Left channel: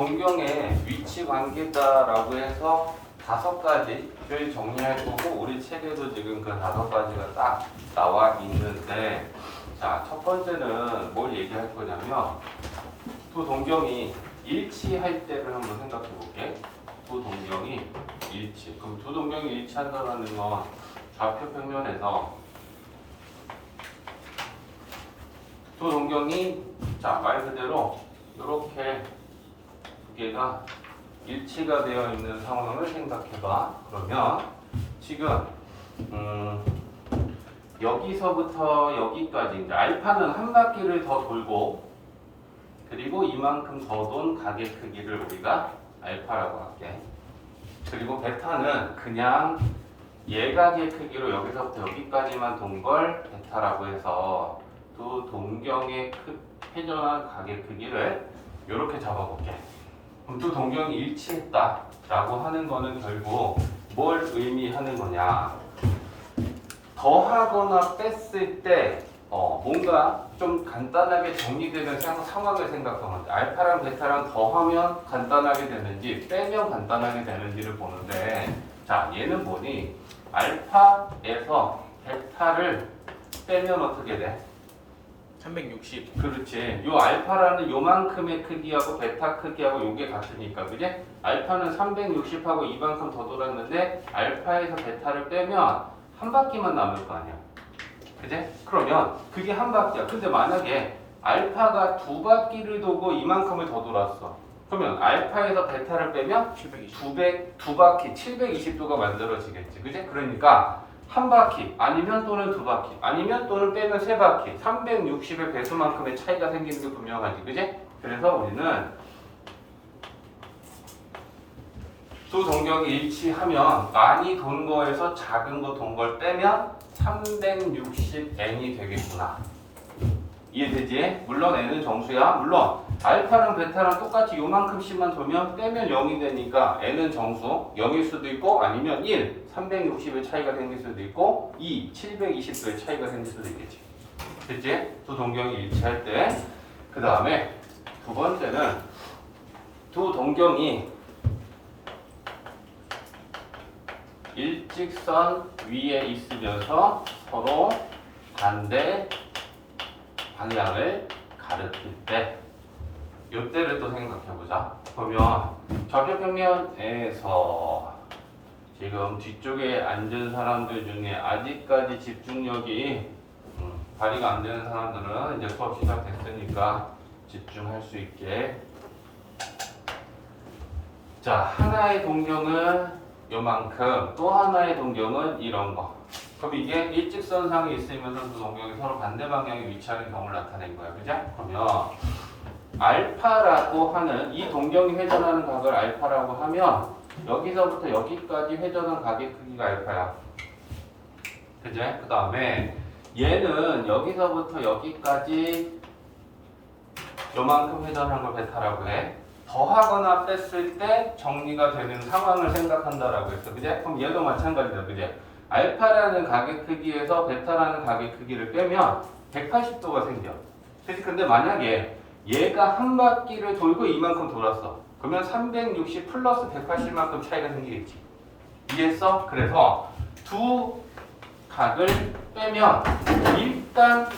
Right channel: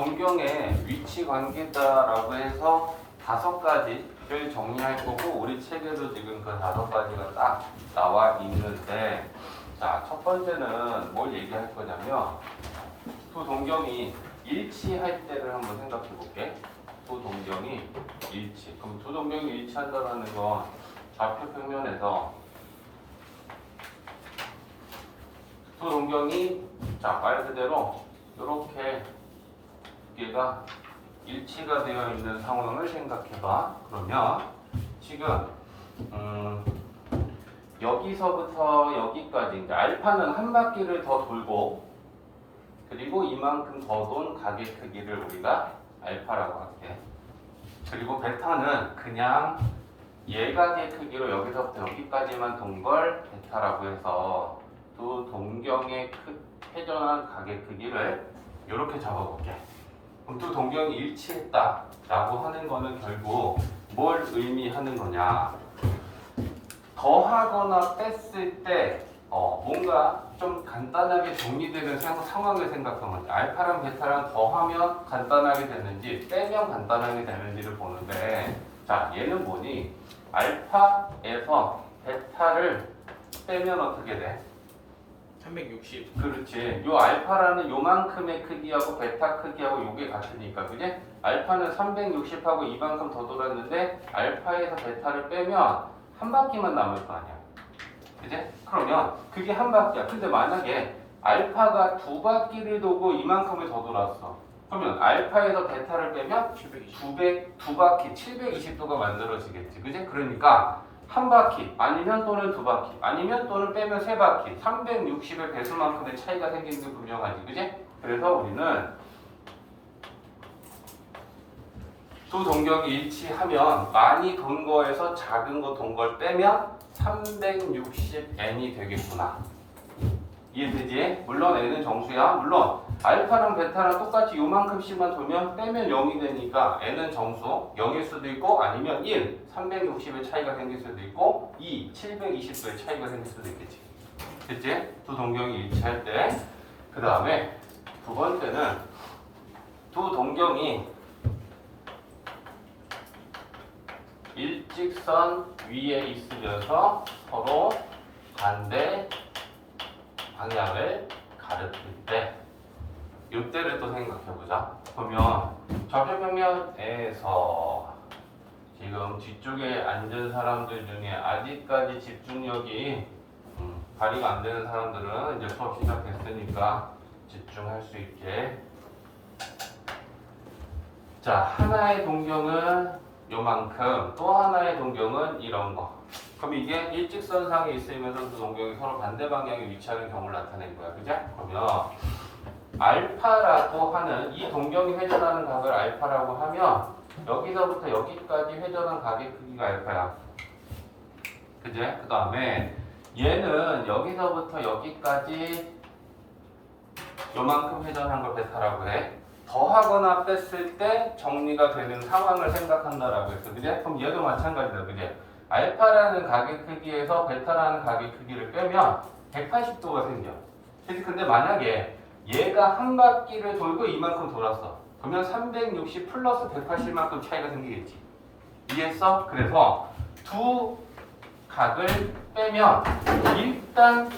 동경의 위치 관계다라고 해서 5가지를 정리할 거고 우리 책에도 지금 그 5가지가 딱 나와 있는데 자, 첫 번째는 뭘 얘기할 거냐면 두 동경이 일치할 때를 한번 생각해 볼게. 두 동경이 일치. 그럼 두 동경이 일치한다는 건 좌표 평면에서 두 동경이 자, 말 그대로 이렇게 두 개가 일치가 되어 있는 상황을 생각해 봐. 그러면 지금 여기서부터 여기까지 이제 알파는 한 바퀴를 더 돌고 그리고 이만큼 더 돈 가계 크기를 우리가 알파라고 할게. 그리고 베타는 그냥 예가계 크기로 여기서부터 여기까지만 돈 걸 베타라고 해서 두 동경의 회전한 가계 크기를 이렇게 잡아볼게. 그럼 두 동경이 일치했다라고 하는 거는 결국 뭘 의미하는 거냐? 더하거나 뺐을 때 뭔가 좀 간단하게 정리되는 상황을 생각하면 돼. 알파랑 베타랑 더하면 간단하게 되는지 빼면 간단하게 되는지를 보는데 자, 얘는 뭐니? 알파에서 베타를 빼면 어떻게 돼? 360. 그렇지. 요 알파라는 요만큼의 크기하고 베타 크기하고 요게 같으니까, 그지? 알파는 360하고 이만큼 더 돌았는데 알파에서 베타를 빼면 한 바퀴만 남을 거 아니야. 그지? 그러면 그게 한 바퀴야. 근데 만약에 알파가 두 바퀴를 도고 이만큼을 더 돌았어. 그러면 알파에서 베타를 빼면 720. 두 바퀴 720도가 만들어지겠지. 그지? 그러니까 한 바퀴 아니면 또는 두 바퀴 아니면 또는 빼면 세 바퀴 360의 배수만큼의 차이가 생기는 게 분명하지. 그지? 그래서 우리는 두 동경이 일치하면 많이 돈 거에서 작은 거 돈 걸 빼면 360n이 되겠구나. 이해되지? 물론 n은 정수야. 물론 알파랑 베타랑 똑같이 요만큼씩만 돌면 빼면 0이 되니까 n은 정수 0일 수도 있고 아니면 1, 360의 차이가 생길 수도 있고 2, 720도의 차이가 생길 수도 있겠지. 됐지? 두 동경이 일치할 때. 그 다음에 두 번째는 두 동경이 일직선 위에 있으면서 서로 반대 방향을 가르칠 때 이때를 또 생각해보자. 그러면 좌표 평면에서 지금 뒤쪽에 앉은 사람들 중에 아직까지 집중력이 발휘가 안 되는 사람들은 이제 수업 시작됐으니까 집중할 수 있게. 자, 하나의 동경은 요만큼, 또 하나의 동경은 이런 거. 그럼 이게 일직선상에 있으면서 두 동경이 서로 반대 방향에 위치하는 경우를 나타낸 거야. 그죠? 그러면 알파라고 하는 이 동경이 회전하는 각을 알파라고 하면 여기서부터 여기까지 회전한 각의 크기가 알파야. 그제? 그 다음에 얘는 여기서부터 여기까지 요만큼 회전한 걸 베타라고 해. 더하거나 뺐을 때 정리가 되는 상황을 생각한다라고 했어. 그제? 그럼 얘도 마찬가지다. 그제? 알파라는 가계 크기에서 베타라는 가계 크기를 빼면 180도가 생겨. 그치? 근데 만약에 얘가 한 바퀴를 돌고 이만큼 돌았어. 그러면 360 플러스 180만큼 차이가 생기겠지. 이해했어? 그래서 두 각을 빼면 일단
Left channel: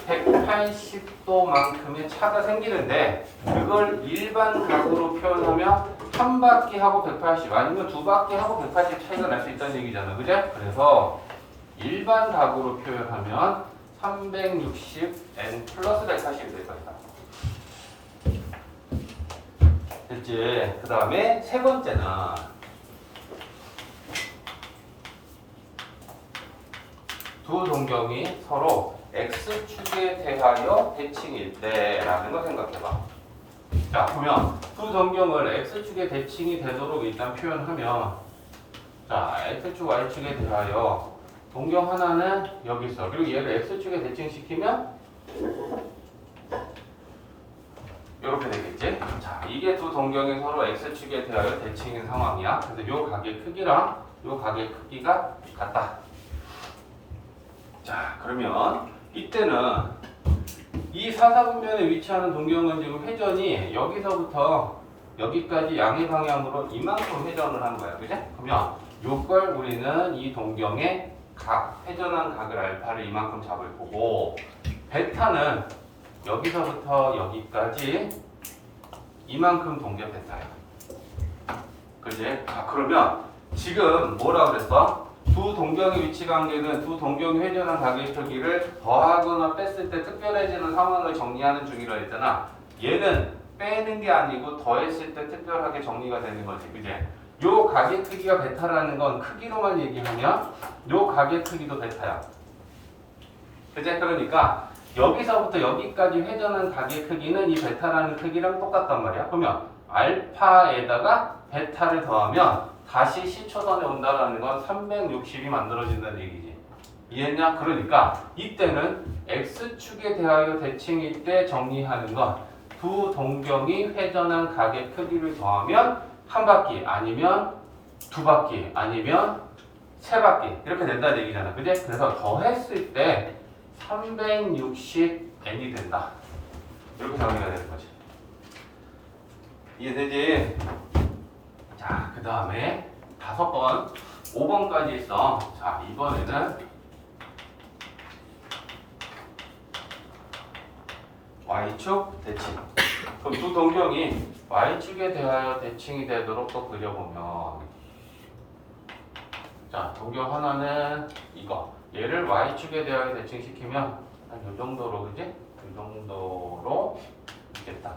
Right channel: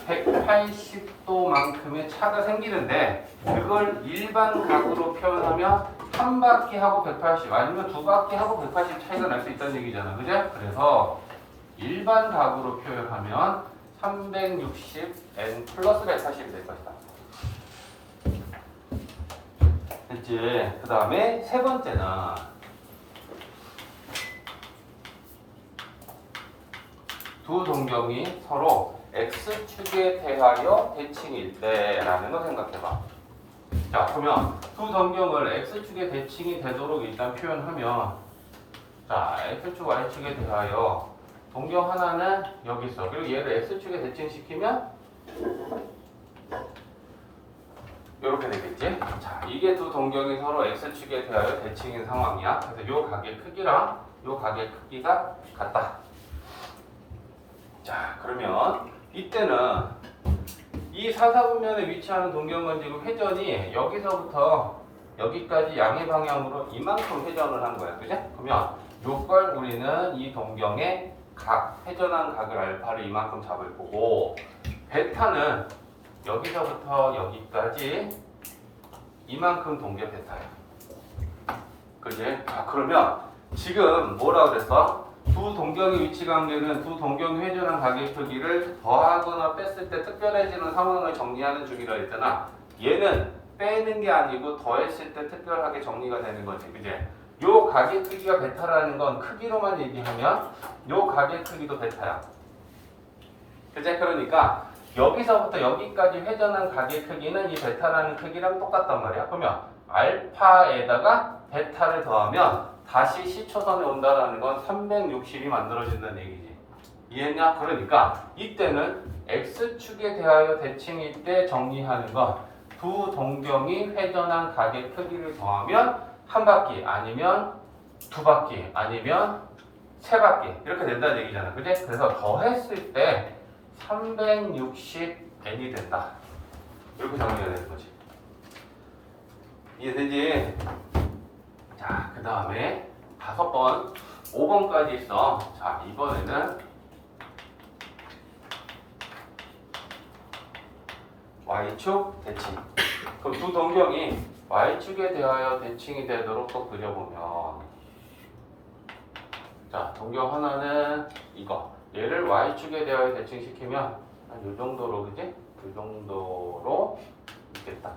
180도만큼의 차가 생기는데 그걸 일반 각으로 표현하면 한 바퀴하고 180 아니면 두 바퀴하고 180 차이가 날 수 있다는 얘기잖아. 그죠? 그래서 일반 각으로 표현하면 360n 플러스 180이 될 것이다. 됐지? 그 다음에 세 번째는 두 동경이 서로 x축에 대하여 대칭일 때라는 걸 생각해봐. 자, 그러면 두 동경을 x축에 대칭이 되도록 일단 표현하면 자, x축, y축에 대하여 동경 하나는 여기 있어. 그리고 얘를 x축에 대칭시키면 이렇게 되겠지? 자, 이게 두 동경이 서로 x축에 대하여 대칭인 상황이야. 그래서 요 각의 크기랑 요 각의 크기가 같다. 자, 그러면 이때는 이 사사분면에 위치하는 동경은 지금 회전이 여기서부터 여기까지 양의 방향으로 이만큼 회전을 한 거야. 그지? 그러면 요걸 우리는 이 동경의 각, 회전한 각을 알파를 이만큼 잡을 거고, 베타는 여기서부터 여기까지 이만큼 동계 베타야. 그지? 자, 그러면 지금 뭐라고 그랬어? 두 동경의 위치 관계는 두 동경이 회전한 각의 크기를 더하거나 뺐을 때 특별해지는 상황을 정리하는 중이라 했잖아. 얘는 빼는 게 아니고 더했을 때 특별하게 정리가 되는 거지. 그지? 요 각의 크기가 베타라는 건 크기로만 얘기하면 요 각의 크기도 베타야. 그지? 그러니까 여기서부터 여기까지 회전한 각의 크기는 이 베타라는 크기랑 똑같단 말이야. 그러면 알파에다가 베타를 더하면 다시 C초선에 온다는 건 360이 만들어진다는 얘기지. 이해했냐? 그러니까 이때는 X축에 대하여 대칭일 때 정리하는 건 두 동경이 회전한 각의 크기를 더하면 한 바퀴 아니면 두 바퀴 아니면 세 바퀴 이렇게 된다는 얘기잖아. 그지? 그래서 더했을 때 360n이 된다. 이렇게 정리가 되는 거지. 이해되지? 자, 그 다음에 5번, 5번까지 있어. 자, 이번에는 Y축 대칭. 그럼 두 동경이 Y축에 대하여 대칭이 되도록 또 그려보면, 자, 동경 하나는 이거. 얘를 Y축에 대하여 대칭시키면 한 요 정도로, 그지? 요 정도로 있겠다.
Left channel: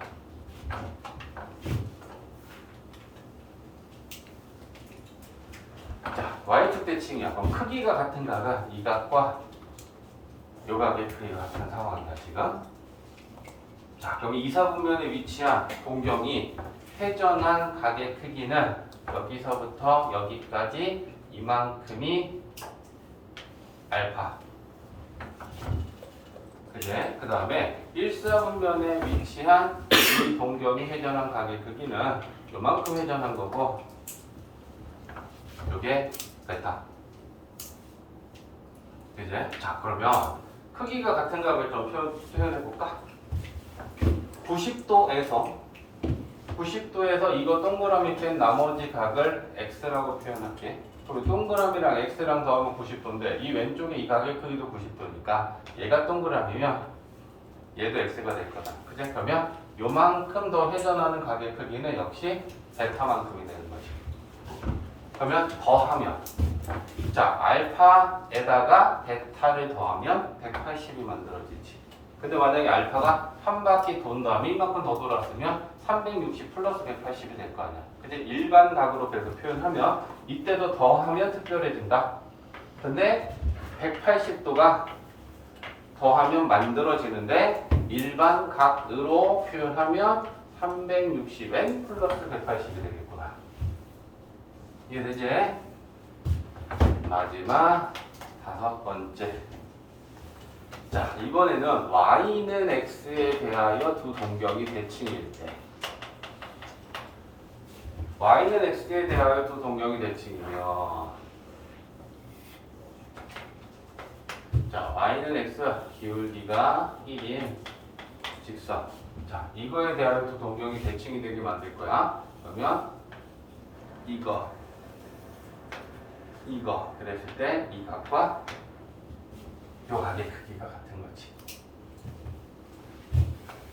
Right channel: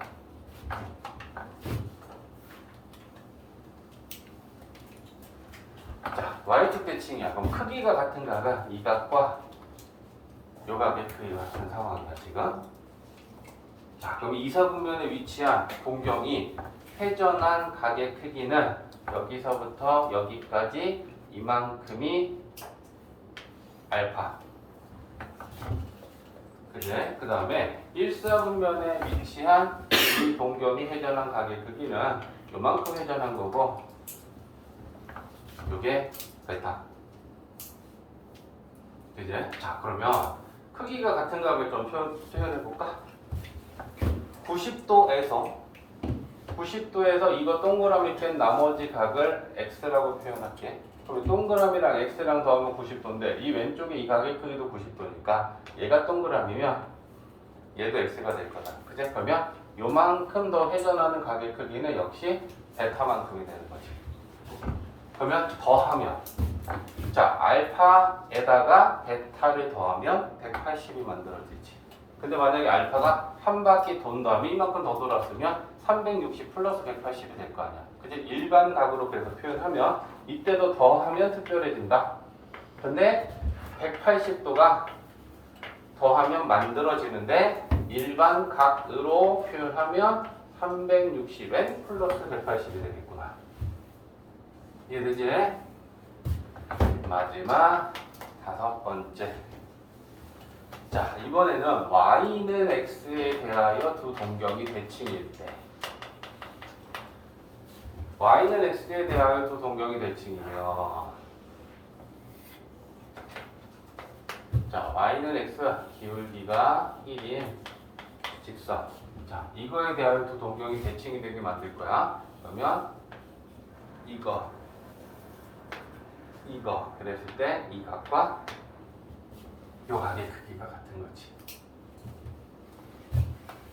자, Y축 대칭이야. 그럼 크기가 같은 각은 이 각과 요 각의 크기가 같은 상황이야, 지금. 자, 그럼 이사분면에 위치한 동경이 회전한 각의 크기는 여기서부터 여기까지 이만큼이 알파. 그제? 그 다음에 일사분면에 위치한 이 동경이 회전한 각의 크기는 요만큼 회전한 거고, 요게 베타. 그제? 자, 그러면 크기가 같은 각을 좀 표현해 볼까? 90도에서 이거 동그라미 뺀 나머지 각을 x라고 표현할게. 그리고 동그라미랑 x랑 더하면 90도인데 이 왼쪽에 이 각의 크기도 90도니까 얘가 동그라미면 얘도 x가 될 거다. 그제? 그러면 요만큼 더 회전하는 각의 크기는 역시 베타만큼이 되는 거지. 그러면 더하면, 자, 알파에다가 베타를 더하면 180이 만들어지지. 근데 만약에 알파가 한 바퀴 돈 다음에 이만큼 더 돌았으면 360 플러스 180이 될 거 아니야. 근데 일반 각으로 그래서 표현하면 이때도 더하면 특별해진다. 근데 180도가 더하면 만들어지는데 일반 각으로 표현하면 360n 플러스 180이 되겠구나. 이해되지? 마지막 5번째. 자, 이번에는 y는 x에 대하여 두 동경이 대칭일 때, y는 x에 대하여 두 동경이 대칭이면, 자, y는 x 기울기가 1인 직선. 자, 이거에 대하여 두 동경이 대칭이 되게 만들 거야. 그러면 이거 그랬을 때 이 각과 요 각의 크기가 같은 거지.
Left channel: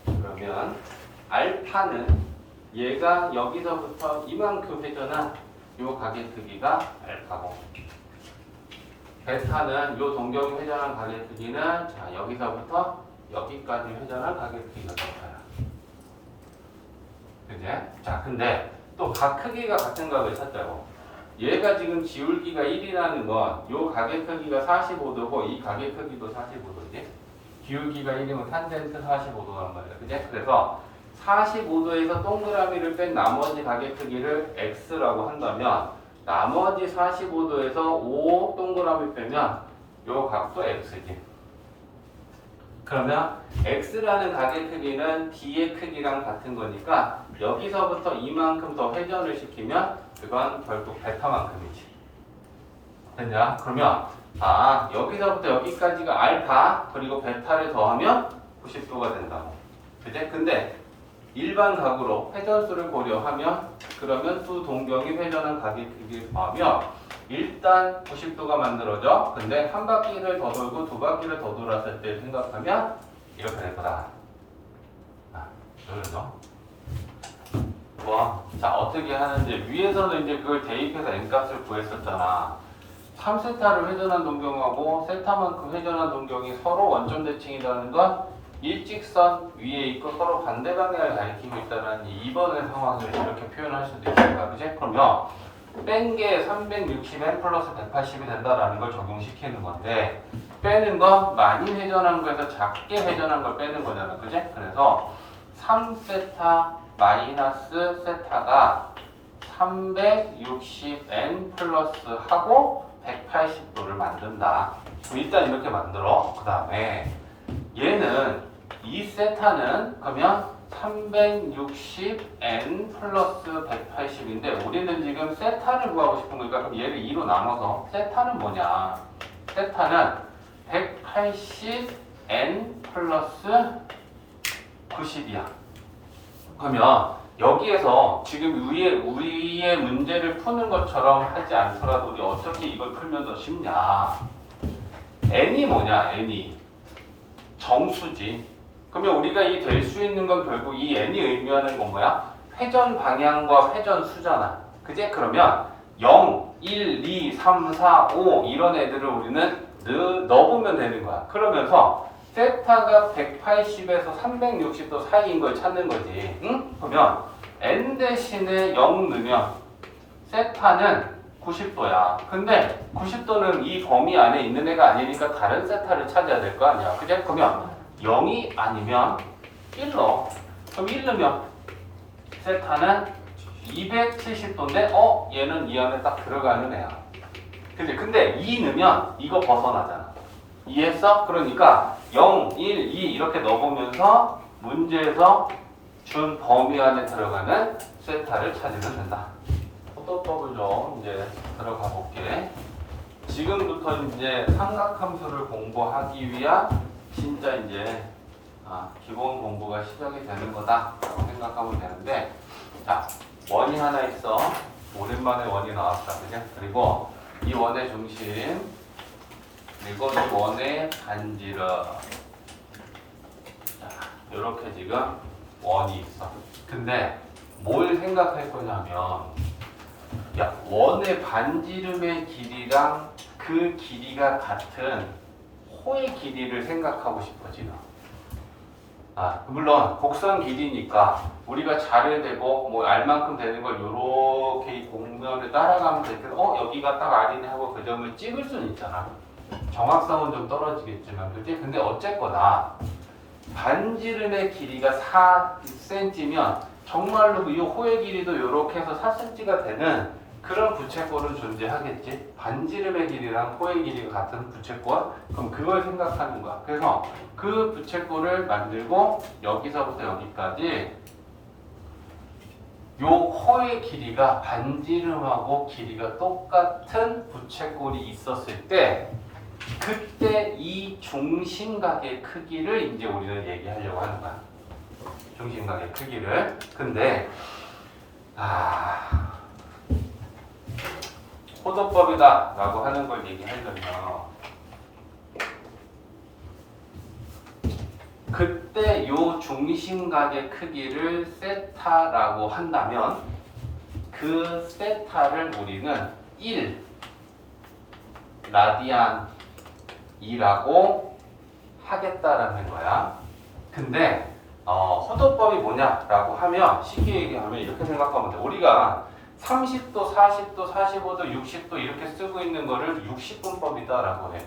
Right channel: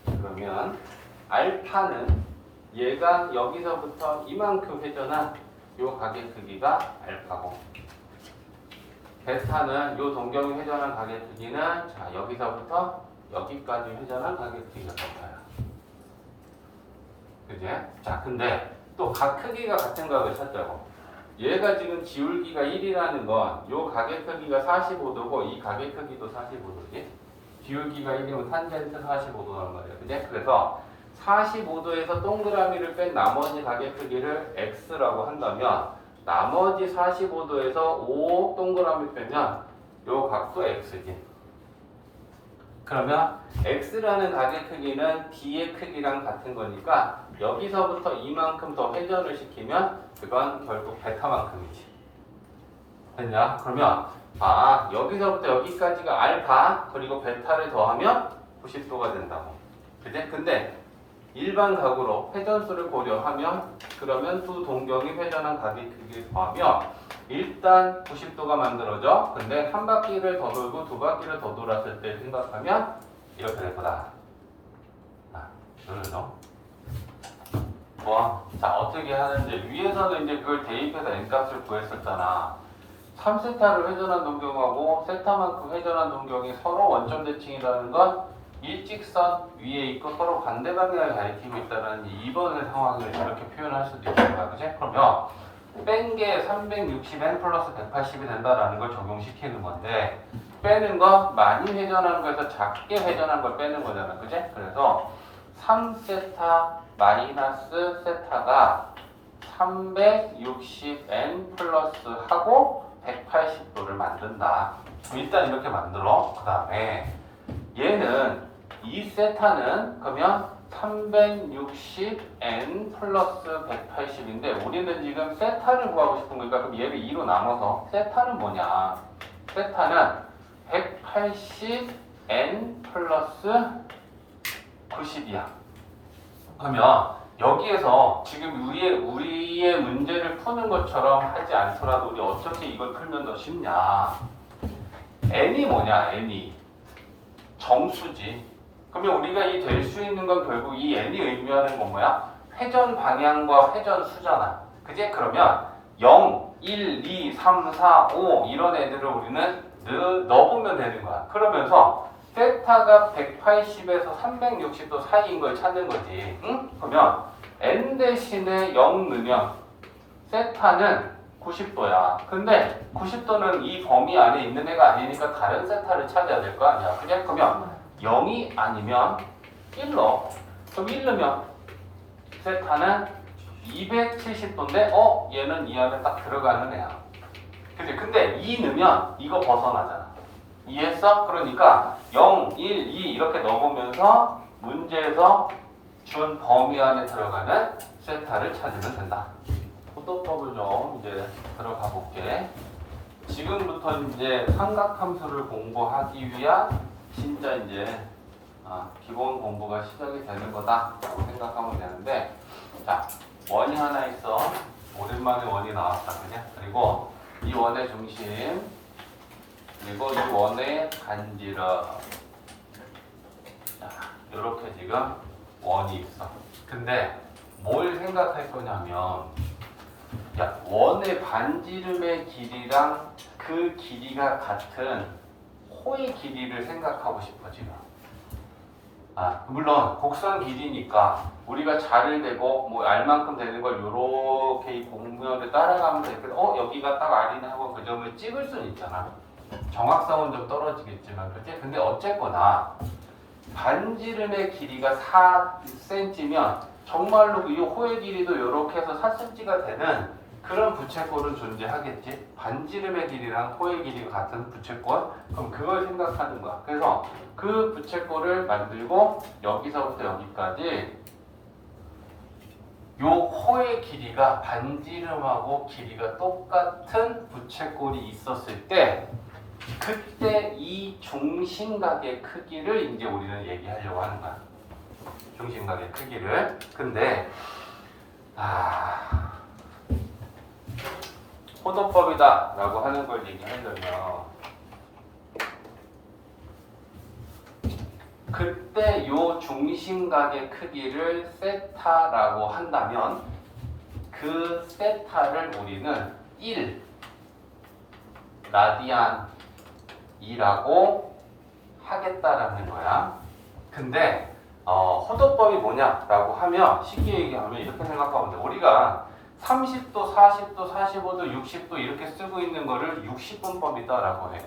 그러면 알파는 얘가 여기서부터 이만큼 회전한 요 각의 크기가 알파고, 베타는 요 동경이 회전한 각의 크기는, 자, 여기서부터 여기까지 회전한 각의 크기가 베타야. 그제? 자, 근데 또 각 크기가 같은 각을 찾자고. 얘가 지금 기울기가 1이라는 건 요 각의 크기가 45도고 이 각의 크기도 45도지. 기울기가 1이면 탄젠트 45도란 말이야. 그지? 그래서 45도에서 동그라미를 뺀 나머지 각의 크기를 x라고 한다면 나머지 45도에서 5 동그라미 빼면 요 각도 x지. 그러면 x라는 각의 크기는 d의 크기랑 같은 거니까 여기서부터 이만큼 더 회전을 시키면 그건 결국 베타만큼이지. 됐냐? 그러면 여기서부터 여기까지가 알파 그리고 베타를 더하면 90도가 된다고. 그지? 근데 일반 각으로 회전수를 고려하면 그러면 두 동경이 회전한 각의 크기를 더하면 일단 90도가 만들어져. 근데 한 바퀴를 더 돌고 두 바퀴를 더 돌았을 때 생각하면 이렇게 될 거다. 그래서 자 어떻게 하는지 위에서는 이제 그걸 대입해서 n값을 구했었잖아. 3세타를 회전한 동경하고 세타만큼 회전한 동경이 서로 원점 대칭이라는 건 일직선 위에 있고 서로 반대 방향을 가리키고 있다는 2번의 상황을 이렇게 표현할 수도 있습니다. 그치? 그러면 뺀 게 360n 플러스 180이 된다라는 걸 적용시키는 건데 빼는 건 많이 회전하는 거에서 작게 회전한 걸 빼는 거잖아. 그치? 그래서 3세타 마이너스 세타가 360n 플러스 하고 180도를 만든다. 일단 이렇게 만들어. 그 다음에 얘는 이 세타는 그러면 360n 플러스 180인데 우리는 지금 세타를 구하고 싶은 거니까 그럼 얘를 2로 나눠서 세타는 뭐냐? 세타는 180n 플러스 90이야. 그러면 여기에서 지금 위에 우리의 문제를 푸는 것처럼 하지 않더라도 우리 어떻게 이걸 풀면 더 쉽냐? n이 뭐냐? n이 정수지. 그러면 우리가 이 될 수 있는 건 결국 이 n이 의미하는 건 뭐야? 회전 방향과 회전 수잖아. 그지? 그러면 0, 1, 2, 3, 4, 5 이런 애들을 우리는 넣어보면 되는 거야. 그러면서 세타가 180에서 360도 사이인 걸 찾는 거지. 응? 그러면 n 대신에 0 넣으면 세타는 90도야. 근데 90도는 이 범위 안에 있는 애가 아니니까 다른 세타를 찾아야 될 거 아니야. 그지? 그러면 0이 아니면 1 넣어. 그럼 1 넣으면 세타는 270도인데 얘는 이 안에 딱 들어가는 애야. 그치? 근데 2 넣으면 이거 벗어나잖아. 이해했어? 그러니까 0, 1, 2 이렇게 넣어보면서 문제에서 준 범위 안에 들어가는 세타를 찾으면 된다. 호도법을 좀 이제 들어가 볼게. 지금부터 이제 삼각함수를 공부하기 위한 진짜 이제 기본 공부가 시작이 되는 거다 생각하면 되는데, 자 원이 하나 있어. 오랜만에 원이 나왔다, 그죠? 그리고 이 원의 중심, 그리고 이 원의 간지럽. 이렇게 지금 원이 있어. 근데 뭘 생각할 거냐면, 야, 원의 반지름의 길이랑 그 길이가 같은 호의 길이를 생각하고 싶어 지금. 물론 곡선 길이니까 우리가 자를 대고 뭐 알만큼 되는 걸 이렇게 공면을 따라가면서 이렇게 여기가 딱 R이네 하고 그 점을 찍을 수는 있잖아. 정확성은 좀 떨어지겠지만, 그치? 근데 어쨌거나 반지름의 길이가 4cm면 정말로 이 호의 길이도 이렇게 해서 4cm가 되는 그런 부채꼴은 존재하겠지. 반지름의 길이랑 호의 길이가 같은 부채꼴, 그럼 그걸 생각하는 거야. 그래서 그 부채꼴을 만들고 여기서부터 여기까지 요 호의 길이가 반지름하고 길이가 똑같은 부채꼴이 있었을 때, 그때 이 중심각의 크기를 이제 우리는 얘기하려고 하는 거야. 중심각의 크기를. 근데 호도법이다 라고 하는 걸 얘기하려면, 그때 요 중심각의 크기를 세타라고 한다면 그 세타를 우리는 1 라디안이라고 하겠다라는 거야. 근데 호도법이 뭐냐라고 하면 쉽게 얘기하면 이렇게 생각하면 돼. 우리가 30도, 40도, 45도, 60도 이렇게 쓰고 있는 거를 60분법이다라고 해.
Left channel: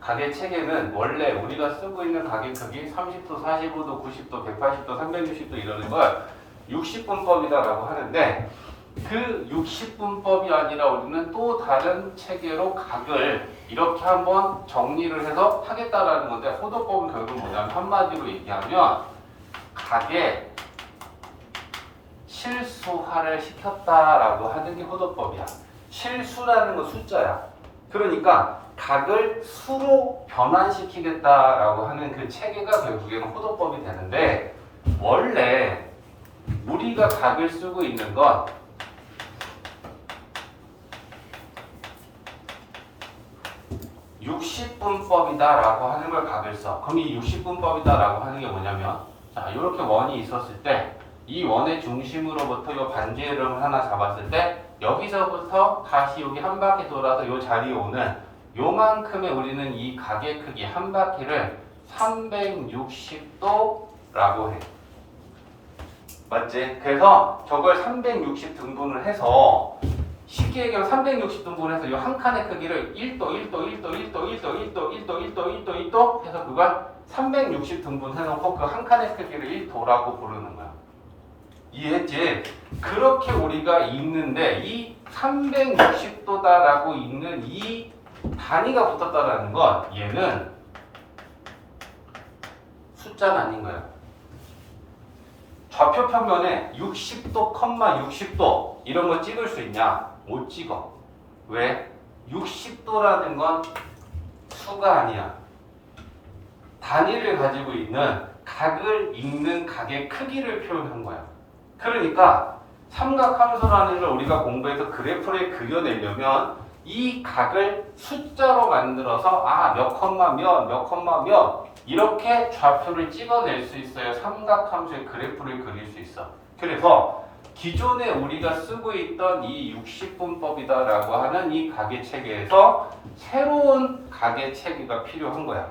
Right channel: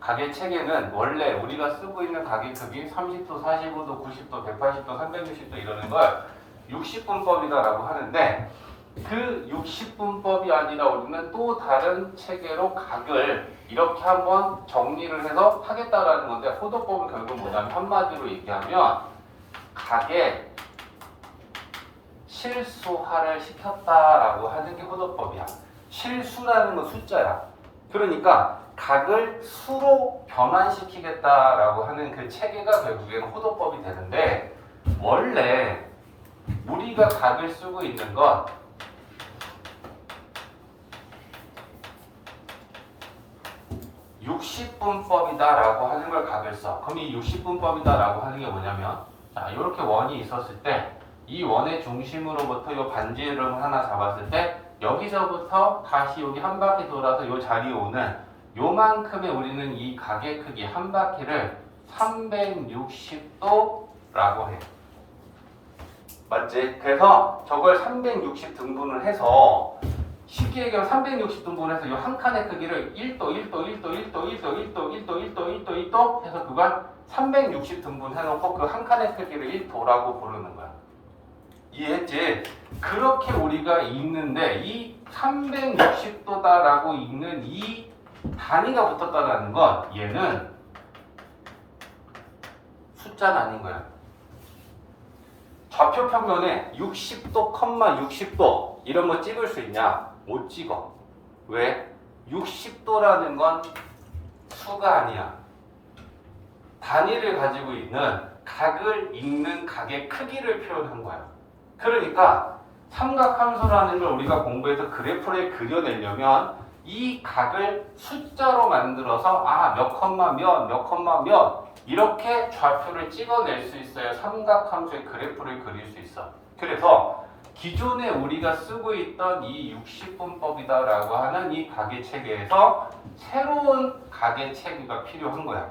각의 체계는 원래 우리가 쓰고 있는 각의 크기 30도, 45도, 90도, 180도, 360도 이러는 걸 60분법이다라고 하는데, 그 60분법이 아니라 우리는 또 다른 체계로 각을 이렇게 한번 정리를 해서 하겠다라는 건데, 호도법은 결국 뭐냐면 한마디로 얘기하면 각의 실수화를 시켰다라고 하는 게 호도법이야. 실수라는 건 숫자야. 그러니까 각을 수로 변환시키겠다라고 하는 그 체계가 결국에는 호도법이 되는데, 원래 우리가 각을 쓰고 있는 건 (60분법이다)라고 하는 걸 각을 써. 그럼 이 (60분법이다)라고 하는 게 뭐냐면, 자, 이렇게 원이 있었을 때 이 원의 중심으로부터 이 반지름을 하나 잡았을 때 여기서부터 다시 여기 한 바퀴 돌아서 이 자리에 오는 요만큼의 우리는 이 각의 크기 한 바퀴를 360도라고 해. 맞지? 그래서 저걸 360 등분을 해서 쉽게 얘기하면 360등분을 해서 이 한 칸의 크기를 1도, 1도, 1도, 1도, 1도, 1도, 1도, 1도, 1도, 1도 해서 그걸 360 등분해놓고 그 한 칸의 크기를 1도라고 부르는 거야. 이해했지? 그렇게 우리가 읽는데 이 360도다라고 읽는 이 단위가 붙었다라는 건 얘는 숫자는 아닌 거야. 좌표 평면에 60도, 60도 이런 거 찍을 수 있냐? 못 찍어. 왜? 60도라는 건 수가 아니야. 단위를 가지고 있는 각을 읽는 각의 크기를 표현한 거야. 그러니까 삼각함수라는 걸 우리가 공부해서 그래프를 그려내려면 이 각을 숫자로 만들어서 몇 컴마 몇 이렇게 좌표를 찍어낼 수 있어야 삼각함수의 그래프를 그릴 수 있어. 그래서 기존에 우리가 쓰고 있던 이 60분법이다라고 하는 이 각의 체계에서 새로운 각의 체계가 필요한 거야.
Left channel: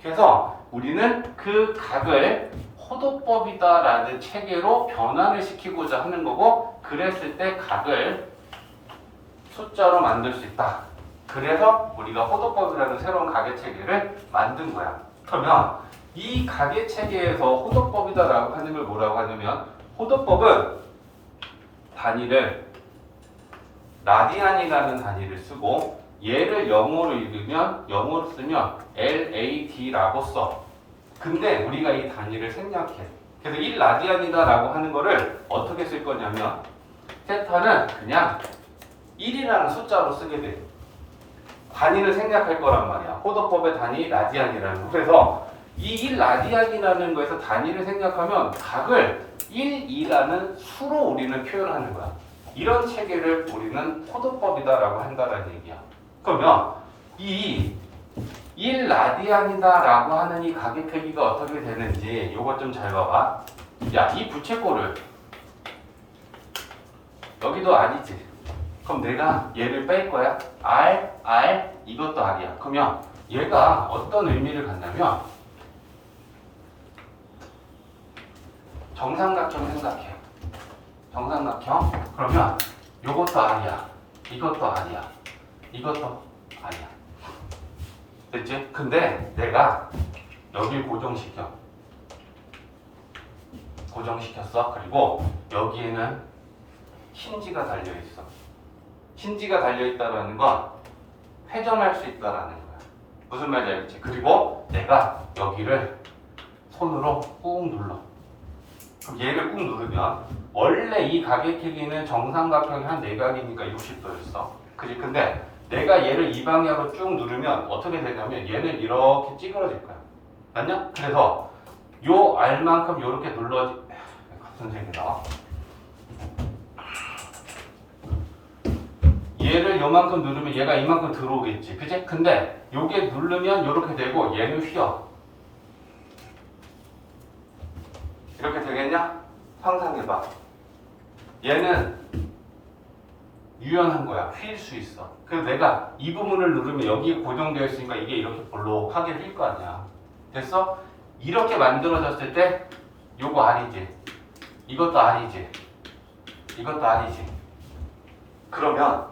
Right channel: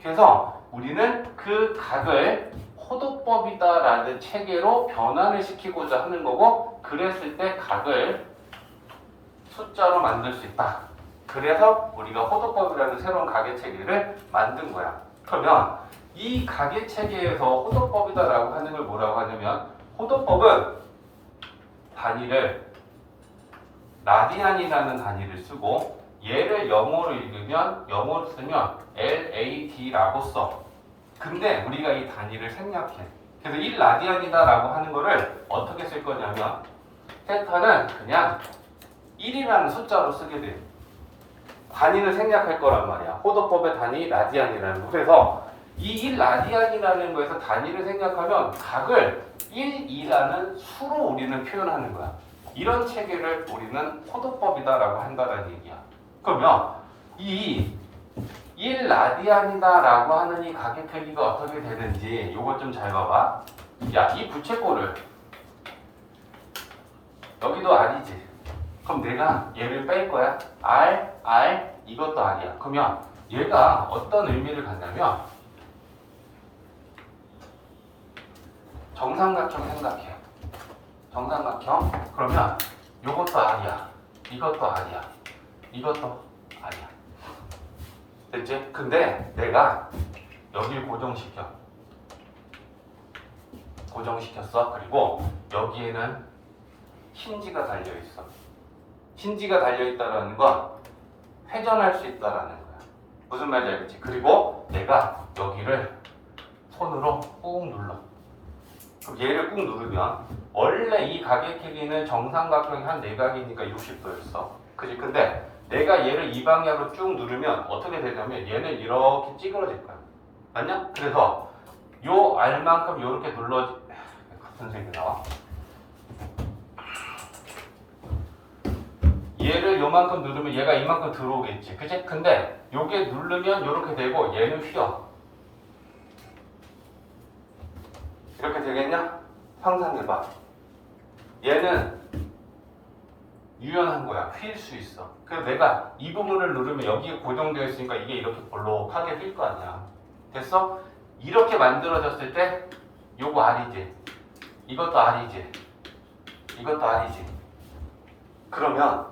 그래서 우리는 그 각을 호도법이다라는 체계로 변환을 시키고자 하는 거고, 그랬을 때 각을 숫자로 만들 수 있다. 그래서 우리가 호도법이라는 새로운 각의 체계를 만든 거야. 그러면 이 각의 체계에서 호도법이다라고 하는 걸 뭐라고 하냐면, 호도법은 단위를 라디안이라는 단위를 쓰고 얘를 영어로 읽으면 영어로 쓰면 LAD라고 써. 근데 우리가 이 단위를 생략해. 그래서 1라디안이다라고 하는 거를 어떻게 쓸 거냐면 세타는 그냥 1이라는 숫자로 쓰게 돼. 단위를 생략할 거란 말이야. 호도법의 단위 라디안이라는 거. 그래서 이 1라디안이라는 거에서 단위를 생략하면 각을 1, 2라는 수로 우리는 표현하는 거야. 이런 체계를 우리는 호도법이다라고 한다는 얘기야. 그러면 이 1라디안이다라고 하는 이 각의 크기가 어떻게 되는지 이것 좀 잘 봐봐. 야, 이 부채꼴을 여기도 R이지. 그럼 내가 얘를 뺄 거야. R, 이것도 R이야. 그러면 얘가 어떤 의미를 갖냐면 정삼각형 생각해. 정삼각형. 그러면 이것도 R이야. 이것도 R이야. 이것도 R이야. 됐지? 근데 내가 여길 고정시켰어. 그리고 여기에는 힌지가 달려있어. 힌지가 달려있다라는 건 회전할 수 있다라는 거야. 무슨 말인지 알겠지? 그리고 내가 여기를 손으로 꾹 눌러. 그럼 얘를 꾹 누르면 원래 이 각의 크기는 정삼각형이 한 내각이니까 60도였어. 그지? 근데 내가 얘를 이 방향으로 쭉 누르면 어떻게 되냐면 얘는 이렇게 찌그러질 거야. 맞냐? 그래서 요 R만큼 이렇게 눌러. 같은 색이다. 얘를 요만큼 누르면 얘가 이만큼 들어오겠지. 그치? 근데 요게 누르면 이렇게 되고 얘는 휘어. 이렇게 되겠냐? 상상해봐. 얘는 유연한 거야. 휠 수 있어. 그래서 내가 이 부분을 누르면 여기에 고정되어 있으니까 이게 이렇게 볼록하게 휠 거 아니야. 됐어? 이렇게 만들어졌을 때 요거 R이지. 이것도 R이지. 이것도 R이지. 그러면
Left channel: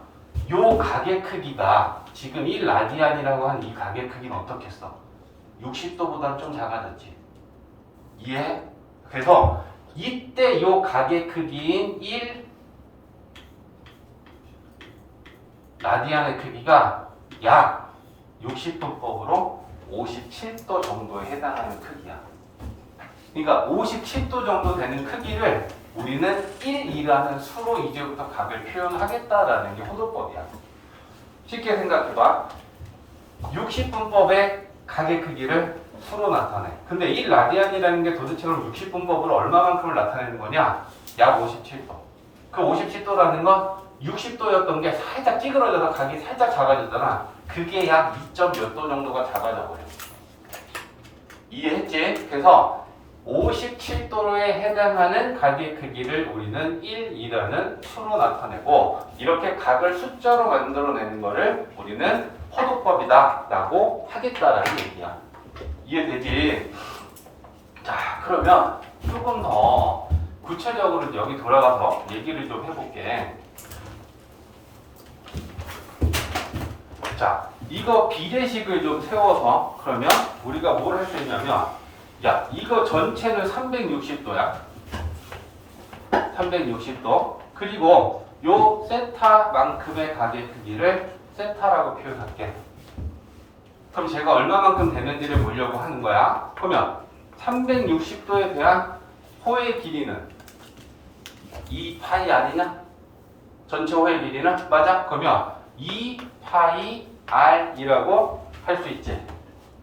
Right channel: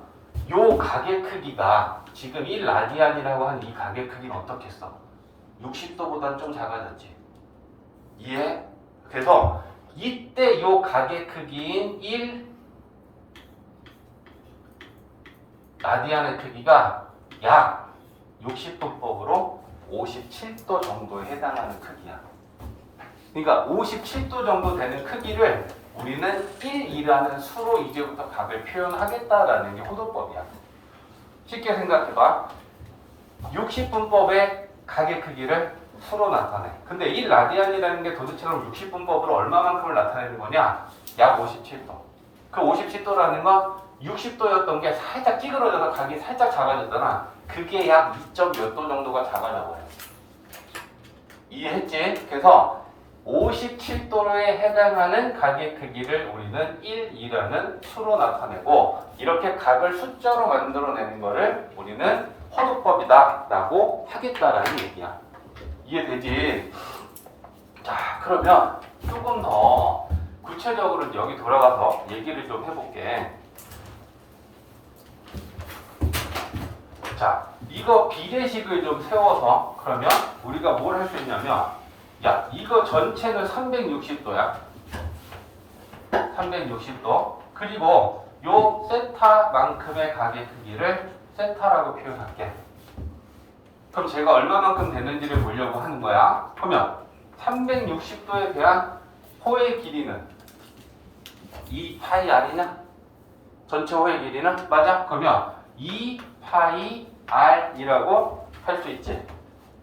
요 각의 크기가 지금 1라디안이라고 하는 이 각의 크기는 어떻겠어? 60도보다 좀 작아졌지. 이해? 그래서 이때 요 각의 크기인 1라디안의 크기가 약 60도법으로 57도 정도에 해당하는 크기야. 그러니까 57도 정도 되는 크기를 우리는 1이라는 수로 이제부터 각을 표현하겠다라는 게 호도법이야. 쉽게 생각해봐. 60분법의 각의 크기를 수로 나타내. 근데 1라디안이라는 게 도대체 그럼 60분법으로 얼마만큼을 나타내는 거냐? 약 57도. 그 57도라는 건 60도였던 게 살짝 찌그러져서 각이 살짝 작아졌잖아. 그게 약 2점 몇 도 정도가 작아져 버려. 이해했지? 그래서 57도에 해당하는 각의 크기를 우리는 1이라는 수로 나타내고 이렇게 각을 숫자로 만들어내는 거를 우리는 호도법이다 라고 하겠다라는 얘기야. 이해되지? 자, 그러면 조금 더 구체적으로 여기 돌아가서 얘기를 좀 해볼게. 자, 이거 비례식을 좀 세워서 그러면 우리가 뭘 할 수 있냐면 야, 이거 전체는 360도야. 360도. 그리고 요 세타만큼의 각의 크기를 세타라고 표현할게. 그럼 제가 얼마만큼 되는지를 보려고 하는 거야. 그러면 360도에 대한 호의 길이는 2파이 r이냐? 전체 호의 길이는? 맞아? 그러면 2파이 r이라고 할 수 있지.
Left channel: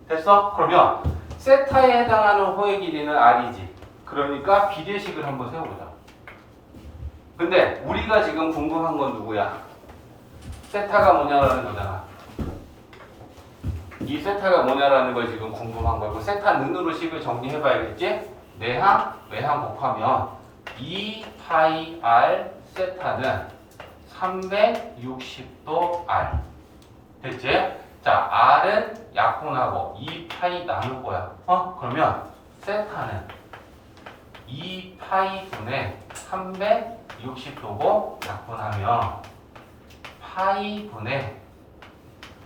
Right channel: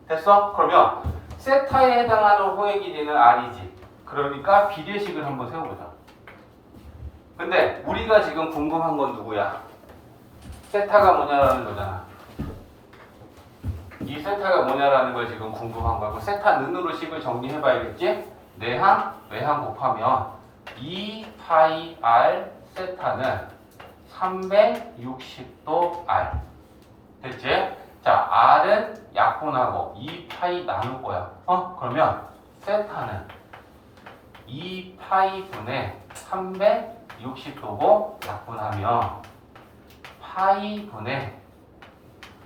됐어? 그러면 세타에 해당하는 호의 길이는 r이지. 그러니까 비례식을 한번 세워보자. 근데 우리가 지금 궁금한 건 누구야? 세타가 뭐냐라는 거잖아. 이 세타가 뭐냐라는 걸 지금 궁금한 거고 세타 는으로 식을 정리해봐야겠지? 내항, 외항 곱하면 2파이 r 세타는 360도 r. 됐지? 자, r은 약분하고 2파이 나눌 거야. 그러면 세타는 2파이 분의 360도고 약분하면 파이 분의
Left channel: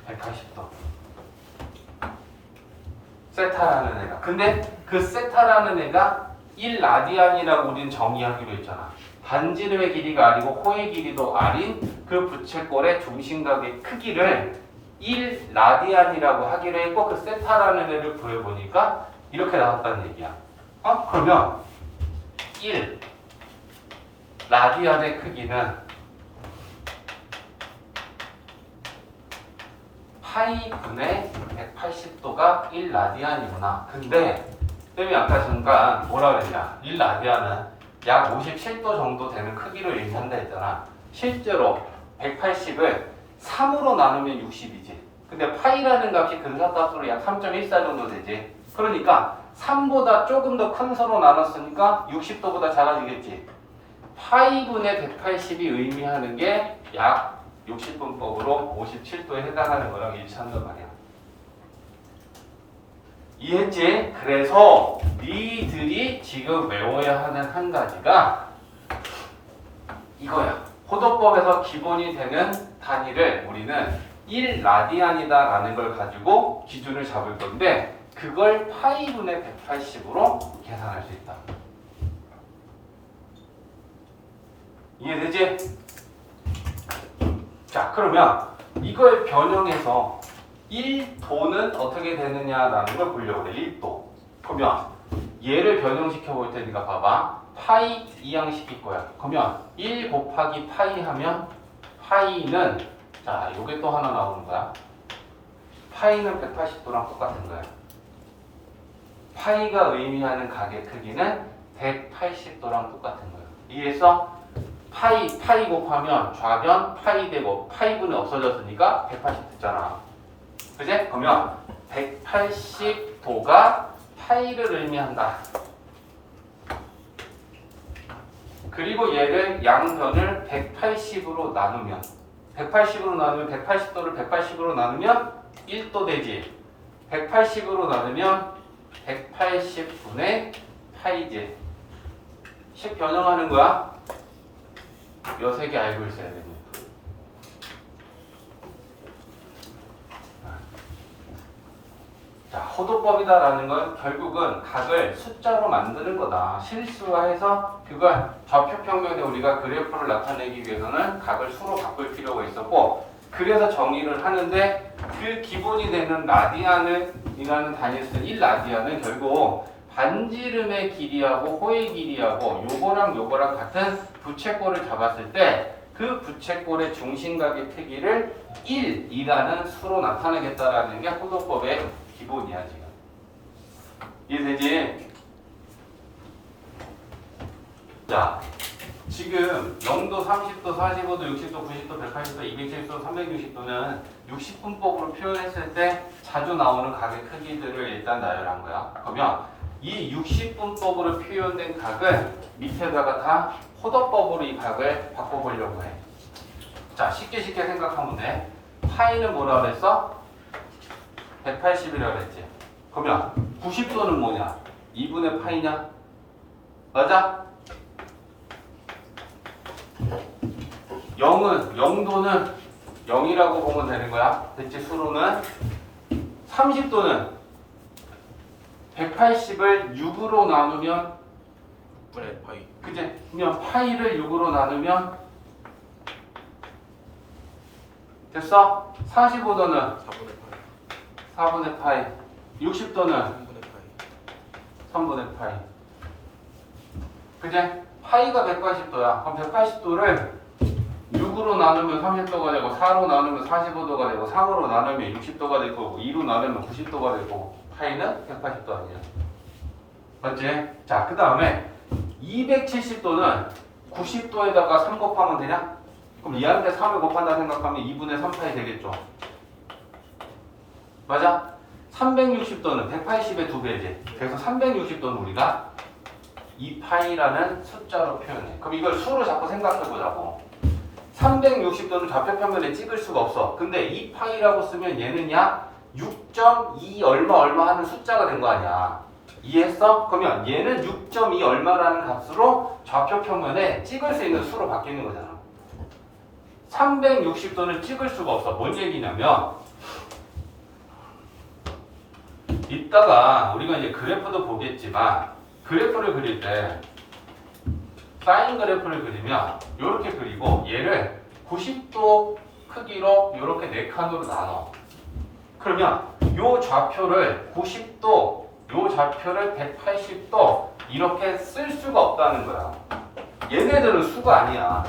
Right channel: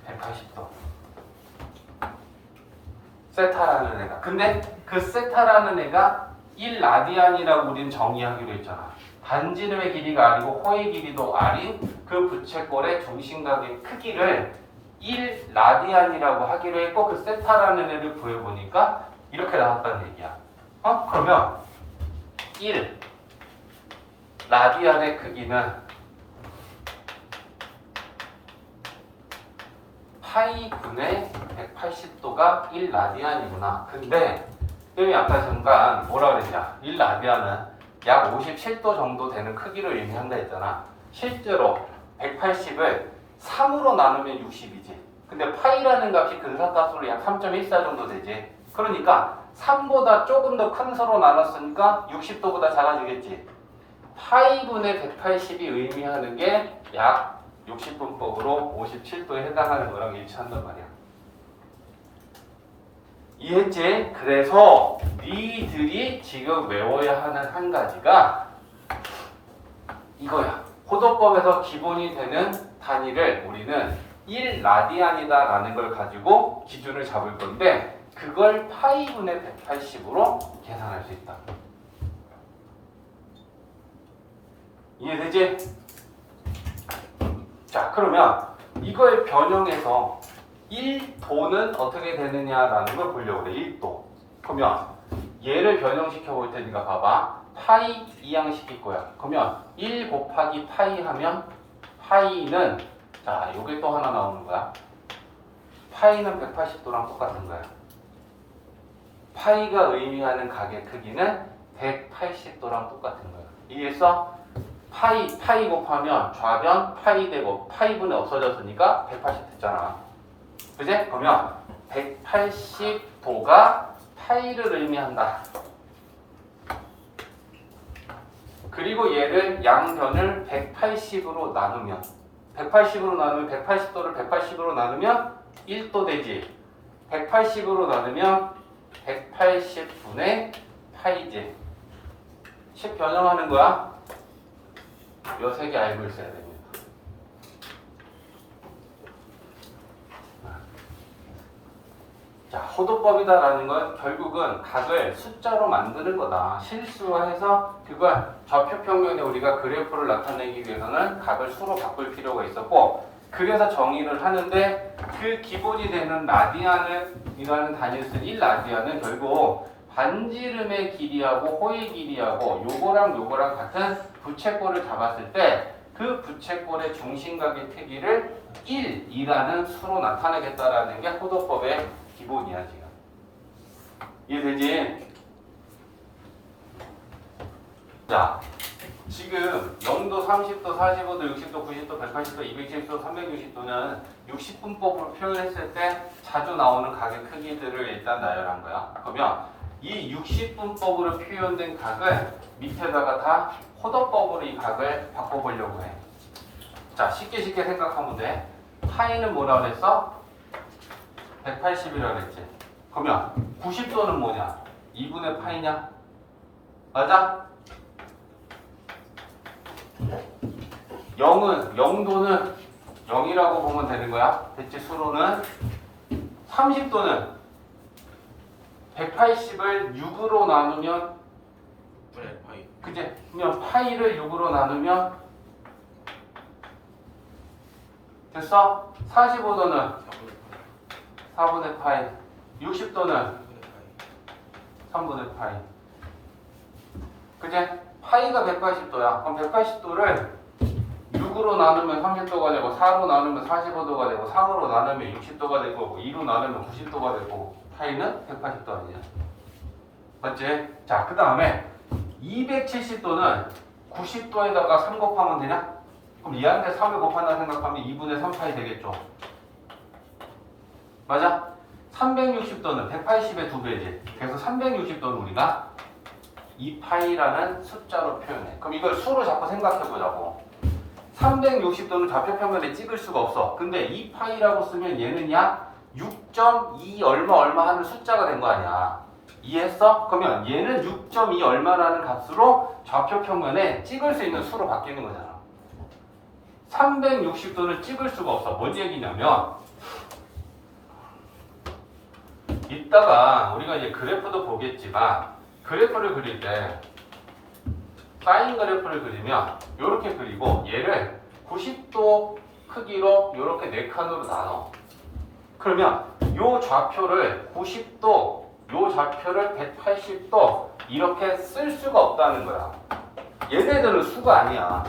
180도. 세타라는 애가. 근데 그 세타라는 애가 1라디안이라고 우린 정의하기로 했잖아. 반지름의 길이가 r이고 호의 길이도 r인 그 부채꼴의 중심각의 크기를 1라디안이라고 하기로 했고 그 세타라는 애를 구해보니까 이렇게 나왔다는 얘기야. 그러면 1라디안의 크기는 파이 분의 180도가 1라디안이구나. 근데 쌤이 아까 잠깐 뭐라 그랬냐. 1라디안은 약 57도 정도 되는 크기를 의미한다 했잖아. 실제로 180을 3으로 나누면 60이지. 근데 파이라는 값이 근사값으로 약 3.14 정도 되지. 그러니까 3보다 조금 더 큰 서로 나눴으니까 60도보다 작아지겠지. 파이분의 180이 의미하는 게 약 60분법으로 57도에 해당하는 거랑 일치한단 말이야. 이해했지? 그래서 니들이 지금 외워야 하는 한 가지가 이거야. 호도법에서 기본이 되는 단위를 우리는 1라디안이다 라는 걸 가지고 기준을 잡을 건데 그걸 파이분의 180으로 계산할 수 있다. 이해되지? 자, 그러면 이걸 변형해서 1도는 어떻게 되느냐라는 걸 보려고 그래. 1도. 그러면 얘를 변형시켜 볼 테니까 봐봐. 파이 이항식일 거야. 그러면 1 곱하기 파이 하면 파이는 자, 요게 또 하나 나오는 거야. 파이는 180도랑 똑같은 거야. 파이가 의미하는 각의 크기는 180도랑 똑같은 거야. 이해했어? 파이 곱하면 좌변 파이 되고 파이분이 없어졌으니까 180 됐잖아. 그지? 그러면 180도가 파이를 의미한다. 그리고 얘를 양변을 180으로 나누면 180도를 180으로 나누면 1도 되지. 180으로 나누면 180분의 파이지. 식 변형하는 거야. 요 세 개 알고 있어야 되고요. 자, 호도법이다라는 건 결국은 각을 숫자로 만드는 거다. 실수화해서 그걸 좌표평면에 우리가 그래프를 나타내기 위해서는 각을 수로 바꿀 필요가 있었고 그래서 정의를 하는데 그 기본이 되는 라디안이라는 단위를 쓴 1라디안은 결국 반지름의 길이하고 호의 길이하고 요거랑 같은 부채꼴을 잡았을 때 그 부채꼴의 중심각의 크기를 1이라는 수로 나타내겠다라는 게 호도법의 기본이야 지금. 이해되지? 자, 지금 0도, 30도, 45도, 60도, 90도, 180도, 270도, 360도는 60분법으로 표현했을 때 자주 나오는 각의 크기들을 일단 나열한 거야. 그러면 이 60분법으로 표현된 각을 밑에다가 다 호도법으로 이 각을 바꿔보려고 해. 자, 쉽게 생각하면 돼. 파이는 뭐라 그랬어? 180이라 그랬지. 그러면 90도는 뭐냐? 2분의 파이냐? 맞아? 0도는 0이라고 보면 되는 거야. 됐지? 수로는 30도는 180을 6으로 나누면 분의 파이. 그지? 그러면 파이를 6으로 나누면 됐어? 45도는 4분의 파이. 4분의 파이 60도는 3분의 파이. 3분의 파이 그지? 파이가 180도야. 그럼 180도를 6으로 나누면 30도가 되고 4로 나누면 45도가 되고 3으로 나누면 60도가 되고 2로 나누면 90도가 되고 파이는 180도 아니야. 맞지? 자, 그 다음에 270도는 90도에다가 3 곱하면 되냐? 그럼 얘한테 3을 곱한다 생각하면 2분의 3파이 되겠죠? 맞아? 360도는 180의 2배지. 그래서 360도는 우리가 2파이라는 숫자로 표현해. 그럼 이걸 수로 자꾸 생각해보자고. 360도는 좌표평면에 찍을 수가 없어. 근데 2파이라고 쓰면 얘는 약 6.2 얼마 하는 숫자가 된 거 아니야. 이해했어? 그러면 얘는 6.2 얼마라는 값으로 좌표평면에 찍을 수 있는 수로 바뀌는 거잖아. 360도는 찍을 수가 없어. 뭔 얘기냐면 이따가 우리가 이제 그래프도 보겠지만 그래프를 그릴 때 사인 그래프를 그리면 이렇게 그리고 얘를 90도 크기로 이렇게 4칸으로 나눠. 그러면 요 좌표를 90도, 요 좌표를 180도 이렇게 쓸 수가 없다는 거야. 얘네들은 수가 아니야.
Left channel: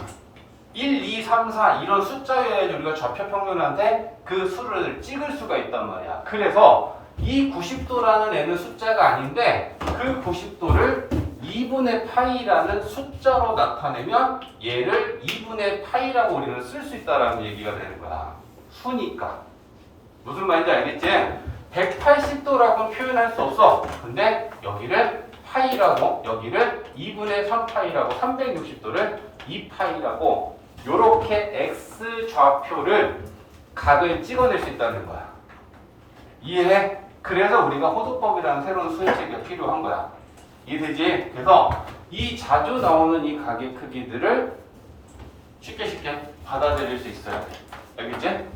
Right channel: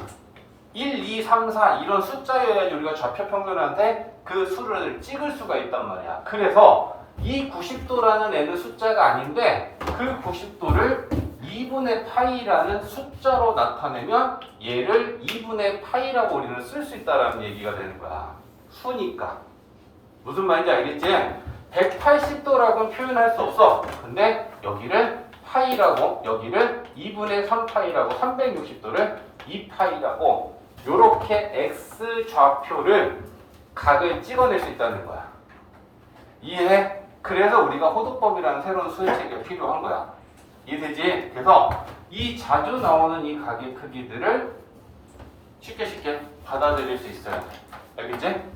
1, 2, 3, 4 이런 숫자여야지 우리가 좌표 평면한테 그 수를 찍을 수가 있단 말이야. 그래서 이 90도라는 애는 숫자가 아닌데 그 90도를 2분의 파이라는 숫자로 나타내면 얘를 2분의 파이라고 우리는 쓸 수 있다라는 얘기가 되는 거야. 수니까. 무슨 말인지 알겠지? 180도라고는 표현할 수 없어. 근데 여기를 파이라고, 여기를 2분의 3파이라고, 360도를 2파이라고 요렇게 x 좌표를 각을 찍어낼 수 있다는 거야. 이해해? 그래서 우리가 호도법이라는 새로운 수식이 필요한 거야. 이해되지? 그래서 이 자주 나오는 이 각의 크기들을 쉽게 받아들일 수 있어야 돼. 알겠지?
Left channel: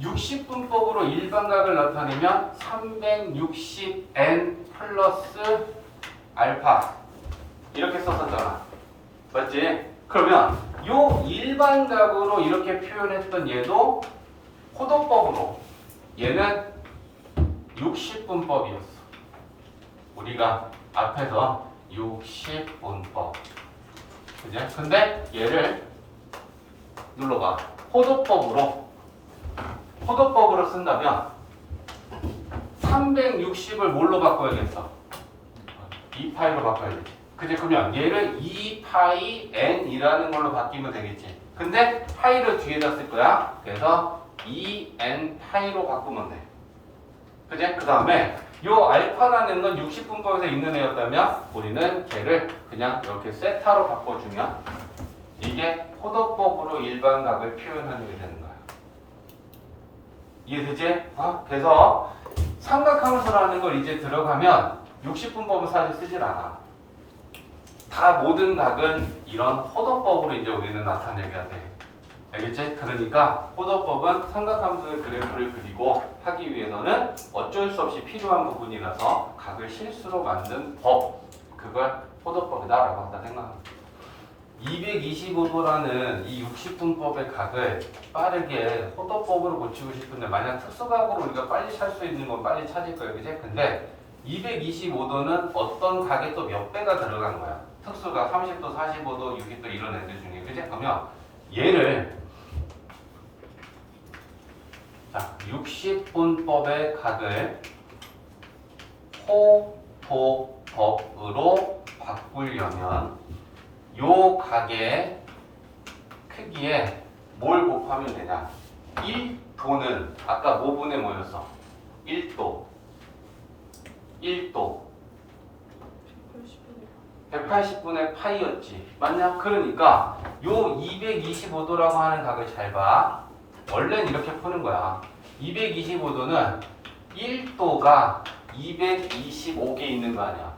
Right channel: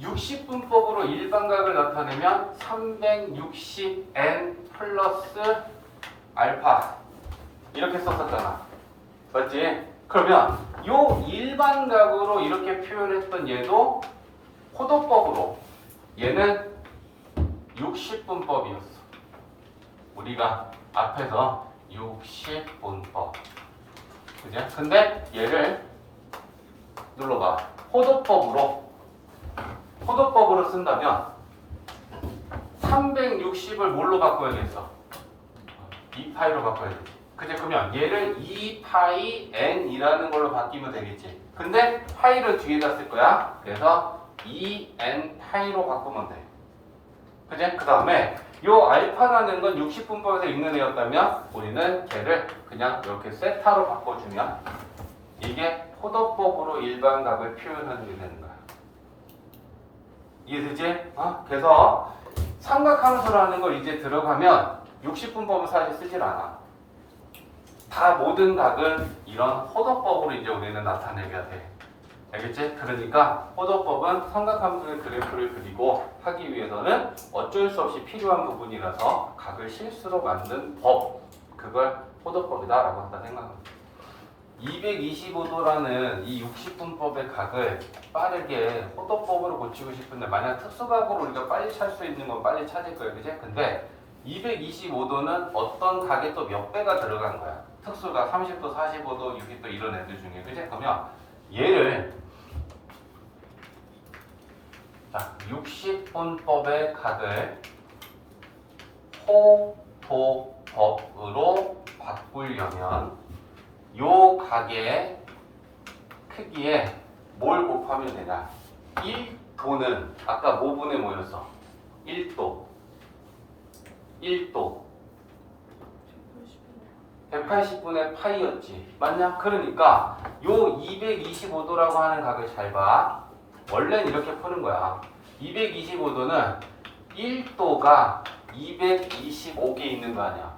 (60분법으로) 일반각을 나타내면 360n 플러스 알파 이렇게 썼었잖아. 맞지? 그러면 요 일반각으로 이렇게 표현했던 얘도 호도법으로 얘는 60분법이었어. 우리가 앞에서 60분법. 그죠? 근데 얘를 눌러봐. 호도법으로 쓴다면 360을 뭘로 바꿔야겠어? 2파이로 바꿔야 되지. 그치? 그러면 얘를 2파이 n이라는 걸로 바뀌면 되겠지. 근데 파이를 뒤에다 쓸 거야. 그래서 2n 파이로 바꾸면 돼. 그치? 그 다음에 요 알파라는 건 60분법에서 있는 애였다면 우리는 걔를 그냥 이렇게 세타로 바꿔주면 이게 호도법으로 일반각을 표현하는 게 되는 거야. 이해되지? 그래서 삼각함수라는 걸 이제 들어가면 60분법은 사실 쓰질 않아. 다 모든 각은 이런 호도법으로 이제 우리는 나타내야 돼. 알겠지? 그러니까 호도법은 삼각함수의 그래프를 그리고 하기 위해서는 어쩔 수 없이 필요한 부분이라서 각을 실수로 만든 법, 그걸 호도법이다라고 한다 생각합니다. 225도라는 이 60분법의 각을 빠르게 호도법으로 고치고 싶은데 만약 특수각으로 우리가 빨리 찾을 수 있는 건 빨리 찾을 거예요. 그지? 근데 225도는 어떤 각에 또 몇 배가 들어간 거야. 특수각 30도, 45도, 60도 이런 애들 중에. 그지? 그러면 얘를 자, 60분법의 각을 일도법으로 바꾸려면 요 각의 크기에 뭘 곱하면 되냐? 1도는 아까 뭐분의 뭐였어? 1도 180분의 파이였지. 맞냐? 그러니까 요 225도라고 하는 각을 잘 봐. 원래는 이렇게 푸는 거야. 225도는 1도가 225개 있는 거 아니야.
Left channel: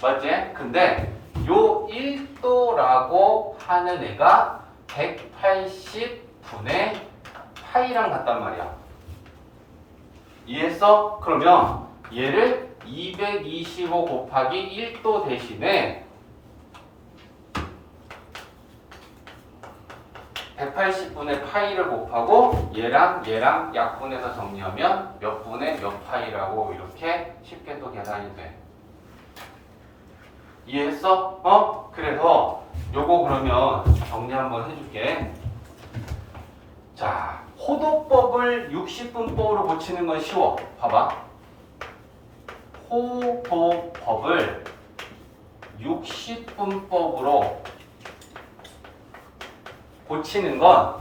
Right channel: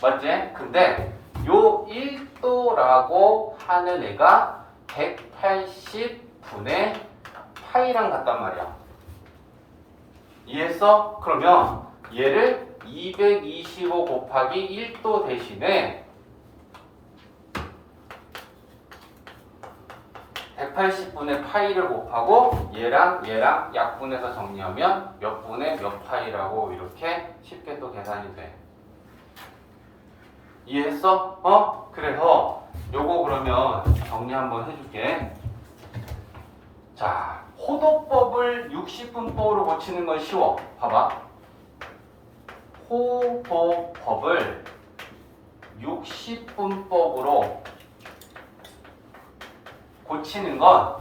맞지? 근데 요 1도라고 하는 애가 180분의 파이랑 같단 말이야. 이해했어? 그러면 얘를 225 곱하기 1도 대신에 180분의 파이를 곱하고 얘랑 약분해서 정리하면 몇 분의 몇 파이라고 이렇게 쉽게 또 계산이 돼. 이해했어? 그래서 요거 그러면 정리 한번 해줄게. 자, 호도법을 60분법으로 고치는 건 쉬워. 봐봐. 호도법을 60분법으로 고치는 건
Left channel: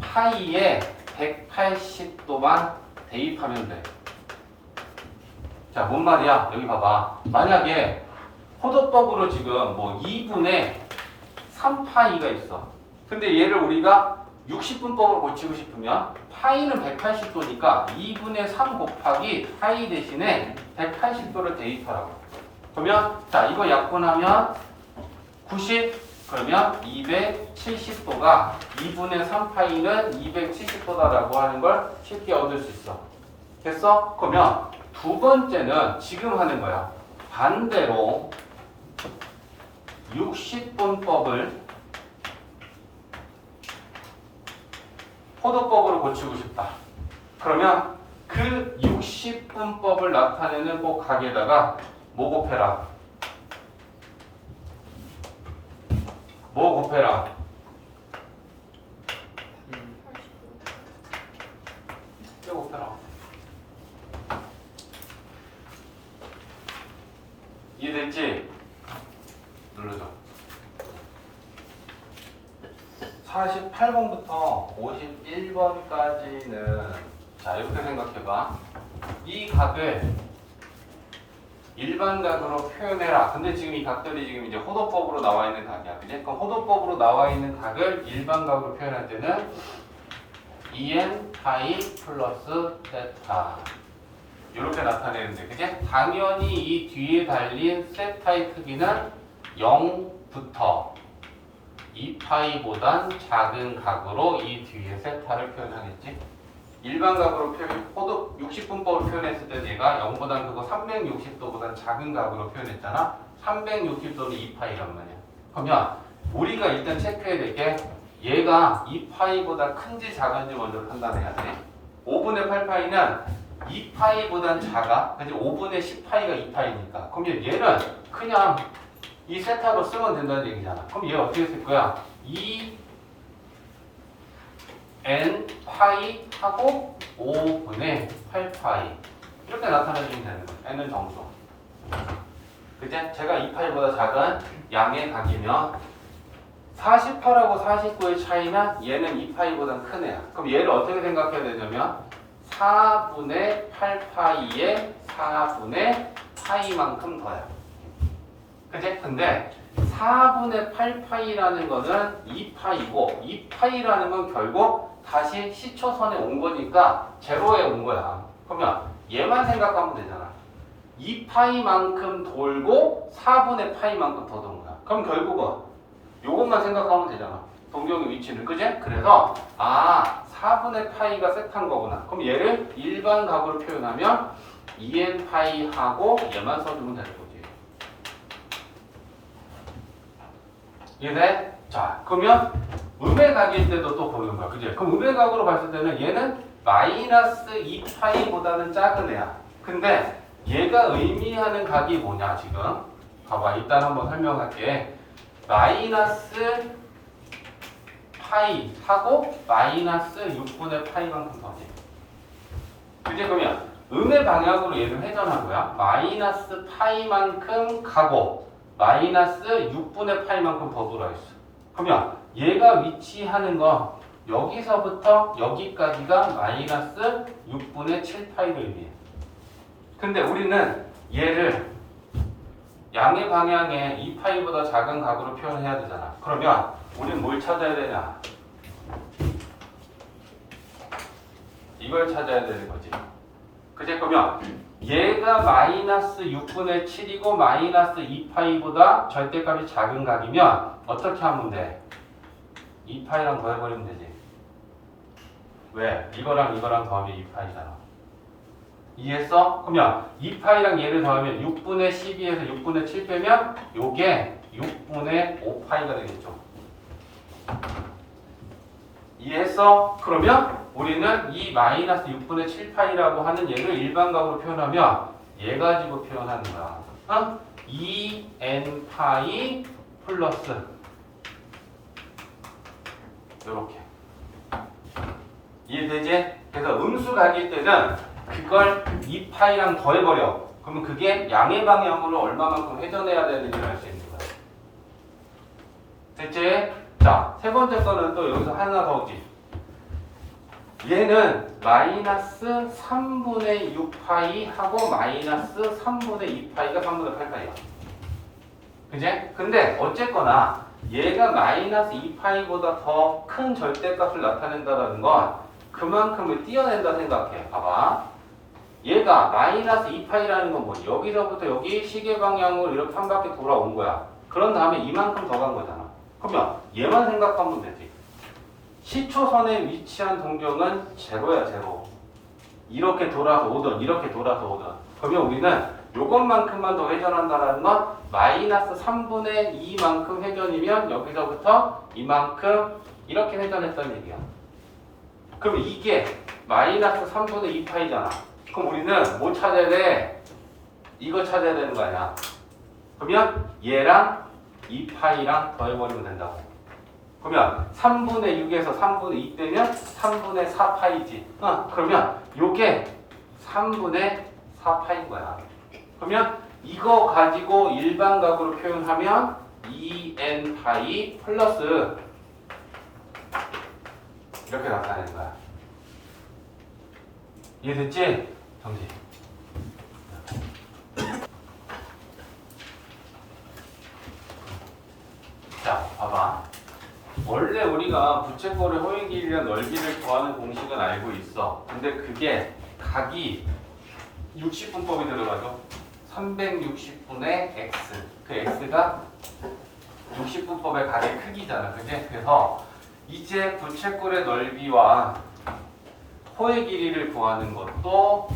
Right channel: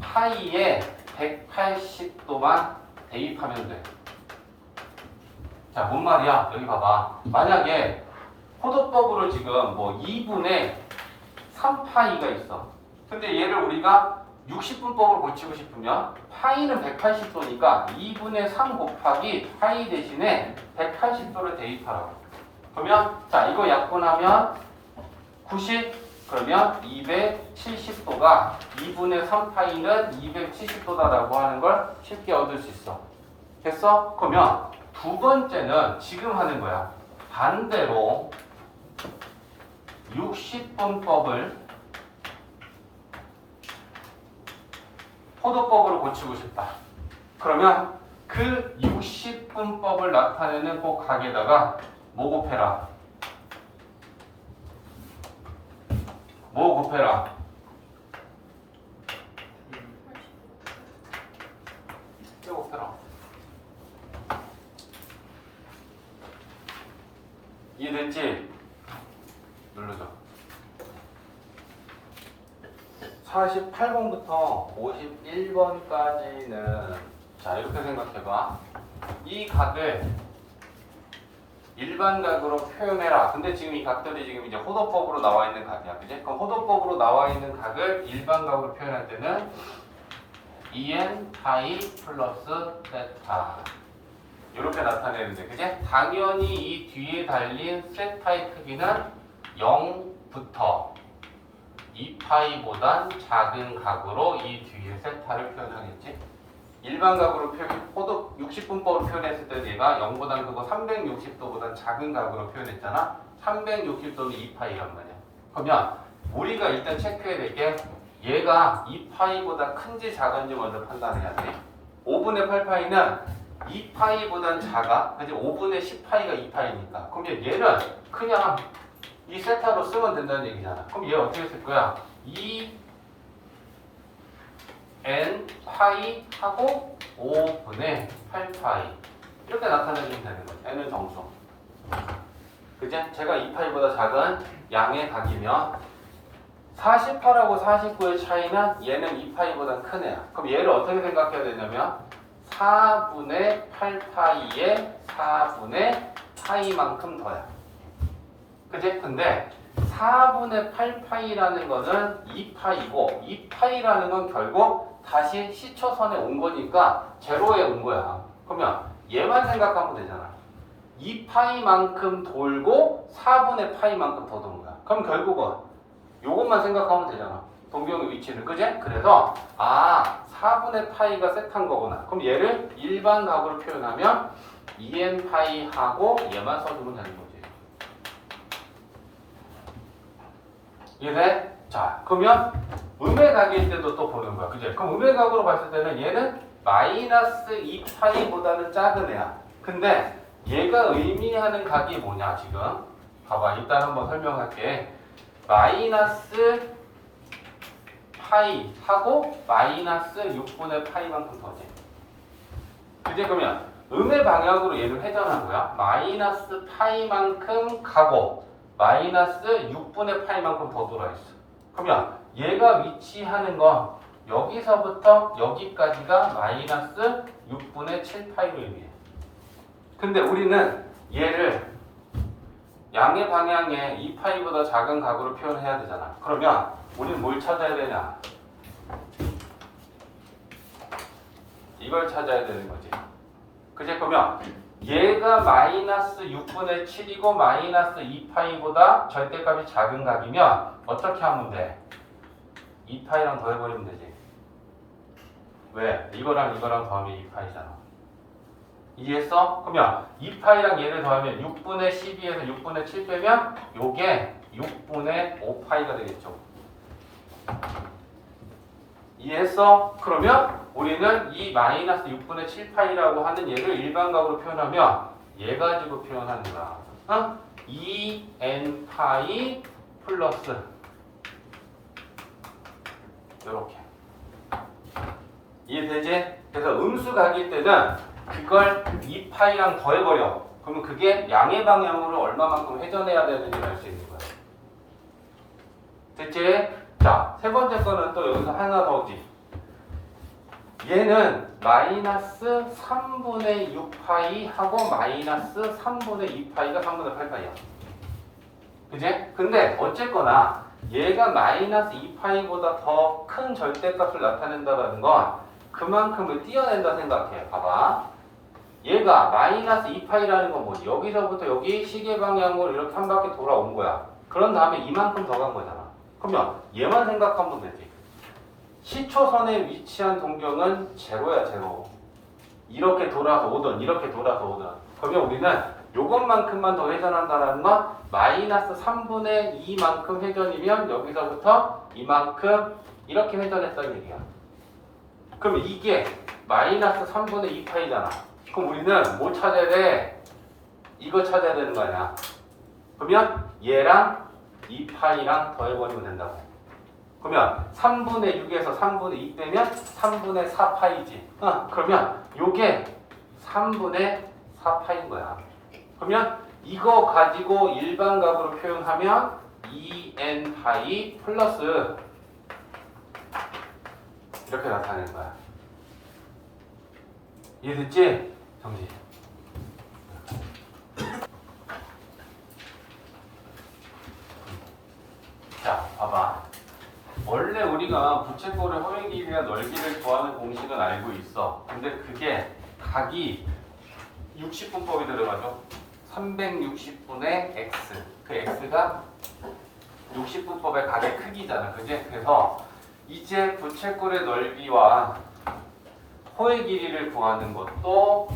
파이에 180도만 대입하면 돼. 자, 뭔 말이야? 여기 봐봐. 만약에 호도법으로 지금 뭐 2분의 3파이가 있어. 근데 얘를 우리가 60분법으로 고치고 싶으면 파이는 180도니까 2분의 3 곱하기 파이 대신에 180도를 대입하라고. 그러면 자, 이거 약분하면 90, 그러면 270도가 2분의 3파이는 270도다라고 하는 걸 쉽게 얻을 수 있어. 됐어? 그러면 두 번째는 지금 하는 거야. 반대로 60분법을 호도법으로 고치고 싶다. 그러면 그 60분법을 나타내는 꼭 각에다가 뭐 곱해라? 뭐 곱해라? 뼈 곱해라. 이해됐지? 눌러줘. 48번부터 51번까지는 자, 이렇게 생각해봐. 이 각을 일반 각으로 표현해라. 근데 지금 이 각들이 지금 이제 호도법으로 나와 있는 각이야. 그지? 그럼 호도법으로 나와 있는 각을 일반 각으로 표현할 때는 en 파이 플러스 세타 이렇게 나타내는데, 그지? 당연히 이 뒤에 달린 세타의 크기는 0부터 2파이보단 작은 각으로 이 뒤에 세타를 표현하겠지? 일반 각으로 호도 60분법으로 표현했을 때 얘가 0보단 크고 360도보단 작은 각으로 표현했잖아. 360도는 2파이란 말이야. 그러면 우리가 일단 체크해야 될 게 얘가 2파이보다 큰지 작은지 먼저 판단해야 돼. 5분의 8파이는 2파이보단 작아. 그지? 5분의 10파이가 2파이니까. 그러면 얘는 그냥 이 세타로 쓰면 된다는 얘기잖아. 그럼 얘 어떻게 쓸 거야? 2n 파이 하고 5분의 8파이 이렇게 나타내주면 되는 거예요. n은 정수. 그제? 제가 2파이보다 작은 양의 각이면 48하고 49의 차이는 얘는 2파이보다 큰 애야. 그럼 얘를 어떻게 생각해야 되냐면 4분의 8파이에 4분의 파이만큼 더야. 그치? 근데 4분의 8파이라는 거는 2파이고 2파이라는 건 결국 다시 시초선에 온 거니까 제로에 온 거야. 그러면 얘만 생각하면 되잖아. 2파이만큼 돌고 4분의 파이만큼 더 도는 거야. 그럼 결국은 요것만 생각하면 되잖아. 동경의 위치는. 그지? 그래서 4분의 파이가 세타인 거구나. 그럼 얘를 일반 각으로 표현하면 2n 파이하고 얘만 써주면 되는 거지. 이해? 자, 그러면 음의 각일 때도 또 보는 거야. 그지? 그럼 음의 각으로 봤을 때는 얘는 마이너스 2파이보다는 작은 애야. 근데 얘가 의미하는 각이 뭐냐 지금? 봐봐. 일단 한번 설명할게. 마이너스 파이 하고 마이너스 6분의 파이만큼 더지. 그지? 그러면 음의 방향으로 얘는 회전하고요. 마이너스 파이만큼 가고 마이너스 6분의 파이만큼 더 돌아있어. 그러면 얘가 위치하는 건 여기서부터 여기까지가 마이너스 6분의 7파이를 의미해. 근데 우리는 얘를 양의 방향에 2파이보다 작은 각으로 표현해야 되잖아. 그러면 우린 뭘 찾아야 되냐? 이걸 찾아야 되는 거지. 그제? 그러면 얘가 마이너스 6분의 7이고 마이너스 2파이보다 절대값이 작은 각이면 어떻게 하면 돼? 2파이랑 더해버리면 되지. 왜? 이거랑 더하면 2파이잖아. 이해했어? 그러면 2파이랑 얘를 더하면 6분의 12에서 6분의 7 빼면 요게 6분의 5파이가 되겠죠. 이해했어? 그러면 우리는 이 마이너스 6분의 7파이라고 하는 얘를 일반각으로 표현하면 얘 가지고 표현하는 거야. 2n파이 플러스 이렇게. 이해되지? 그래서 음수각일 때는 그걸 2파이랑 더해버려. 그러면 그게 양의 방향으로 얼마만큼 회전해야 되는지 알 수 있는 거야. 됐지? 자, 세 번째 거는 또 여기서 하나 더 있지. 얘는 마이너스 3분의 6파이 하고 마이너스 3분의 2파이가 3분의 8파이야. 그지? 근데 어쨌거나 얘가 마이너스 2파이보다 더 큰 절대값을 나타낸다는 건 그만큼을 띄어낸다 생각해. 봐봐. 얘가 마이너스 2파이라는 건 뭐지? 여기서부터 여기 시계 방향으로 이렇게 한 바퀴 돌아온 거야. 그런 다음에 이만큼 더 간 거잖아. 그러면 얘만 생각하면 되지. 시초선에 위치한 동경은 제로야, 제로. 이렇게 돌아서 오든 이렇게 돌아서 오든. 그러면 우리는 요것만큼만 더 회전한다는 건 마이너스 3분의 2만큼 회전이면 여기서부터 이만큼 이렇게 회전했다는 얘기야. 그러면 이게 마이너스 3분의 2파이잖아. 그럼 우리는 뭐 찾아야 돼? 이거 찾아야 되는 거 아니야. 그러면 얘랑 2파이랑 더해버리면 된다고. 그러면 3분의 6에서 3분의 2 빼면 3분의 4파이지. 그러면 요게 3분의 4파인 거야. 그러면 이거 가지고 일반각으로 표현하면 2n파이 플러스 이렇게 나타내는 거야. 이해됐지? 정지. 자, 봐봐. 원래 우리가 부채꼴의 호의 길이랑 넓이를 구하는 공식은 알고 있어. 근데 그게 각이 60분법이 들어가죠. 360분의 x. 그 x가 60분법의 각의 크기잖아. 그지? 그래서 이제 부채꼴의 넓이와 호의 길이를 구하는 것도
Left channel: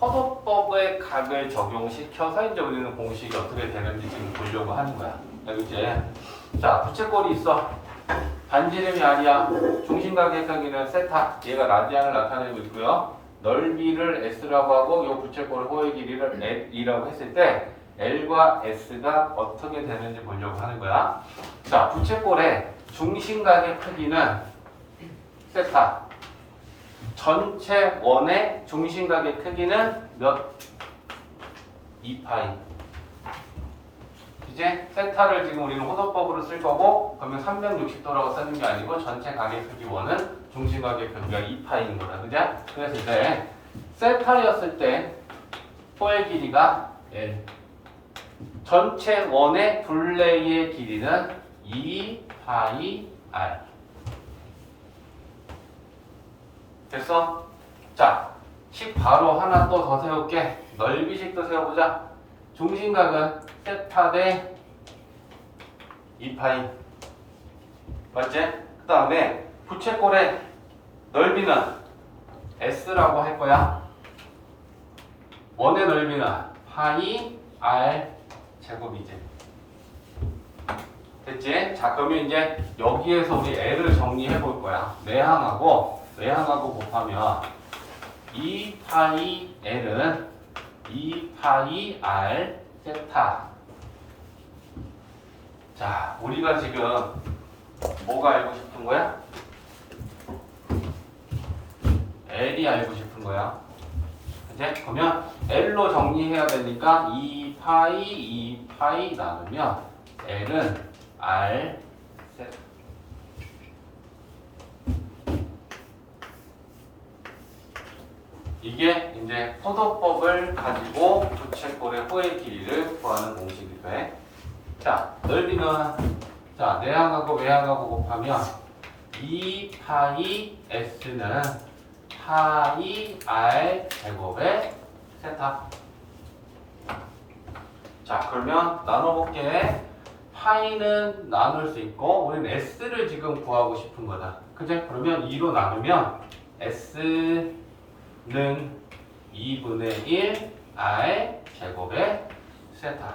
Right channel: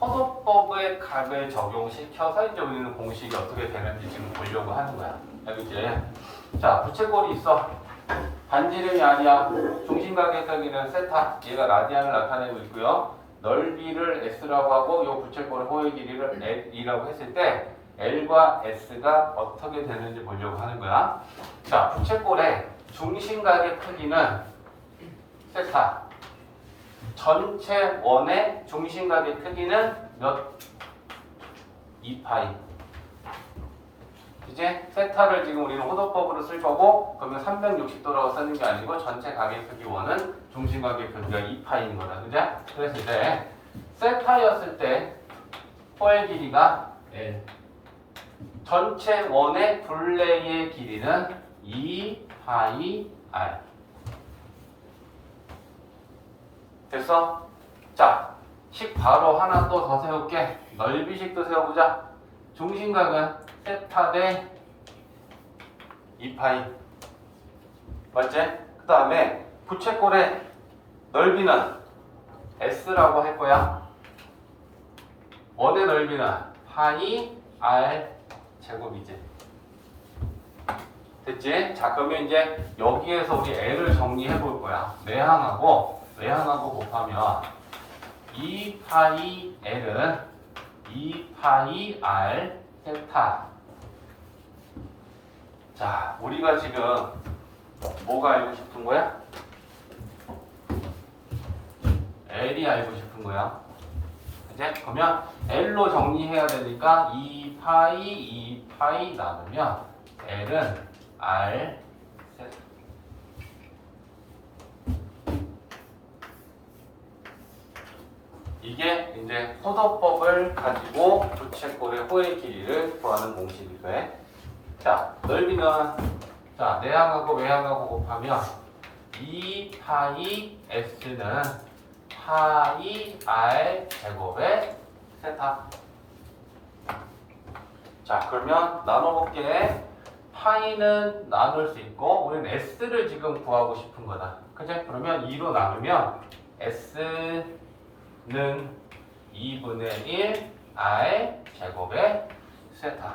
허도법의 각을 적용시켜서 이제 우리는 공식이 어떻게 되는지 지금 보려고 하는 거야. 알겠지? 자, 부채꼴이 있어. 반지름이 r이야. 중심각의 크기는 세타. 얘가 라디안을 나타내고 있고요. 넓이를 s라고 하고 이 부채꼴의 호의 길이를 l이라고 했을 때 l과 s가 어떻게 되는지 보려고 하는 거야. 자, 부채꼴의 중심각의 크기는 세타. 전체 원의 중심각의 크기는 몇? 2파이. 이제 세타를 지금 우리는 호도법으로 쓸 거고, 그러면 360도라고 쓰는 게 아니고 전체 각의 크기 원은 중심각의 크기가 2파이인 거다. 그죠? 그랬을 때 세타였을 때 호의 길이가 L. 전체 원의 둘레의 길이는 2파이 R. 됐어? 자, 식 바로 하나 또 더 세울게. 넓이식도 세워보자. 중심각은 세타 대 2파이. 맞지? 그 다음에 부채꼴의 넓이는 S라고 할 거야. 원의 넓이는 파이 R 제곱이지. 됐지? 자, 그러면 이제 여기에서 우리 L을 정리해 볼 거야. 외항하고 곱하면 2파이 L은 2파이 R 세타. 자, 우리가 지금 뭐가 알고 싶은 거야? L이 알고 싶은 거야. 이제 그러면 L로 정리해야 되니까 2파이 나누면 L은 R 세타. 이게 이제 포도법을 가지고 부채꼴의 호의 길이를 구하는 공식이 돼. 자, 넓이는 자 내항하고 외항하고 곱하면 2파이 x는 파이 r 제곱의 세타. 자, 그러면 나눠볼게. 파이는 나눌 수 있고 우리는 s를 지금 구하고 싶은 거다. 그죠? 그러면 2로 나누면 s는 2분의 1 r 제곱의 세타.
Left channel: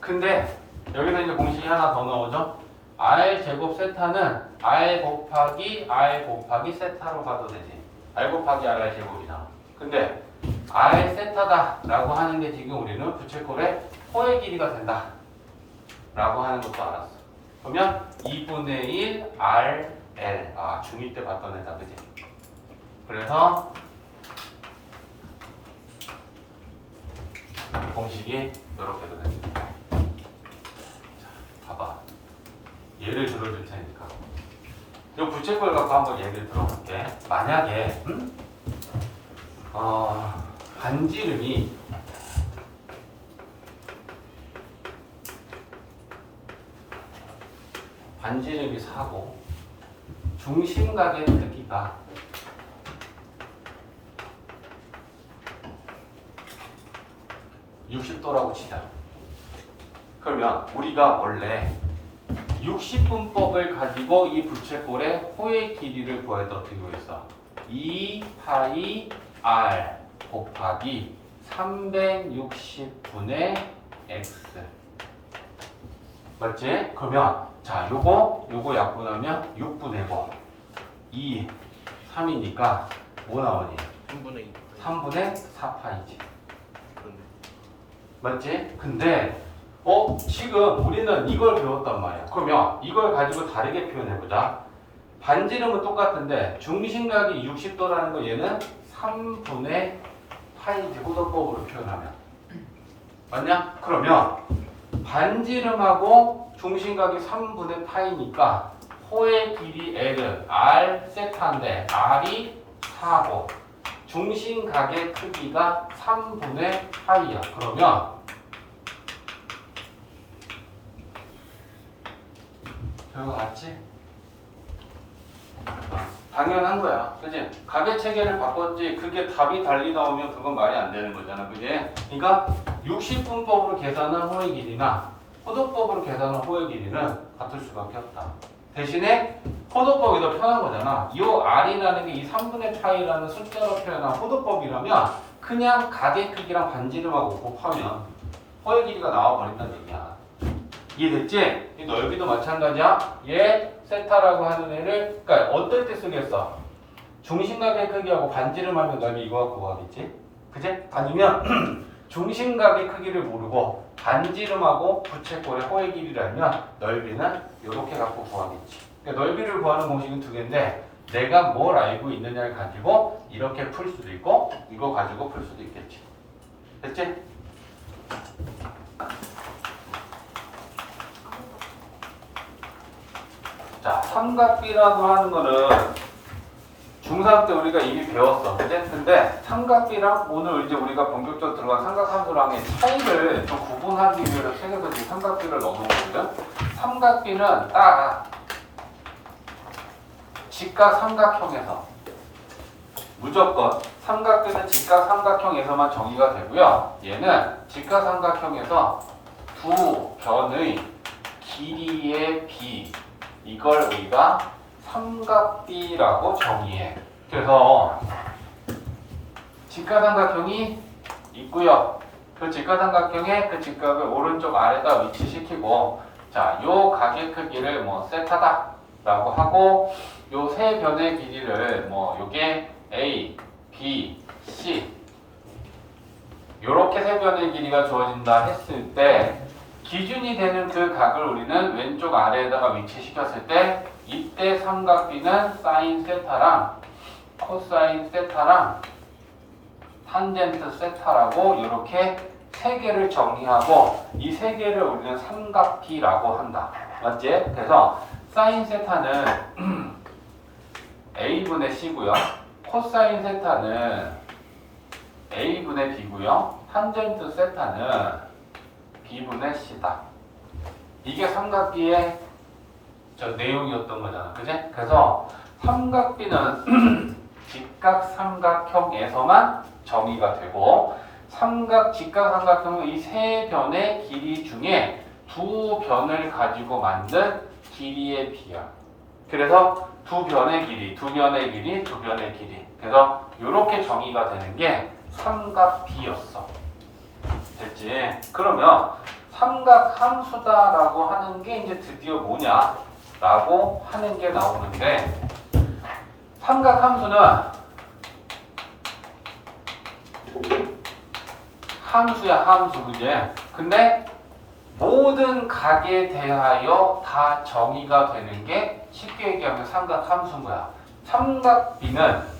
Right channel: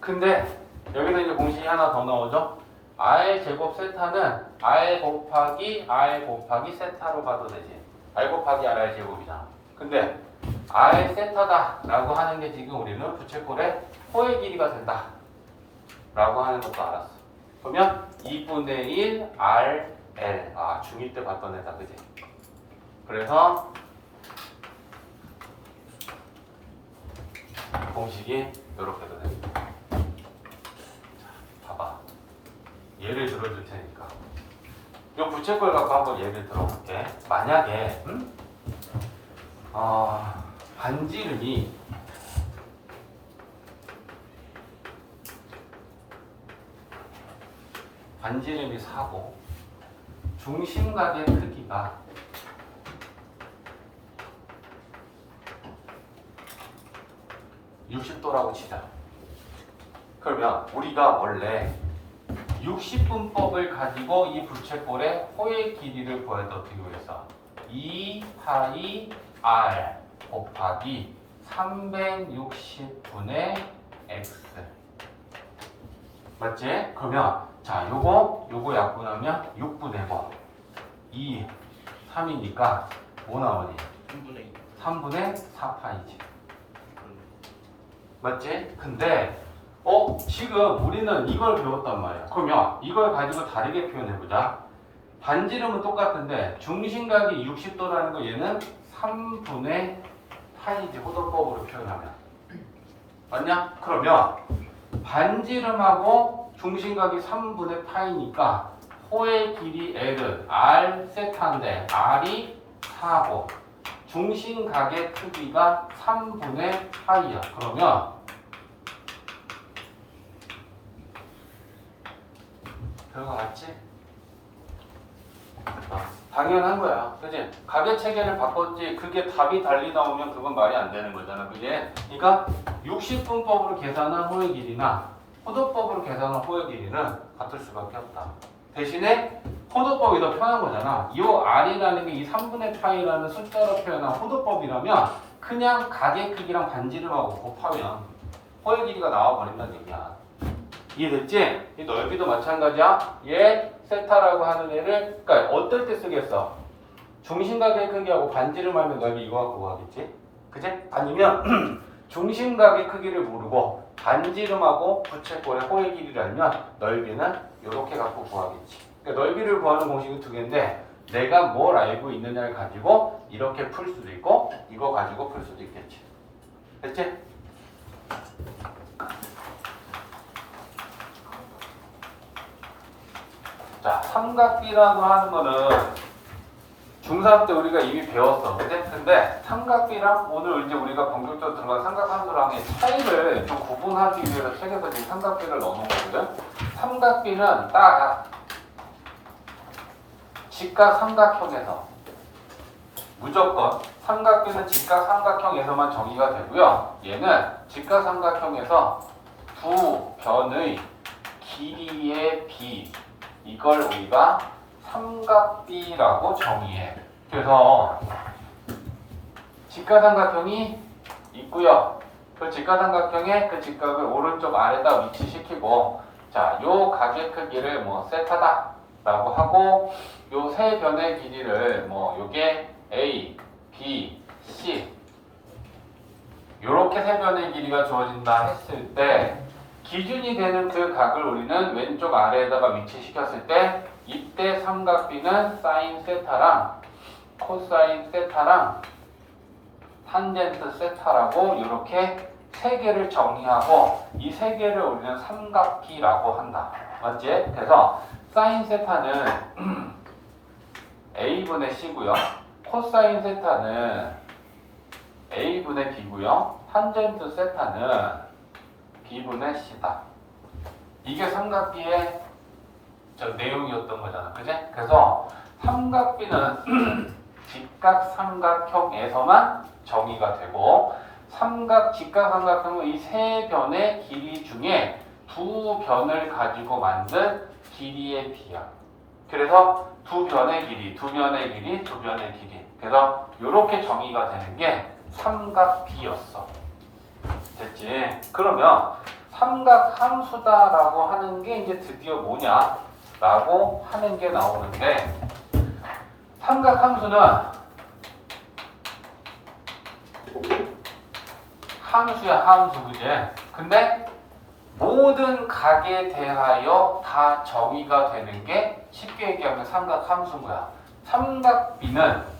근데 여기서 이제 공식이 하나 더 나오죠. r 제곱 세타는 r 곱하기 세타로 가도 되지. r 곱하기 r 제곱이잖아. 근데 r 세타다 라고 하는 게 지금 우리는 부채꼴의 호의 길이가 된다 라고 하는 것도 알았어. 그러면 2분의 1 r l. 아, 중2 때 봤던 애다, 그지? 그래서 공식이 이렇게 됩니다. 봐봐. 예를 들어줄 테니까. 이 부채꼴 갖고 한번 예를 들어볼게. 만약에 반지름이 반지름이 4고 중심각의 크기가 60도라고 치자. 그러면 우리가 원래 60분법을 가지고 이 부채꼴의 호의 길이를 구할 때 어떻게 구했어? 2파이 r 곱하기 360분의 x. 맞지? 그러면 자, 요거 약분하면 6분의 뭐 2, 3이니까 뭐 나오니? 3분의 2. 3분의 4파이지. 그러네. 맞지? 근데 지금 우리는 이걸 배웠단 말이야. 그러면 이걸 가지고 다르게 표현해보자. 반지름은 똑같은데 중심각이 60도라는 거 얘는 3분의 파이지. 호도법으로 표현하면 맞냐? 그러면 반지름하고 중심각이 3분의 파이니까 호의 길이 L은 R 세타인데 R이 4고 중심각의 크기가 3분의 파이야. 그러면 결과 같지? 당연한 거야. 그지? 가계 체계를 바꿨지. 그게 답이 달리 나오면 그건 말이 안 되는 거잖아. 그지? 그러니까 60분법으로 계산한 호의 길이나 포도법으로 계산한 호의 길이는 같을 수밖에 없다. 대신에 포도법이 더 편한 거잖아. 이 R이라는 게 이 3분의 파이라는 숫자로 표현한 포도법이라면 그냥 가계 크기랑 반지름하고 곱하면 호의 길이가 나와버린다는 얘기야. 이해됐지? 이 넓이도 마찬가지야. 얘 세타라고 하는 애를 그러니까 어떨 때 쓰겠어? 중심각의 크기하고 반지름하면 넓이 이거 갖고 구하겠지? 그지? 아니면 중심각의 크기를 모르고 반지름하고 부채꼴의 호의 길이를 알면 넓이는 이렇게 갖고 구하겠지. 그러니까 넓이를 구하는 공식은 두 개인데 내가 뭘 알고 있느냐를 가지고 이렇게 풀 수도 있고 이거 가지고 풀 수도 있겠지. 됐지? 자, 삼각비라고 하는 거는 중3 때 우리가 이미 배웠어. 근데 삼각비랑 오늘 이제 우리가 본격적으로 들어간 삼각함수랑의 차이를 좀 구분하기 위해서 책에서 지금 삼각비를 넣은 거거든. 삼각비는 딱 직각 삼각형에서 무조건 삼각비는 직각 삼각형에서만 정의가 되고요. 얘는 직각 삼각형에서 두 변의 길이의 비 이걸 우리가 삼각비라고 정의해. 그래서 직각삼각형이 있고요. 그 직각삼각형의 그 직각을 오른쪽 아래다 위치시키고 자, 요 각의 크기를 뭐 세타다라고 하고 요 세 변의 길이를 뭐 요게 A, B, C 요렇게 세 변의 길이가 주어진다 했을 때 기준이 되는 그 각을 우리는 왼쪽 아래에다가 위치시켰을 때 이때 삼각비는 사인 세타랑 코사인 세타랑 탄젠트 세타라고 이렇게 세 개를 정의하고 이 세 개를 우리는 삼각비라고 한다. 맞지? 그래서 사인 세타는 a분의 c고요. 코사인 세타는 a분의 b고요. 탄젠트 세타는 b분의 c다. 이게 삼각비의 저 내용이었던 거잖아. 그지? 그래서 삼각비는 직각삼각형에서만 정의가 되고 직각삼각형은 이 세 변의 길이 중에 두 변을 가지고 만든 길이의 비야. 그래서 두 변의 길이. 그래서 이렇게 정의가 되는 게 삼각비였어. 됐지? 그러면 삼각함수다라고 하는 게 이제 드디어 뭐냐라고 하는 게 나오는데 삼각함수는 함수야 함수 그지? 근데 모든 각에 대하여 다 정의가 되는 게 쉽게 얘기하면 삼각함수인 거야. 삼각비는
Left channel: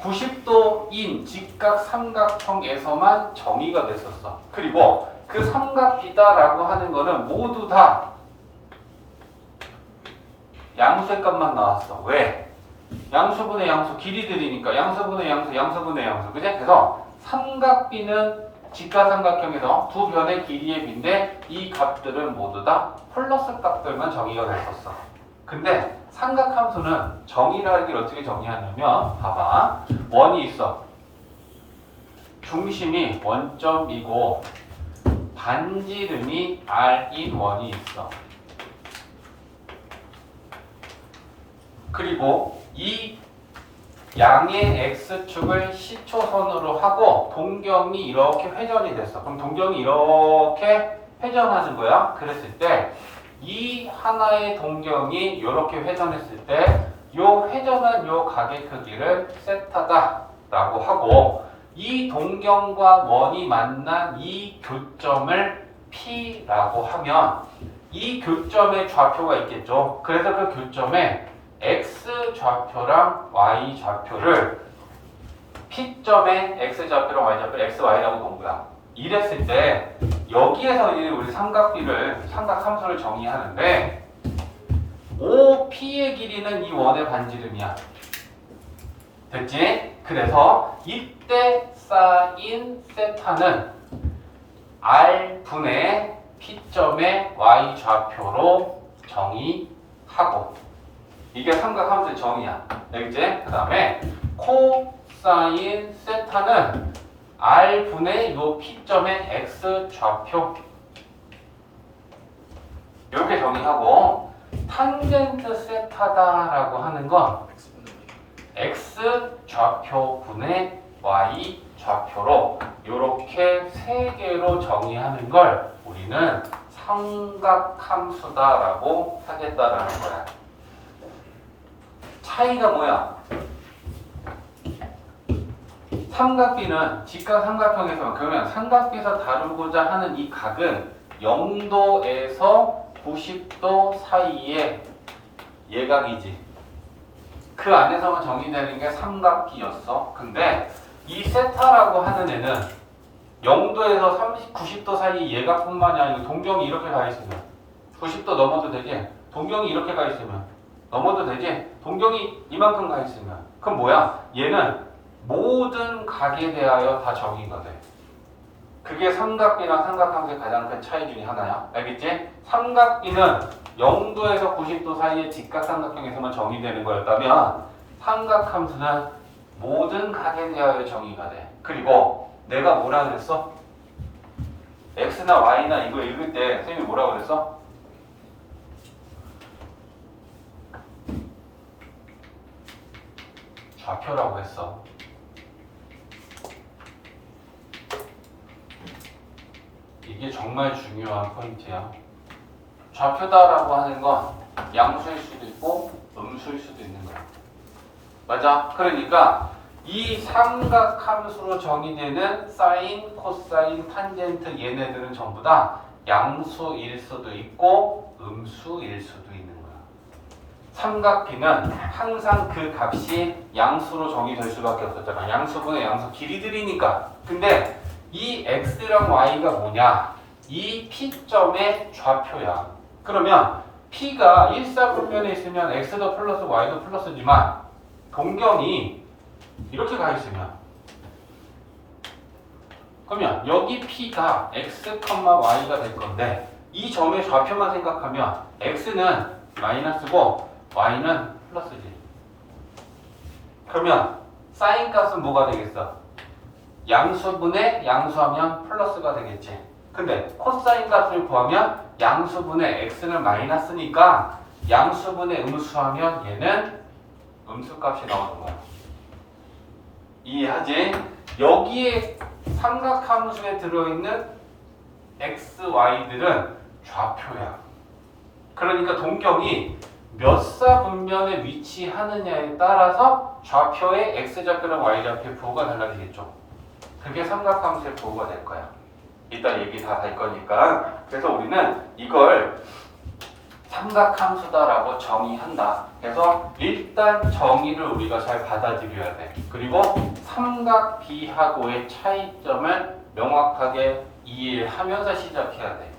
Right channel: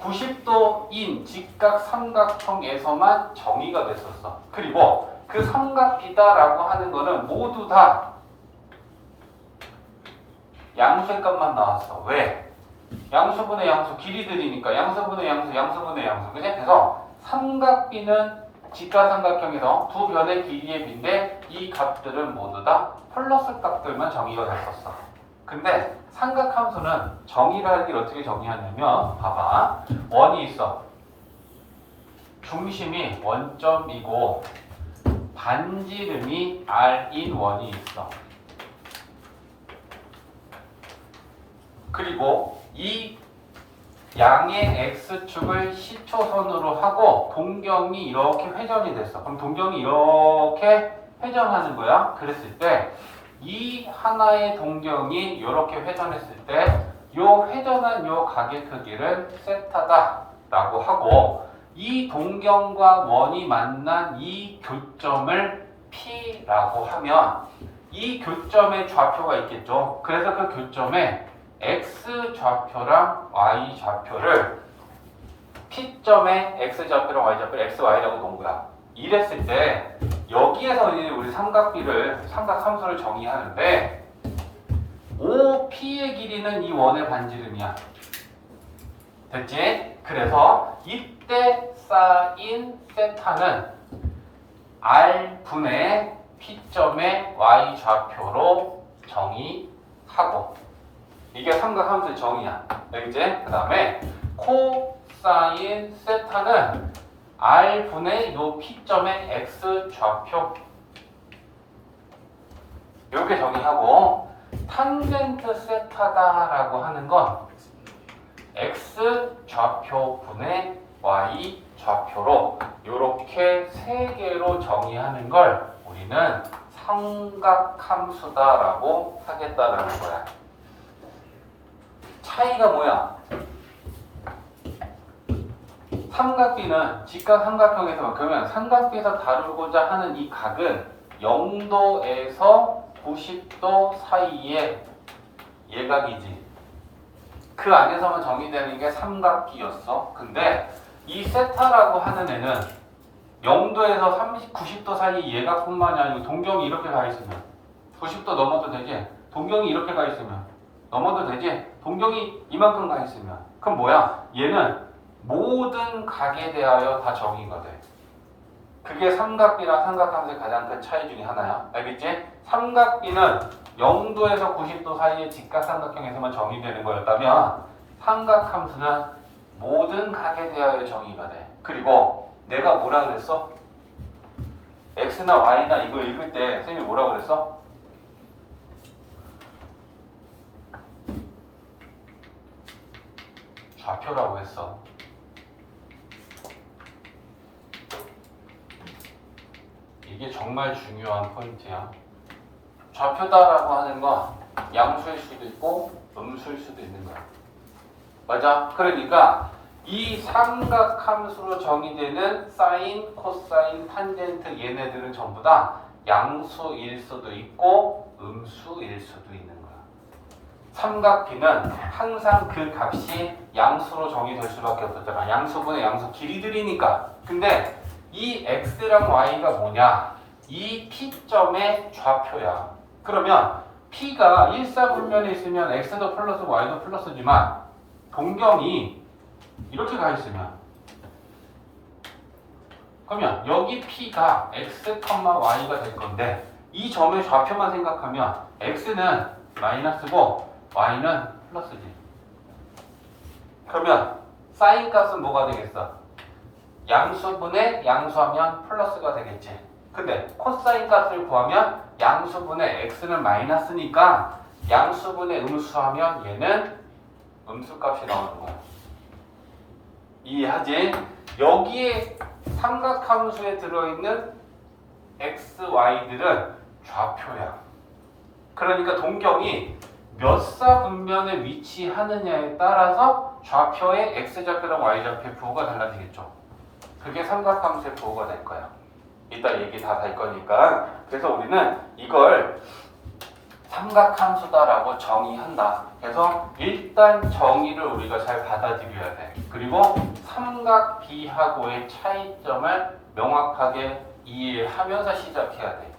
90도인 직각삼각형에서만 정의가 됐었어. 그리고 그 삼각비다라고 하는 거는 모두 다 양수의 값만 나왔어. 왜? 양수분의 양수, 길이들이니까 양수분의 양수. 그치? 그래서 삼각비는 직각삼각형에서 두 변의 길이의 비인데 이 값들은 모두 다 플러스 값들만 정의가 됐었어. 근데 삼각함수는 정의라는 게 어떻게 정의하냐면 봐봐. 원이 있어. 중심이 원점이고 반지름이 r인 원이 있어. 그리고 이 양의 x축을 시초선으로 하고 동경이 이렇게 회전이 됐어. 그럼 동경이 이렇게 회전하는 거야. 그랬을 때 이 하나의 동경이 이렇게 회전했을 때 이 회전한 이 각의 크기를 세타다라고 하고 이 동경과 원이 만난 이 교점을 P라고 하면 이 교점의 좌표가 있겠죠. 그래서 그 교점에 X 좌표랑 Y 좌표를 P점에 X 좌표랑 Y 좌표를 X, Y라고 놓은 거야. 이랬을 때 여기에서 우리 삼각함수를 정의하는데 OP의 길이는 이 원의 반지름이야. 됐지? 그래서 이때 쌓인 세타는 R분의 P점의 Y 좌표로 정의하고 이게 삼각함수의 정의야. 알겠지? 그 다음에 코사인 세타는 R분의 요 P점의 X 좌표 이렇게 정의하고 탄젠트 세타다라고 하는 건 X 좌표분의 Y 좌표로 이렇게 세 개로 정의하는 걸 우리는 삼각함수다라고 하겠다라는 거야. 차이가 뭐야? 삼각비는 직각삼각형에서 그러면 삼각비에서 다루고자 하는 이 각은 0도에서 90도 사이의 예각이지. 그 안에서만 정의되는 게 삼각비였어. 근데 이 세타라고 하는 애는 0도에서 90도 사이 예각뿐만이 아니고 동경이 이렇게 가 있으면 90도 넘어도 되지. 동경이 이렇게 가 있으면 넘어도 되지. 동경이 이만큼 가 있으면 그럼 뭐야? 얘는 모든 각에 대하여 다 정의가 돼. 그게 삼각비랑 삼각함수의 가장 큰 차이 중에 하나야. 알겠지? 삼각비는 0도에서 90도 사이의 직각삼각형에서만 정의되는 거였다면 삼각함수는 모든 각에 대하여 정의가 돼. 그리고 내가 뭐라 그랬어? X나 Y나 이거 읽을 때 선생님이 뭐라 그랬어? 좌표라고 했어. 이게 정말 중요한 포인트야. 좌표다라고 하는 건 양수일 수도 있고 음수일 수도 있는 거야. 맞아? 그러니까 이 삼각함수로 정의되는 사인, 코사인, 탄젠트 얘네들은 전부 다 양수일 수도 있고 음수일 수도 있는 거야. 삼각 B는 항상 그 값이 양수로 정의될 수밖에 없었잖아. 양수분의 양수 길이들이니까. 근데 이 x랑 y가 뭐냐? 이 P점의 좌표야. 그러면 P가 일사분면에 있으면 x도 플러스고 y도 플러스지만 동경이 이렇게 가 있으면 그러면 여기 P가 x, y가 될 건데 이 점의 좌표만 생각하면 x는 마이너스고 y는 플러스지. 그러면 사인 값은 뭐가 되겠어? 양수분의 양수하면 플러스가 되겠지. 근데 코사인 값을 구하면 양수분의 x는 마이너스니까 양수분의 음수하면 얘는 음수값이 나오는 거야. 이해하지? 여기에 삼각함수에 들어있는 x, y들은 좌표야. 그러니까 동경이 몇 사분면에 위치하느냐에 따라서 좌표의 x좌표랑 y좌표의 부호가 달라지겠죠. 그게 삼각함수의 부호가 될 거야. 이따 얘기 다 될 거니까. 그래서 우리는 이걸 삼각함수다라고 정의한다. 그래서 일단 정의를 우리가 잘 받아들여야 돼. 그리고 삼각 B하고의 차이점을 명확하게 이해하면서 시작해야 돼.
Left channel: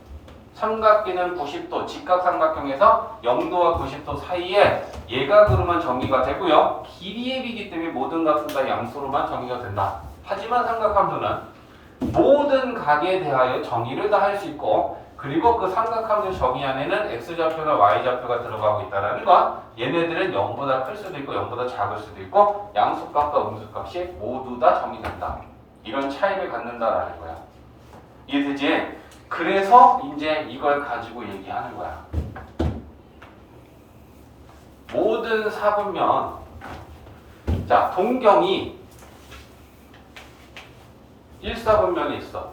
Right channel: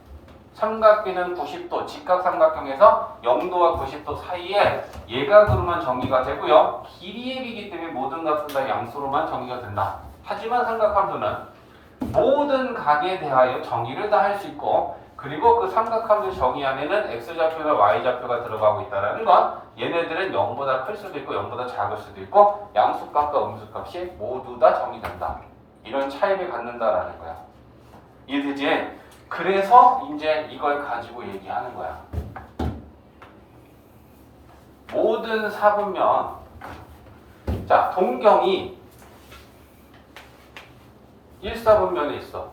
삼각 B는 90도, 직각삼각형에서 0도와 90도 사이에 예각으로만 정의가 되고요. 길이의 비이기 때문에 모든 값은 다 양수로만 정의가 된다. 하지만 삼각함수는 모든 각에 대하여 정의를 다 할 수 있고 그리고 그 삼각함수 정의 안에는 x좌표가 y좌표가 들어가고 있다는 건 얘네들은 0보다 클 수도 있고 0보다 작을 수도 있고 양수값과 음수값이 모두 다 정의된다. 이런 차이를 갖는다라는 거야. 이해되지? 그래서 이제 이걸 가지고 얘기하는 거야. 모든 사분면 자 동경이 1사분면에 있어.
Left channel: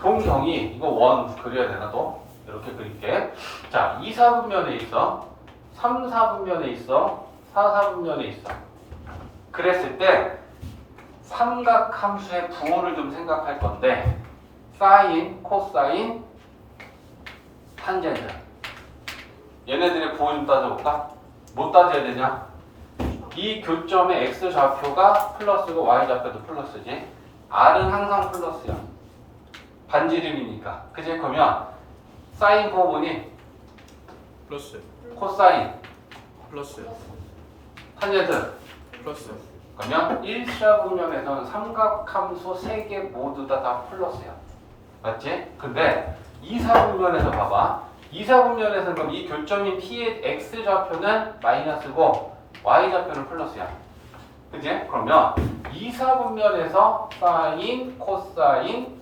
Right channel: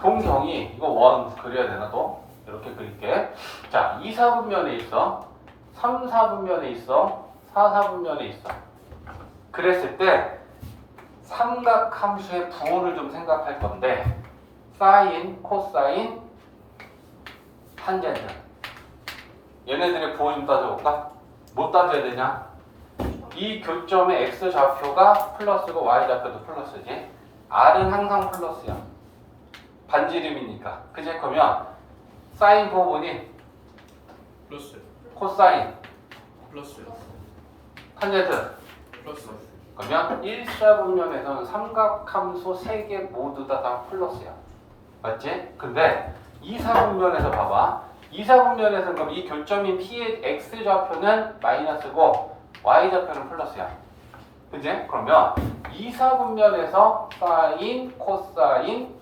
동경이 이거 원 그려야 되나 또? 이렇게 그릴게. 자 2사분면에 있어. 3사분면에 있어. 4사분면에 있어. 그랬을 때 삼각함수의 부호를 좀 생각할 건데 사인, 코사인, 탄젠트 얘네들의 부호 좀 따져볼까? 뭐 따져야 되냐? 이 교점의 x좌표가 플러스고 y좌표도 플러스지. R은 항상 플러스야. 반지름이니까. 그치? 그러면 사인 부호 보니 플러스 코사인, 플러스 탄젠트 플러스 그러면 1사분면에서는 삼각함수 3개 모두 다 플러스야. 맞지? 근데 2사분면에서 봐봐. 2사분면에서는 그럼 이 교점인 P의 x좌표는 마이너스고 y좌표는 플러스야. 그치? 그러면 2사분면에서 사인, 코사인,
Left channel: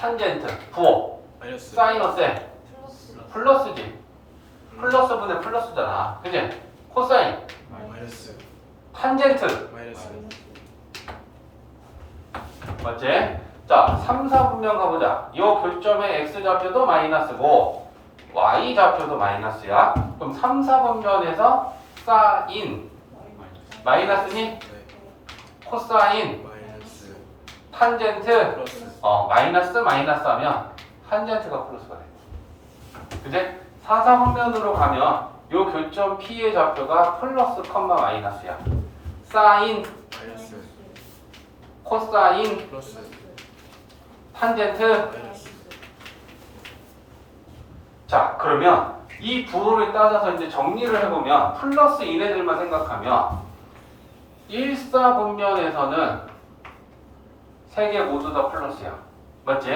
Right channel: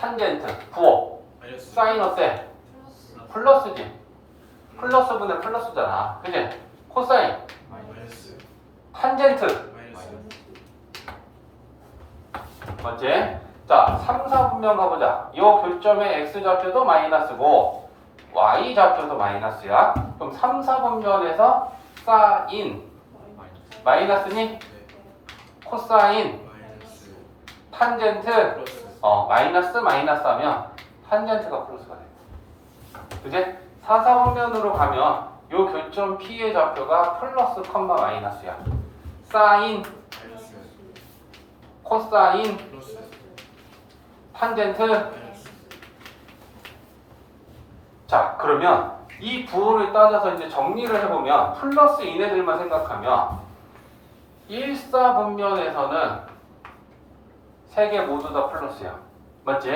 탄젠트, 부호 마이너스 사인 어때? 플러스지. 플러스분의 플러스잖아. 그치? 코사인, 마이너스 탄젠트 마이너스 맞지? 자, 3, 4분면 가보자. 이 교점의 x좌표도 마이너스고 y좌표도 마이너스야. 그럼 3, 4분면에서 사인 마이너스니? 네 코사인 마이너스 탄젠트 플러스 마이너스 하면 탄젠트가 플러스가 돼. 그지? 4, 4분면으로 가면 이 교점 P의 좌표가 플러스 컴마 마이너스야. 사인, 마이너스 코사인, 플러스 탄젠트. 마이너스 자, 그러면 이 부호를 따져서 이제 정리를 해보면 플러스 이네들만 생각하면 1사분면에서는 3개 모두 다 플러스야. 맞지?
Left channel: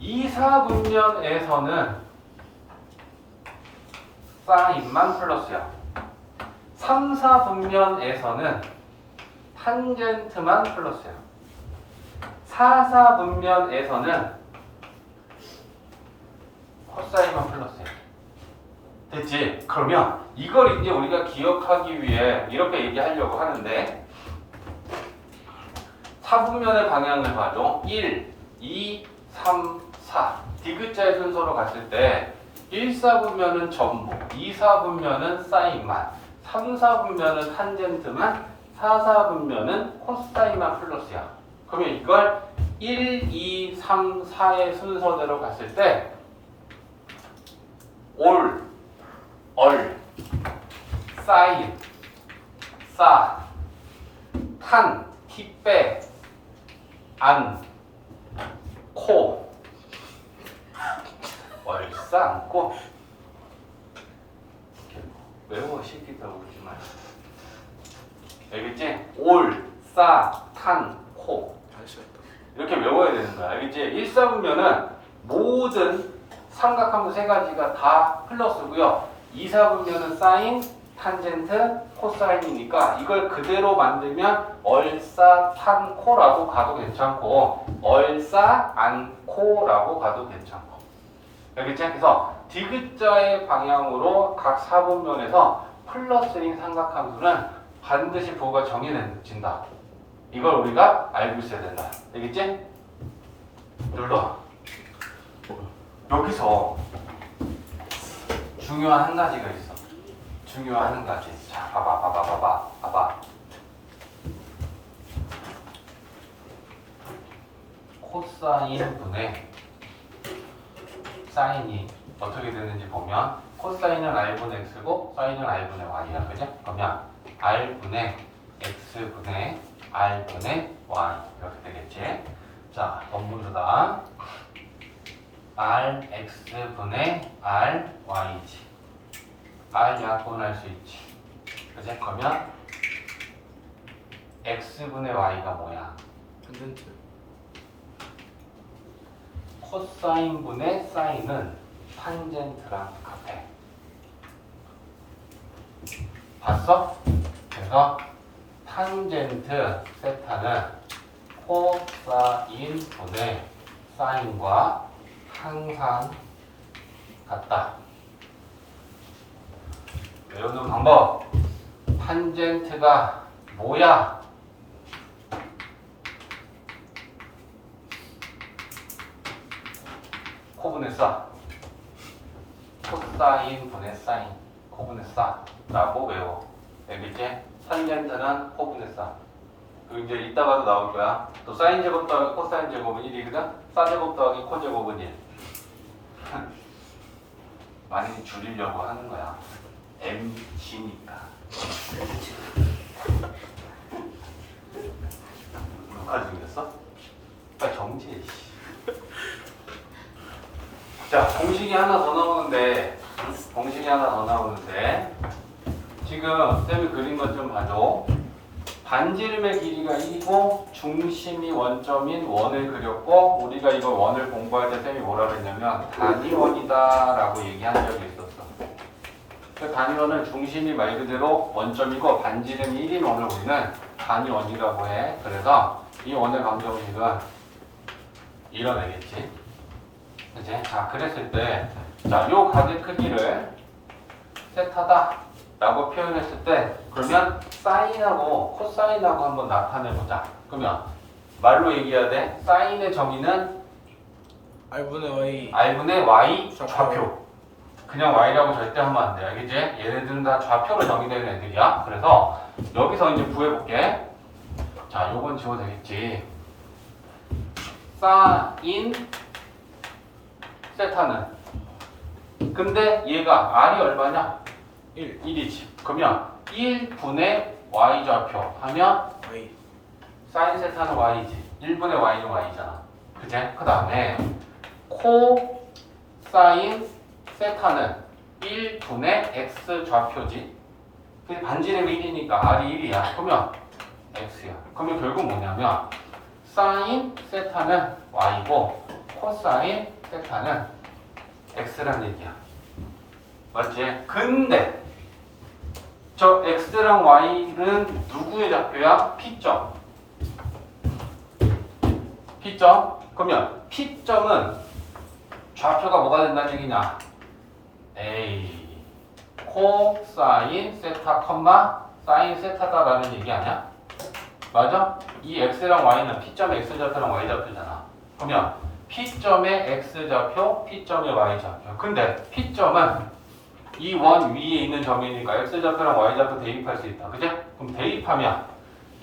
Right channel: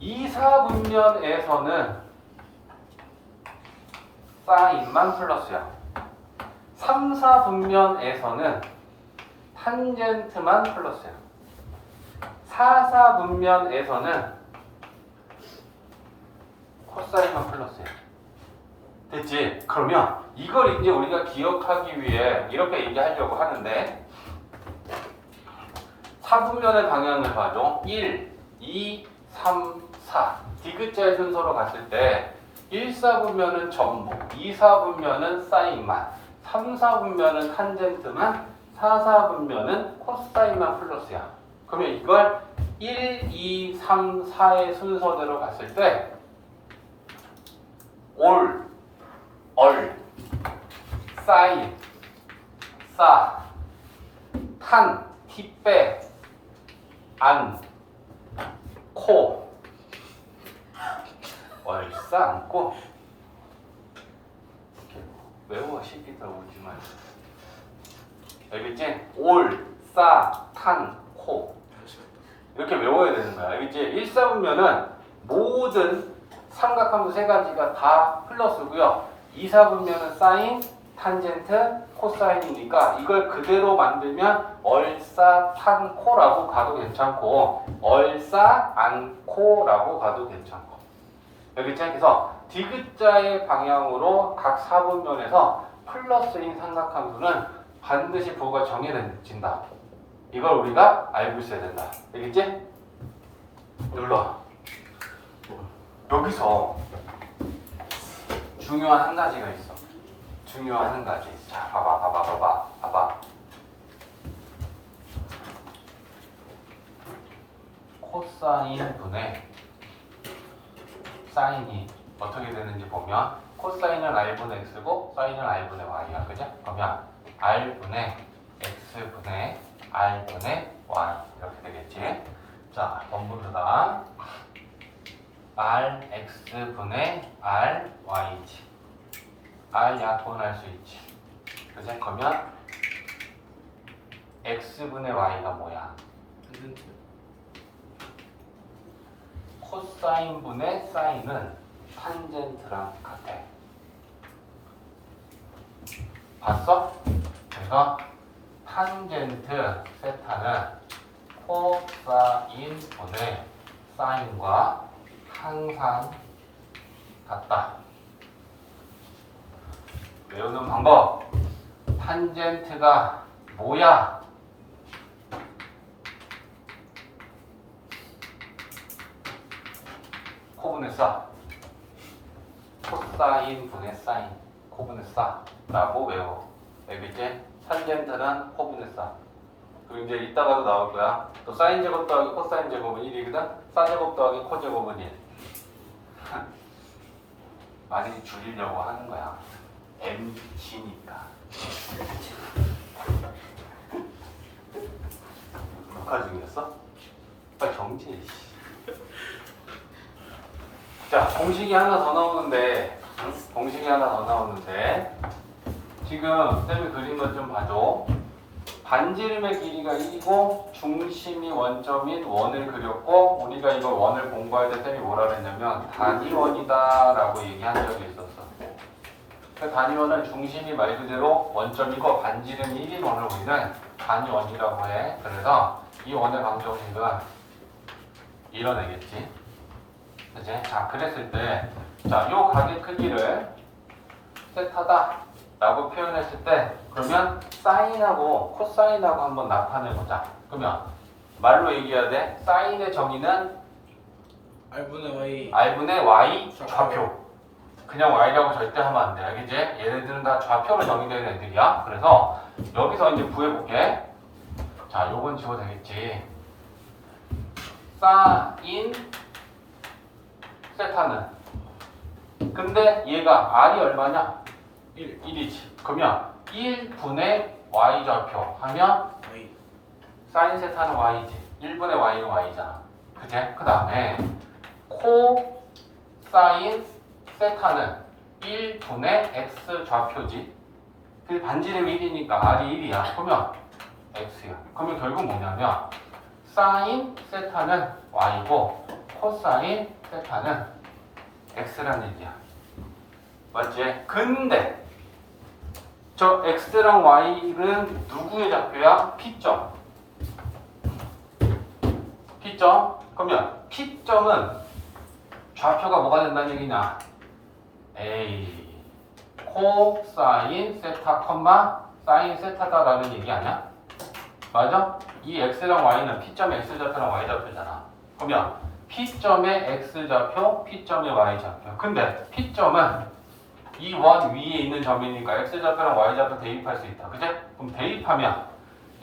2사분면에서는 사인만 플러스야. 3사분면에서는 탄젠트만 플러스야. 4사분면에서는 코사인만 플러스야. 됐지? 그러면 이걸 이제 우리가 기억하기 위해 이렇게 얘기하려고 하는데 4분면의 방향을 봐줘. 1, 2, 3, 4 디귿자의 순서로 갔을 때 1사분면은 전부, 2사분면은 사인만, 3사분면은 탄젠트만, 4사분면은 코사인만 플러스야. 그러면 이걸 1, 2, 3, 4의 순서대로 갔을 때 올, 얼, 사인, 사, 탄, 티빼, 안, 코, 얼싸, 안고. 외워 시키다 오지 마. 알겠지? 올, 싸, 탄, 코. 다시 했다. 이렇게 외워야 되는 거야. 알겠지? 일사분면은 모든 삼각함수 세 가지가 다 플러스고요. 이사분면은 사인, 탄젠트, 코사인이니까 이걸 그대로 만들면 얼싸, 탄, 코라고 가도 괜찮고 얼싸, 안, 코라고 가도 괜찮고. 알겠지? 그래서 디귿자의 방향으로 각 사분면에서 플러스인 삼각함수는 반드시 부호가 정해진다. 이걸 우리가 알고 있어야 된다. 알겠지? 눌러. 여기서 중요한 한 가지가 있어. 중요한 한 가지. 자, 봐봐. 코사인 분의 사인이 어떻게 되는지 보면 코사인은 r분의 x고 사인은 r분의 y야. 그죠? 그러면 r분의 x분의 r분의 y 이렇게 되겠지. 자, 원문으로다. rx분의 ry지. r 약분할 수 있지. 그지? 그러면 x분의 y가 뭐야? 탄젠트. 코사인분의 사인은 탄젠트랑 같아. 봤어? 그래서 탄젠트 세타는 코사인분의 사인과 항상 같다. 외우는 방법. 탄젠트가 뭐야? 코분의 싸. 코사인 분의 사인. 코분의 싸라고 외워. 알겠지? 탄젠트는 코분의 싸. 그리고 이제 이따가도 나올 거야. 또 사인 제곱 더하기 코사인 제곱은 1이거든? 사 제곱 더하기 코 제곱은 1. 많이 줄이려고 하는 거야. MC니까. 녹화 중이었어? 빨리 정지해. 자, 공식이 하나 더 나오는데 지금 쌤이 그린 것 좀 봐줘. 반지름의 길이가 1이고 중심이 원점인 원을 그렸고 우리가 이걸 원을 공부할 때 쌤이 뭐라고 했냐면 단위원이다 라고 얘기한 적이 있었어. 그 단위원은 중심이 말 그대로 원점이고 반지름이 1인 원을 우리는 단위원이라고 해. 그래서 이 원의 방정식은 이뤄내겠지. 그치? 자, 그랬을 때 자, 요 각의 크기를 세타다 라고 표현했을 때 그러면 사인하고 코사인하고 한번 나타내보자. 그러면 말로 얘기해야 돼. 사인의 정의는 r분의 y. r분의 y 좌표. 좌표. 그냥 y라고 절대 하면 안 돼. 알겠지? 얘네들은 다 좌표로 정의되는 애들이야. 그래서 여기서 이제 구해볼게. 자, 요건 지워도 되겠지. 사인 세타는 근데 얘가 r이 얼마냐? 1이지. 그러면 1분의 y좌표 하면 y. 사인 세타는 y지. 1분의 y는 y잖아. 그치? 그 다음에 코 사인 세타는 1분의 x좌표지. 그 반지름이 1이니까 r이 1이야. 그러면 x야. 그러면 결국 뭐냐면 사인 세타는 y고 코사인 세타는 x란 얘기야. 맞지? 근데 저 x랑 y는 누구의 좌표야? p점. p점? 그러면 p점은 좌표가 뭐가 된다는 얘기냐? A 코사인 세타 컴마 사인 세타다라는 얘기 아니야? 맞아? 이 x랑 y는 p점의 x좌표랑 y좌표잖아. 그러면 p점의 x좌표, p점의 y좌표. 근데 p점은 이 원 위에 있는 점이니까 x좌표랑 y좌표 대입할 수 있다. 그치? 그럼 대입하면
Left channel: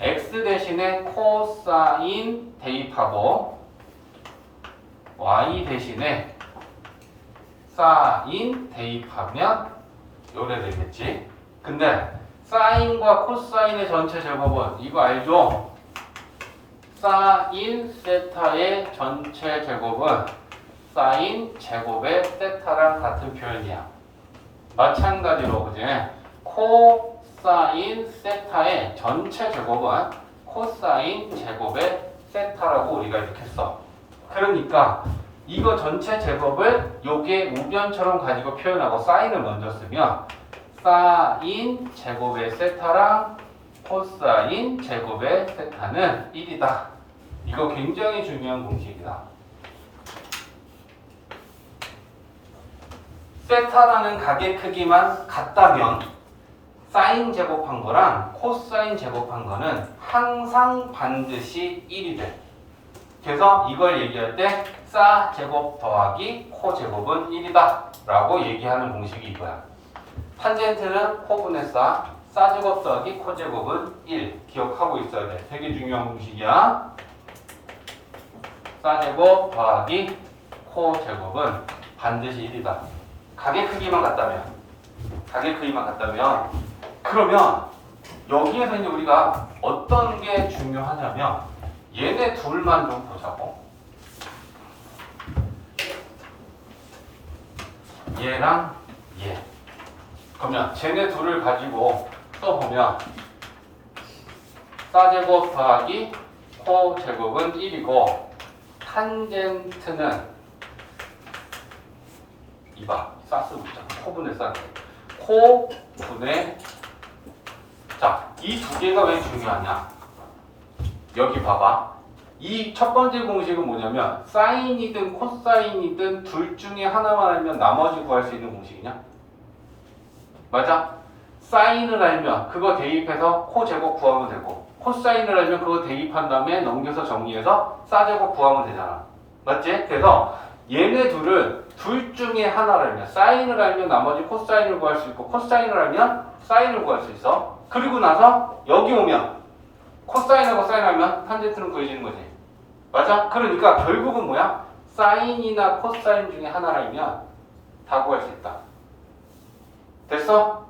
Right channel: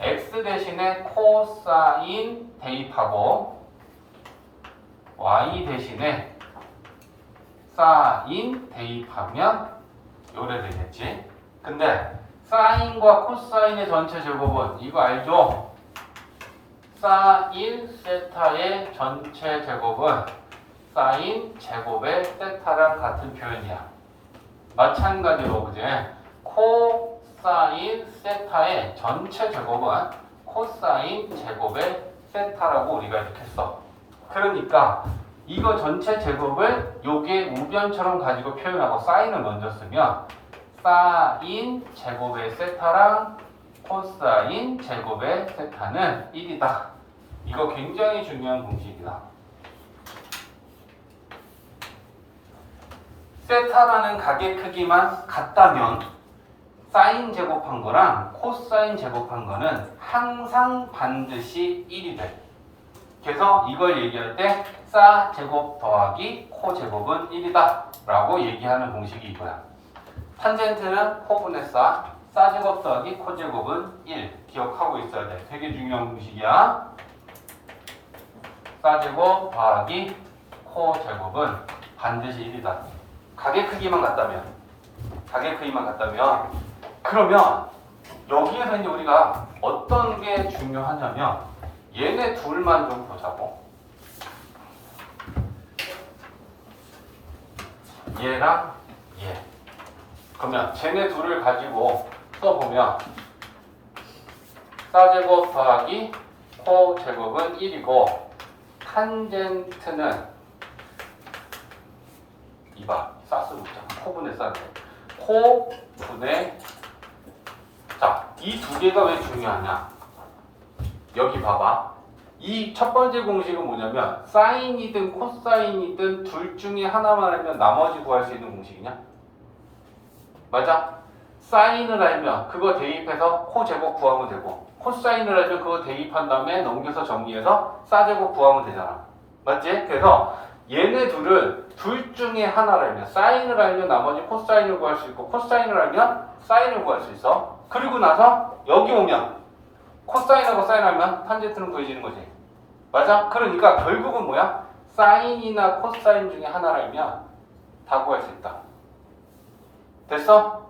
x 대신에 코사인 대입하고 y 대신에 사인 대입하면 요래 되겠지. 근데 사인과 코사인의 전체 제곱은 이거 알죠? 사인 세타의 전체 제곱은 사인 제곱의 세타랑 같은 표현이야. 마찬가지로 그지? 코사인 세타의 전체 제곱은 코사인 제곱의 세타라고 우리가 이렇게 써. 그러니까 이거 전체 제곱을 요게 우변처럼 가지고 표현하고 사인을 먼저 쓰면 사인 제곱의 세타랑 코사인 제곱의 세타는 1이다. 이거 굉장히 중요한 공식이다. 세타라는 각의 크기만 같다면 사인 제곱한 거랑 코사인 제곱한 거는 항상 반드시 1이 돼. 그래서 이걸 얘기할 때 사 제곱 더하기 코 제곱은 1이다 라고 얘기하는 공식이 이거야. 탄젠트는 코분의 사 제곱 더하기 코 제곱은 1 기억하고 있어야 돼. 되게 중요한 공식이야. 사 제곱 더하기 코 제곱은 반드시 1이다. 각의 크기만 같다면 그러면 여기에서 이제 우리가 어떤 게 중요하냐면 얘네 둘만 좀 보자고. 얘랑 얘. 그러면 쟤네 둘을 가지고 써보면 사제곱 더하기 코 제곱은 1이고 탄젠트는 이봐 사스 붙잖아. 코분의 사스. 코분의 자, 이 두 개가 왜 중요하냐? 여기 봐봐. 이 첫 번째 공식은 뭐냐면 사인이든 코사인이든 둘 중에 하나만 알면 나머지 구할 수 있는 공식이냐? 맞아? 사인을 알면 그거 대입해서 코 제곱 구하면 되고 코사인을 알면 그거 대입한 다음에 넘겨서 정리해서 사 제곱 구하면 되잖아. 맞지? 그래서 얘네 둘은 둘 중에 하나를 알면 사인을 알면 나머지 코사인을 구할 수 있고 코사인을 알면 사인을 구할 수 있어. 그리고 나서 여기 오면 코사인하고 사인하면 탄젠트는 구해지는 거지. 맞아? 그러니까 결국은 뭐야? 사인이나 코사인 중에 하나를 알면 다 구할 수 있다. 됐어?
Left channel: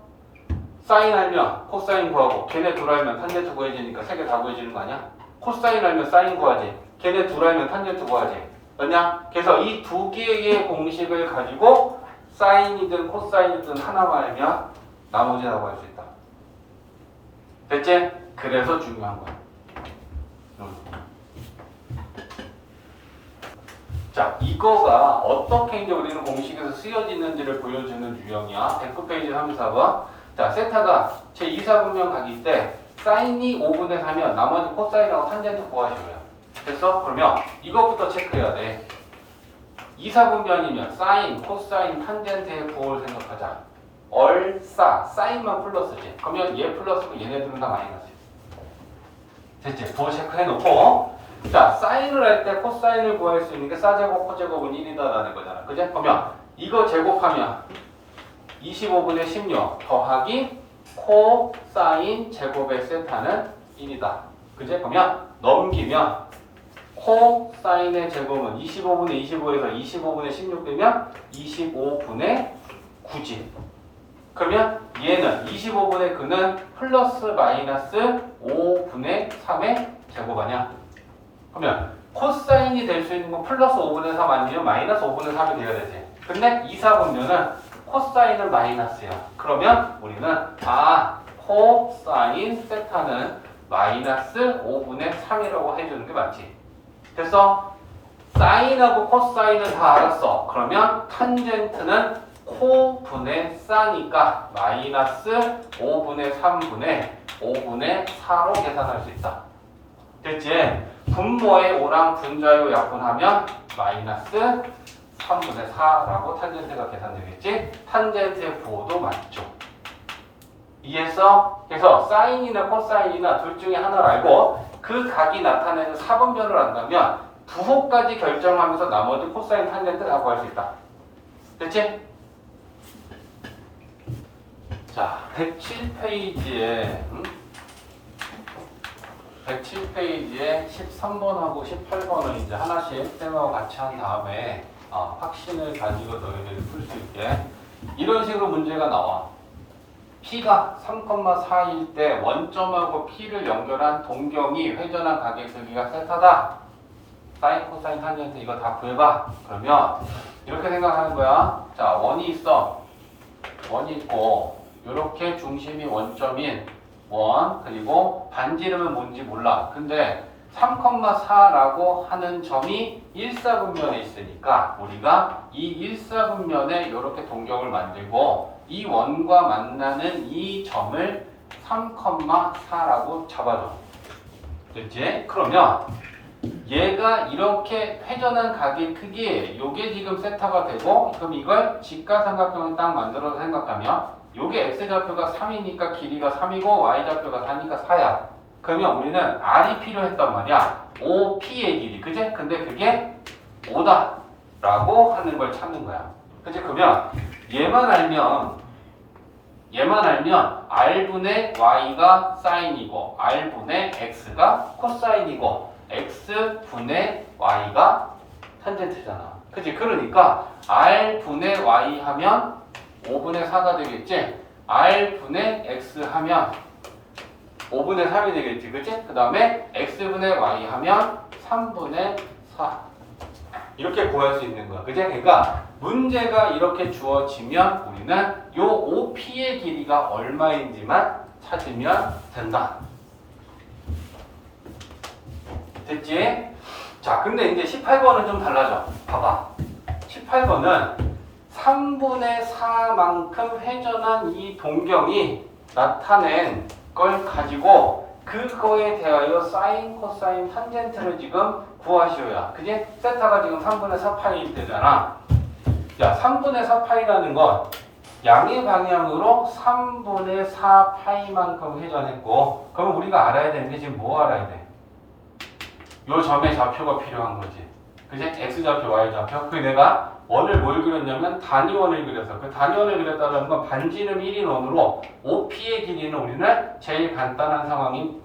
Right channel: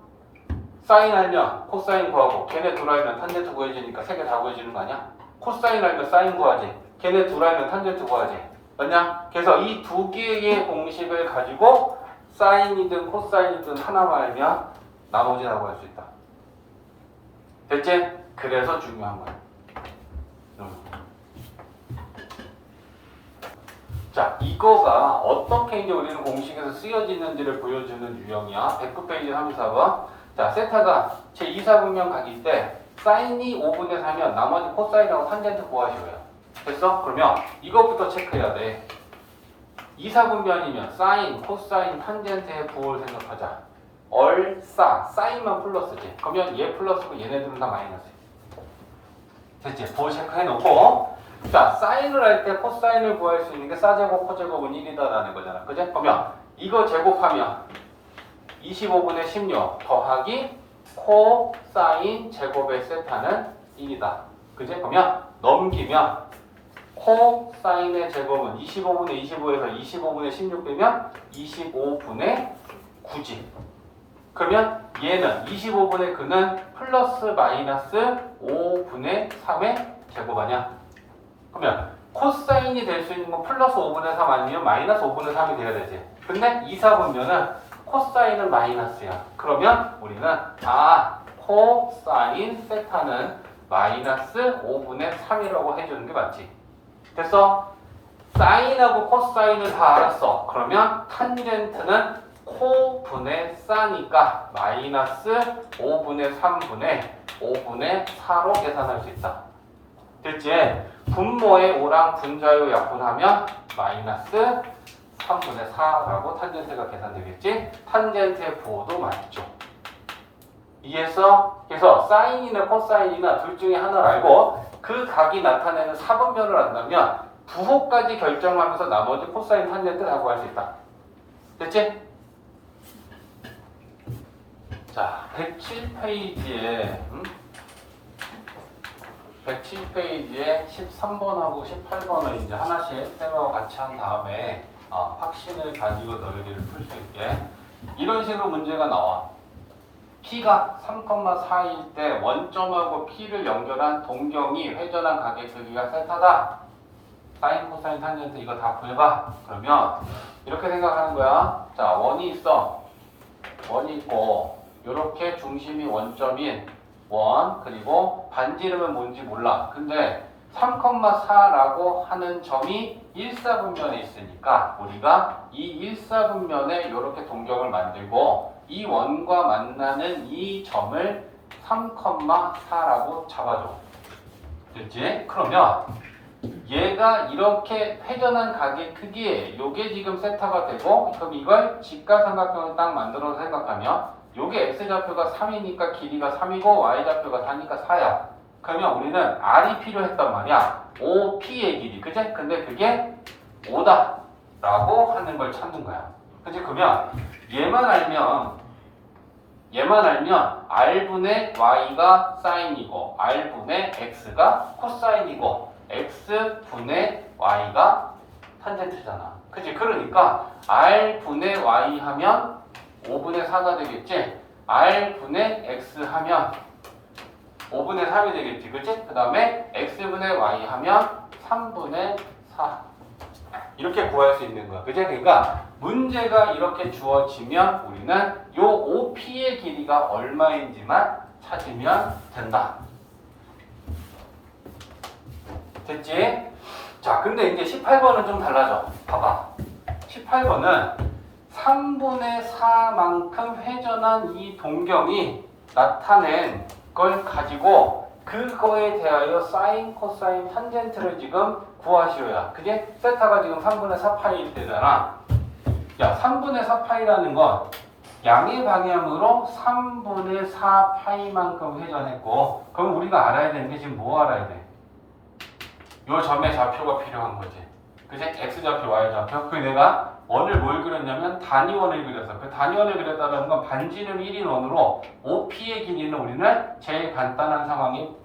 사인 알면 코사인 구하고 걔네 둘 알면 탄젠트 구해지니까 세 개 다 구해지는 거 아니야? 코사인 알면 사인 구하지. 걔네 둘 알면 탄젠트 구하지. 맞냐? 그래서 이 두 개의 공식을 가지고 사인이든 코사인이든 하나만 알면 나머지 다 구할 수 있다. 됐지? 그래서 중요한 거야. 자, 이거가 어떻게 이제 우리는 공식에서 쓰여지는지를 보여주는 유형이야. 109페이지 34번. 자, 세타가 제 2사분면 각일 때 사인이 5분의 3이면 나머지 코사인하고 탄젠트 구하셔요. 됐어? 그러면 이것부터 체크해야 돼. 2사분면이면 사인, 코사인, 탄젠트의 부호를 생각하자. 얼싸, 사인만 플러스지. 그러면 얘 플러스고 얘네들은 다 마이너스. 됐지? 부호 체크해놓고 자, 사인을 할 때 코사인을 구할 수 있는 게 사제곱, 코제곱은 1이다라는 거잖아. 그지? 그러면 이거 제곱하면 25분의 16 더하기 코사인 제곱의 세타는 1이다. 그지? 그러면 넘기면 코사인의 제곱은 25분의 25에서 25분의 16 되면 25분의 9지. 그러면 얘는 25분의 9는 플러스 마이너스 5분의 3의 제곱 아니야? 그러면 코사인이 될 수 있는 건 플러스 5분의 3 아니면 마이너스 5분의 3이 돼야 되지. 근데 2사분면은 코사인은 마이너스야. 그러면 우리는 코사인 세타는 마이너스 5분의 3이라고 해주는 게 맞지. 됐어? 사인하고 코사인은 다 알았어. 그러면 탄젠트는 코분의 사니까 마이너스 5분의 3분의 5분의 4로 계산할 수 있다. 됐지? 분모의 O랑 분자요 약분하면 마이너스 3분의 4라고 탄젠트가 계산되겠지? 탄젠트의 부호도 맞죠. 이해했어? 그래서 사인이나 코사인이나 둘 중에 하나를 알고 그 각이 나타내는 사분면을 안다면 부호까지 결정하면서 나머지 코사인, 탄젠트 다 구할 수 있다. 됐지? 자, 107페이지에 107페이지에 13번하고 18번을 이제 하나씩 쌤하고 같이 한 다음에 확신을 가지고 너희들이 풀 수 있게 이런 식으로 문제가 나와. P가 3,4일 때 원점하고 P를 연결한 동경이 회전한 가게 크기가 세타다. 사인, 코사인, 탄젠트 이거 다 구해봐. 그러면 이렇게 생각하는 거야. 자, 원이 있어. 원이 있고 이렇게 중심이 원점인 원, 그리고 반지름은 뭔지 몰라. 근데 3,4라고 하는 점이 1사분면에 있으니까 우리가 이 1사분면에 이렇게 동경을 만들고 이 원과 만나는 이 점을 3,4라고 잡아줘. 됐지? 그러면 얘가 이렇게 회전한 가게 크기, 요게 지금 세타가 되고, 그럼 이걸 직각삼각형을 딱 만들어서 생각하면 요게 x좌표가 3이니까 길이가 3이고 y좌표가 4니까 4야. 그러면 우리는 r이 필요했단 말이야. OP의 길이, 그지? 근데 그게 5다 라고 하는 걸 찾는 거야. 그지? 그러면 얘만 알면 r분의 y가 사인이고 r분의 x가 코사인이고 x분의 y가 탄젠트잖아. 그치? 그러니까 r분의 y 하면 5분의 4가 되겠지? r분의 x 하면 5분의 3이 되겠지. 그치? 그 다음에 x분의 y 하면 3분의 4. 이렇게 구할 수 있는 거야. 그치? 그러니까 문제가 이렇게 주어지면 우리는 요 OP의 길이가 얼마인지만 찾으면 된다. 됐지? 자, 근데 이제 18번은 좀 달라져. 봐봐. 18번은 3분의 4만큼 회전한 이 동경이 나타낸 걸 가지고 그거에 대하여 사인, 코사인, 탄젠트를 지금 구하시오야. 그게 세타가 지금 3분의 4파이 되잖아. 야, 3분의 4파이라는 건 양의 방향으로 3분의 4파이만큼 회전했고, 그럼 우리가 알아야 되는데 지금 뭐 알아야 돼? 요 점의 좌표가 필요한 거지. 그치? x좌표, y좌표. 그 내가 원을 뭘 그렸냐면 단위원을 그려서 그 단위원을 그렸다는 건 반지름 1인 원으로 OP의 길이는 우리는 제일 간단한 상황인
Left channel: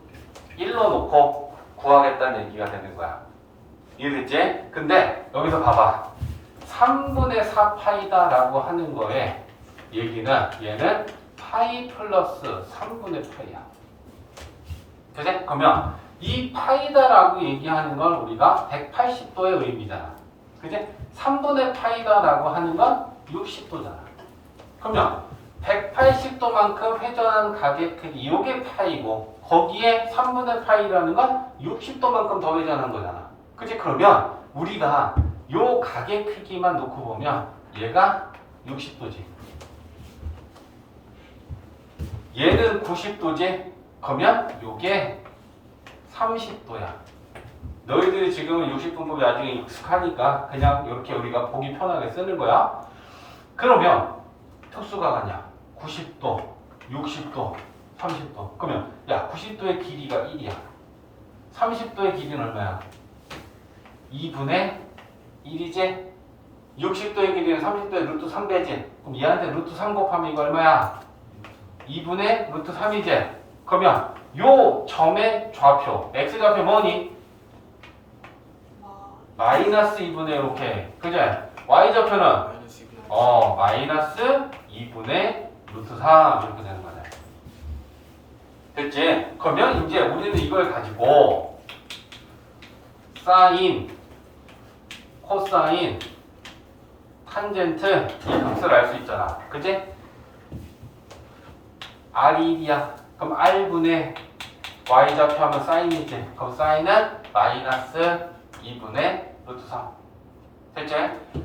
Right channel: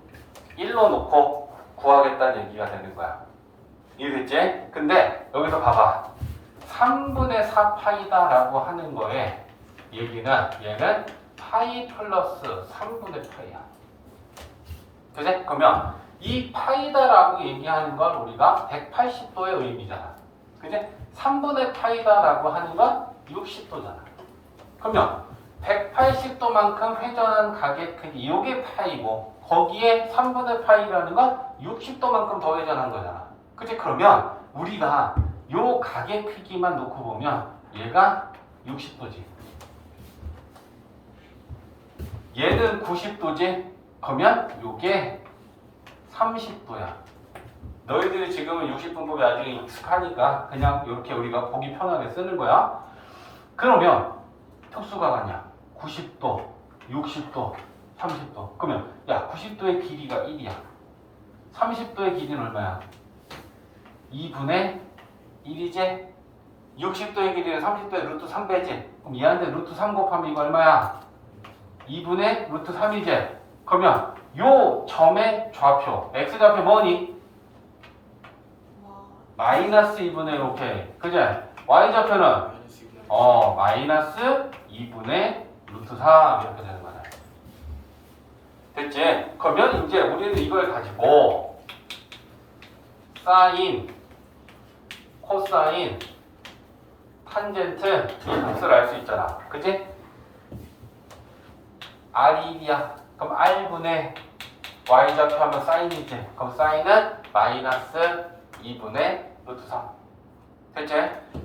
1로 놓고 구하겠다는 얘기가 되는 거야. 이해됐지? 근데 여기서 봐봐. 3분의 4파이다라고 하는 거에 얘기는 얘는 파이 플러스 3분의 파이야. 그치? 그러면 이 파이다라고 얘기하는 건 우리가 180도의 의미잖아. 그치? 3분의 파이다라고 하는 건 60도잖아. 그러면 180도만큼 회전한 가게 크기, 이게 파이고 거기에 3분의 파이라는 건 60도만큼 더 회전한 거잖아. 그치? 그러면 우리가 요 가게 크기만 놓고 보면 얘가 60도지. 얘는 90도지. 그러면 요게 30도야. 너희들이 지금 60분법이 나중에 익숙하니까 그냥 이렇게 우리가 보기 편하게 쓰는 거야. 그러면 특수가 가냐? 90도, 60도, 30도. 그러면 야, 90도의 길이가 1이야. 30도의 길이는 얼마야? 2분의 1이지? 60도의 길이는 30도의 루트 3배지? 그럼 얘한테 루트 3 곱하면 이거 얼마야? 2분의 루트 3이지? 그러면 요 점의 좌표, x좌표 뭐니? 마이너스 2분의 1, 오케이. 그죠? y좌표는? 마이너스 2분의 루트 3 이렇게 되는 거네. 됐지? 그러면 이제 우리는 이걸 가지고 사인, 코사인, 탄젠트 이 값을 알 수 있잖아. 그지? R이 1이야. 그럼 R분의 y좌표 하면 사인이지. 그럼 사인은 마이너스 2분의 루트 3. 됐지?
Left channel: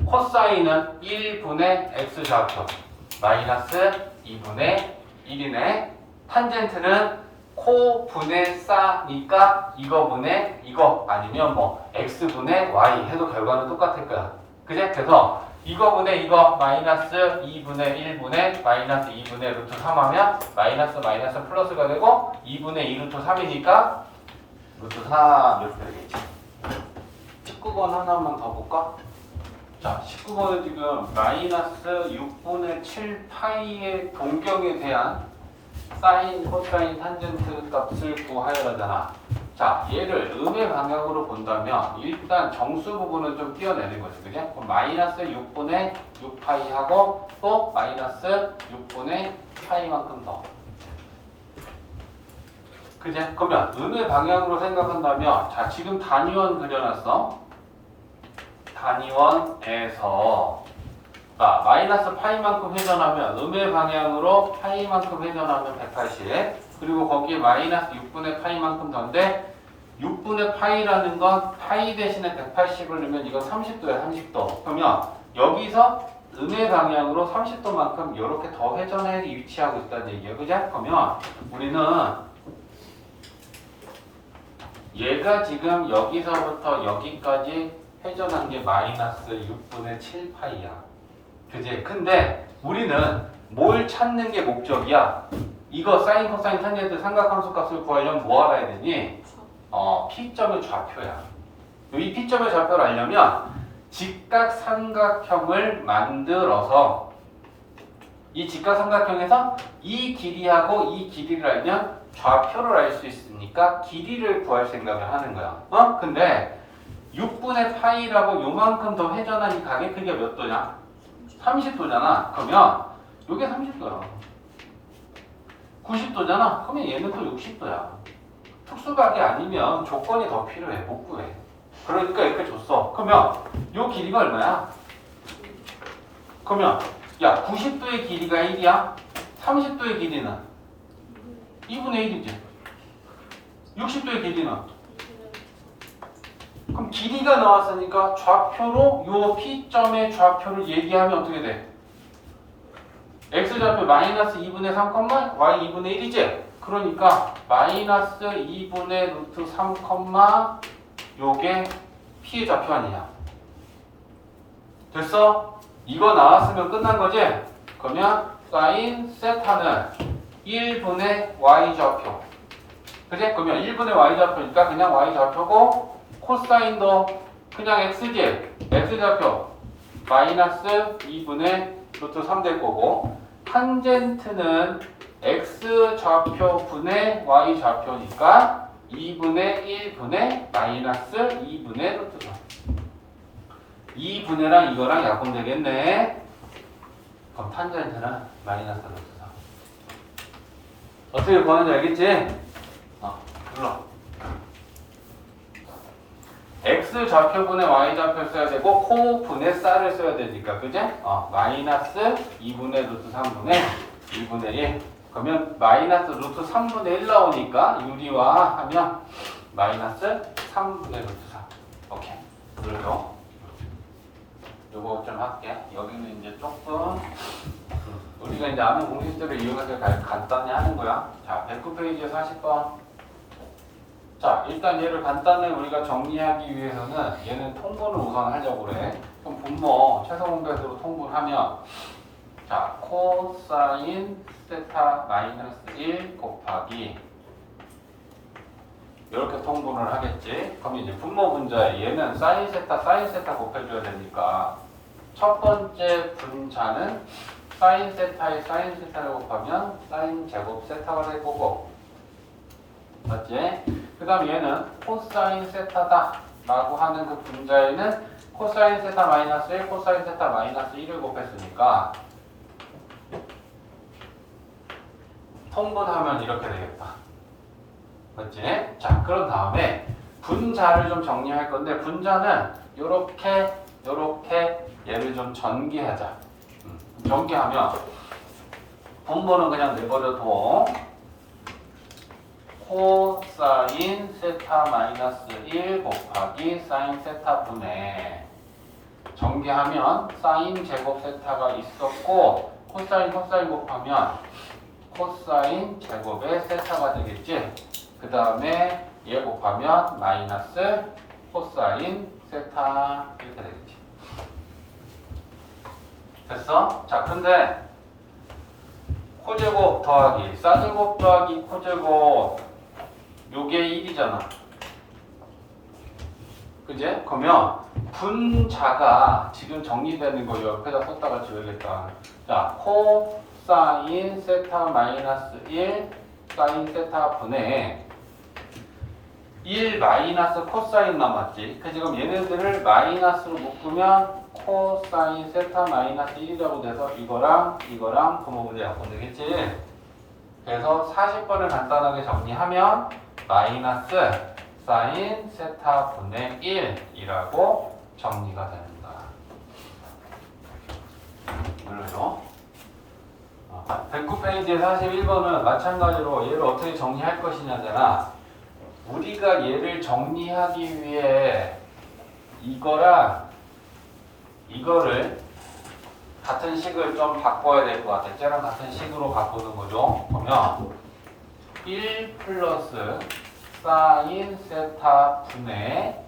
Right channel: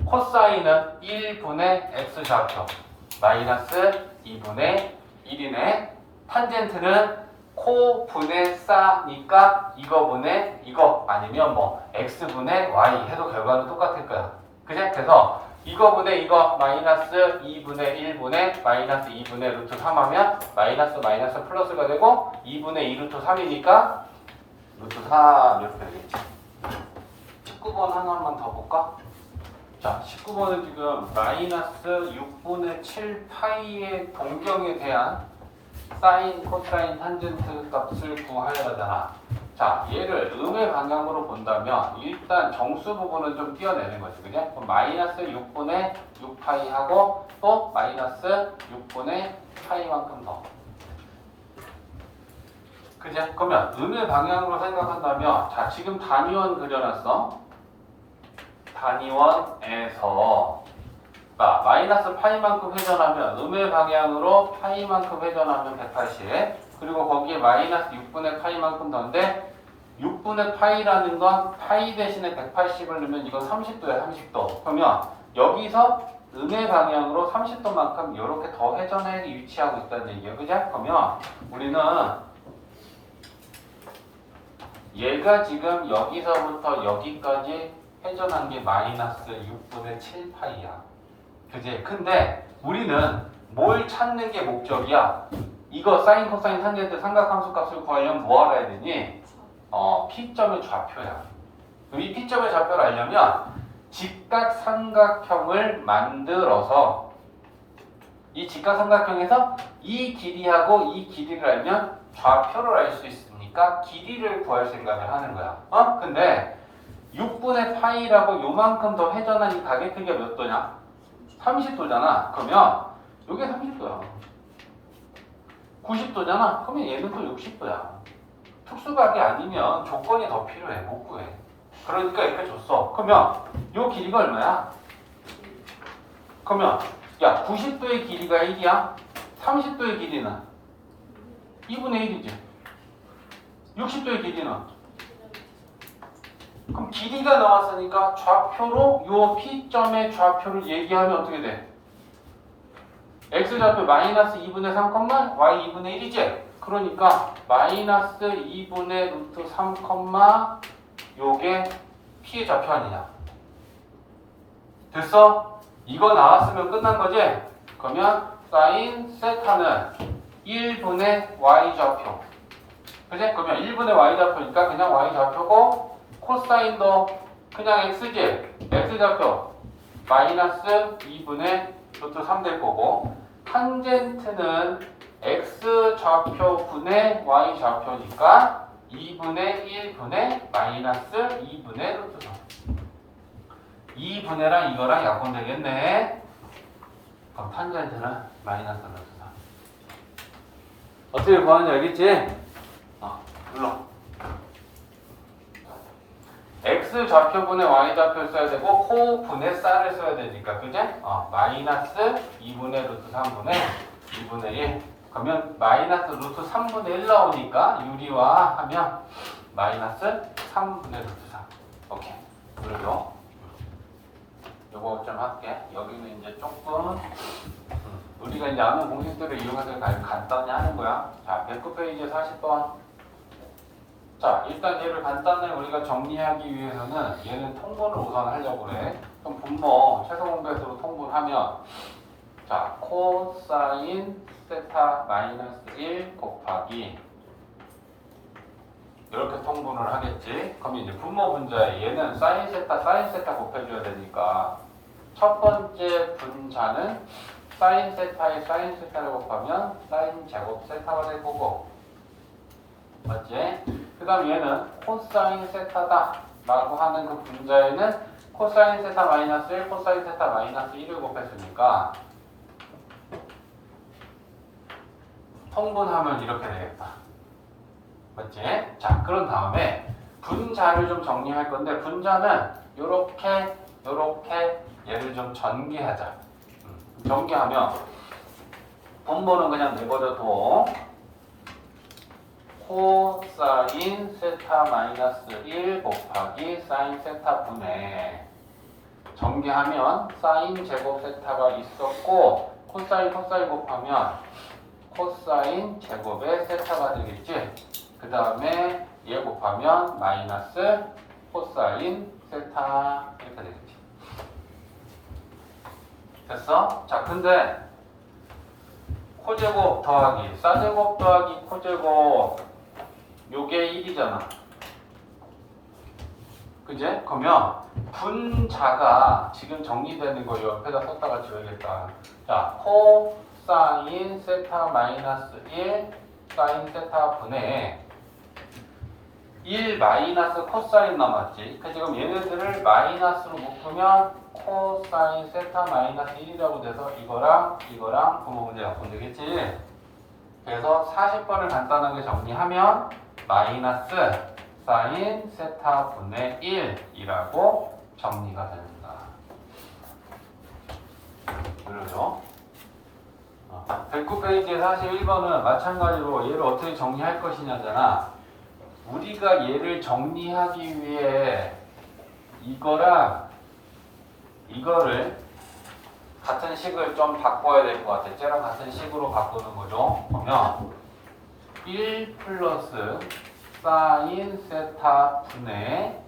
코사인은 1분의 x좌표 마이너스 2분의 1이네. 탄젠트는 코분의 싸니까 이거분의 이거 아니면 뭐 x분의 y 해도 결과는 똑같을 거야. 그지? 그래서 이거분의 이거 마이너스 2분의 1분의 마이너스 2분의 루트 3 하면 마이너스 마이너스 플러스가 되고 2분의 2 루트 3이니까 루트 3 이렇게 되겠지. 19번 하나만 더 볼까? 자, 19번은 지금 마이너스 6분의 7 파이의 동경에 대한 사인, 코사인, 탄젠트 값을 구하여라잖아. 자, 얘를 음의 방향으로 본다면 일단 정수 부분은 좀 띄어내는 거지, 그지? 그럼 마이너스 6분의 6파이하고 또 마이너스 6분의 파이만큼 더. 그제? 그러면 음의 방향으로 생각한다면 자 지금 단위원 그려놨어. 단위원에서 자, 마이너스 파이만큼 회전하면 음의 방향으로 파이만큼 회전하면 180 그리고 거기에 마이너스 6분의 파이만큼 더인데 6분의 파이라는 건 파이 대신에 180을 넣으면 이거 30도야 30도 그러면 여기서 음의 방향으로 30도만큼 이렇게 더 회전해 위치하고 있다는 얘기예요 그죠? 그러면 우리는 얘가 지금 여기서부터 여기까지 회전한 게 마이너스 6분의 7파이야 그지? 근데 우리는 뭘 찾는 게 목적이야? 이거 사인, 코사인, 탄젠트 삼각함수 값을 구하려면 뭐 알아야 되니? P점의 좌표야. 이 P점의 좌표를 알려면 직각삼각형을 만들어서 이 직각삼각형에서 이 길이하고 이 길이를 알면 좌표를 알 수 있으니까 길이를 구할 생각을 하는 거야. 근데 6분의 파이라고 요만큼 더 회전한 이 각의 크기가 몇 도냐? 30도잖아. 그러면 이게 30도야. 90도잖아. 그러면 얘는 또 60도야. 특수각이 아니면 조건이 더 필요해. 못 구해. 그러니까 이렇게 줬어. 그러면 이 길이가 얼마야? 그러면 야 90도의 길이가 1이야. 30도의 길이는 2분의 1이지. 60도의 길이는 그럼 길이가 나왔으니까 좌표로 요 P점의 좌표를 얘기하면 어떻게 돼? X좌표 마이너스 2분의 3, Y 2분의 1이지? 그러니까 마이너스 2분의 루트 3, 요게 P의 좌표 아니냐? 됐어? 이거 나왔으면 끝난 거지? 그러면 사인 세타는 1분의 Y 좌표 그지? 그러면 1분의 Y 좌표니까 그냥 Y 좌표고 코사인도 그냥 X지? X좌표 마이너스 2분의 루트 3 될 거고 탄젠트는 X좌표 분의 Y좌표니까 2분의 1분의 마이너스 2분의 루트 3 2분의랑 이거랑 약분 되겠네. 그럼 탄젠트는 마이너스 루트 3 어떻게 구하는지 알겠지? 불러 X좌표분의 Y좌표를 써야 되고 코분의 쌀을 써야 되니까 그제? 마이너스 2분의 루트 3분의 1분의 1 그러면 마이너스 루트 3분의 1 나오니까 유리화 하면 마이너스 3분의 루트 3 오케이 그리고 요거 좀 할게 여기는 이제 조금 우리가 이제 아는 공식들을 이용해서 간단히 하는 거야 자 109페이지에 40번 자, 일단 얘를 간단히 우리가 정리하기 위해서는 얘는 통분을 우선 하려고 그래. 그럼 분모 최소 공배수로 통분하면 자, 코사인 세타 마이너스 1 곱하기 이렇게 통분을 하겠지. 그럼 이제 분모 분자에 얘는 사인 세타 곱해줘야 되니까 첫 번째 분자는 사인 세타에 사인 세타를 곱하면 사인 제곱 세타가 될 거고 맞지? 그 다음에 얘는 코사인 세타다 라고 하는 그 분자에는 코사인 세타 마이너스 1, 코사인 세타 마이너스 1을 곱했으니까 통분하면 이렇게 되겠다. 맞지? 자, 그런 다음에 분자를 좀 정리할 건데 분자는 요렇게 얘를 좀 전개하자. 전개하면 분모는 그냥 내버려둬. 코사인 세타 마이너스 1 곱하기 사인 세타 분의 전개하면 사인 제곱 세타가 있었고 코사인 곱하면 코사인 제곱의 세타가 되겠지. 그 다음에 얘 곱하면 마이너스 코사인 세타 이렇게 되겠지. 됐어? 자, 근데 코제곱 더하기 싸제곱 더하기 코제곱 요게 1이잖아. 그제? 그러면 분자가 지금 정리되는 거 옆에다 썼다가 지우겠다. 자, 코사인 세타 마이너스 1 사인 세타 분의 1 마이너스 코사인 남았지. 그 지금 얘네들을 마이너스로 묶으면 코사인 세타 마이너스 1이라고 돼서 이거랑 분모 분자 약분 되겠지. 그래서 40번을 간단하게 정리하면 마이너스 사인 세타 분의 1이라고 정리가 됩니다. 눌러줘. 109페이지 41번은 마찬가지로 얘를 어떻게 정리할 것이냐잖아. 우리가 얘를 정리하기 위해 이거랑 이거를 같은 식을 좀 바꿔야 될 것 같아. 쟤랑 같은 식으로 바꾸는 거죠. 그러면 1 플러스 사인 세타 분의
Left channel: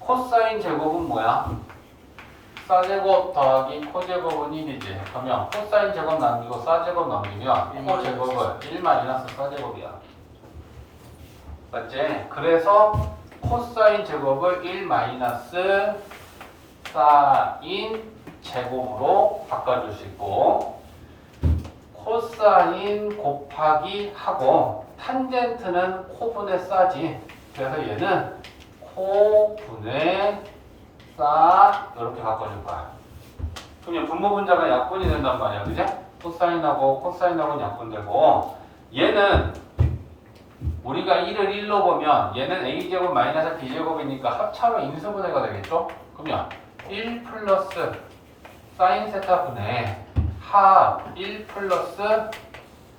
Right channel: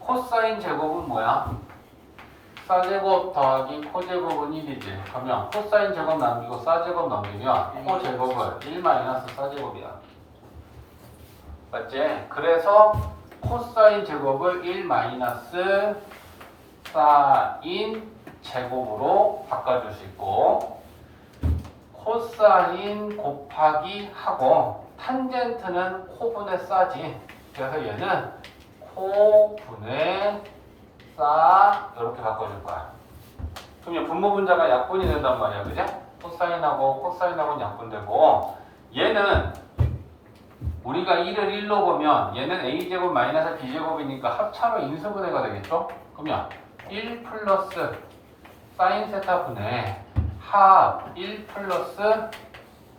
코사인 제곱은 뭐야? 사제곱 더하기 코제곱은 1이지. 그러면 코사인 제곱 남기고 사제곱 넘기면 코제곱은 1 마이너스 사제곱이야. 맞지? 그래서 코사인 제곱을 1 마이너스 사인 제곱으로 바꿔줄 수 있고, 코사인 곱하기 하고 탄젠트는 코분의 싸지. 그래서 얘는 코분의 싸 이렇게 바꿔줄 거야. 그럼 분모 분자가 약분이 된단 말이야, 그지? 코사인하고 코사인하고는 약분되고, 얘는 우리가 1을 1로 보면 얘는 a제곱 마이너스 b제곱이니까 합차로 인수분해가 되겠죠? 그러면 1 플러스 사인 세타 분의 합 1 플러스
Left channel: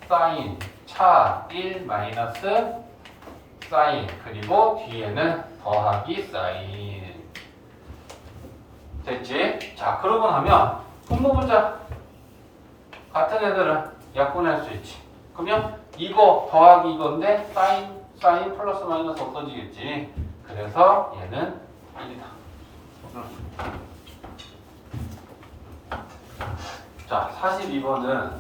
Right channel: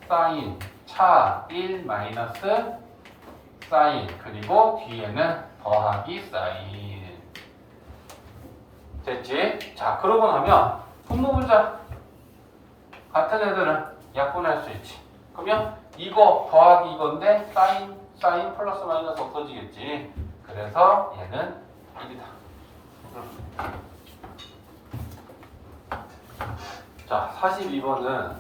사인 차 1 마이너스 사인, 그리고 뒤에는 더하기 사인. 됐지? 자, 그러고 나면 분모 분자 같은 애들은 약분할 수 있지. 그러면 이거 더하기 이건데 사인 플러스 마이너스 없어지겠지. 그래서 얘는 1이다. 자, 42번은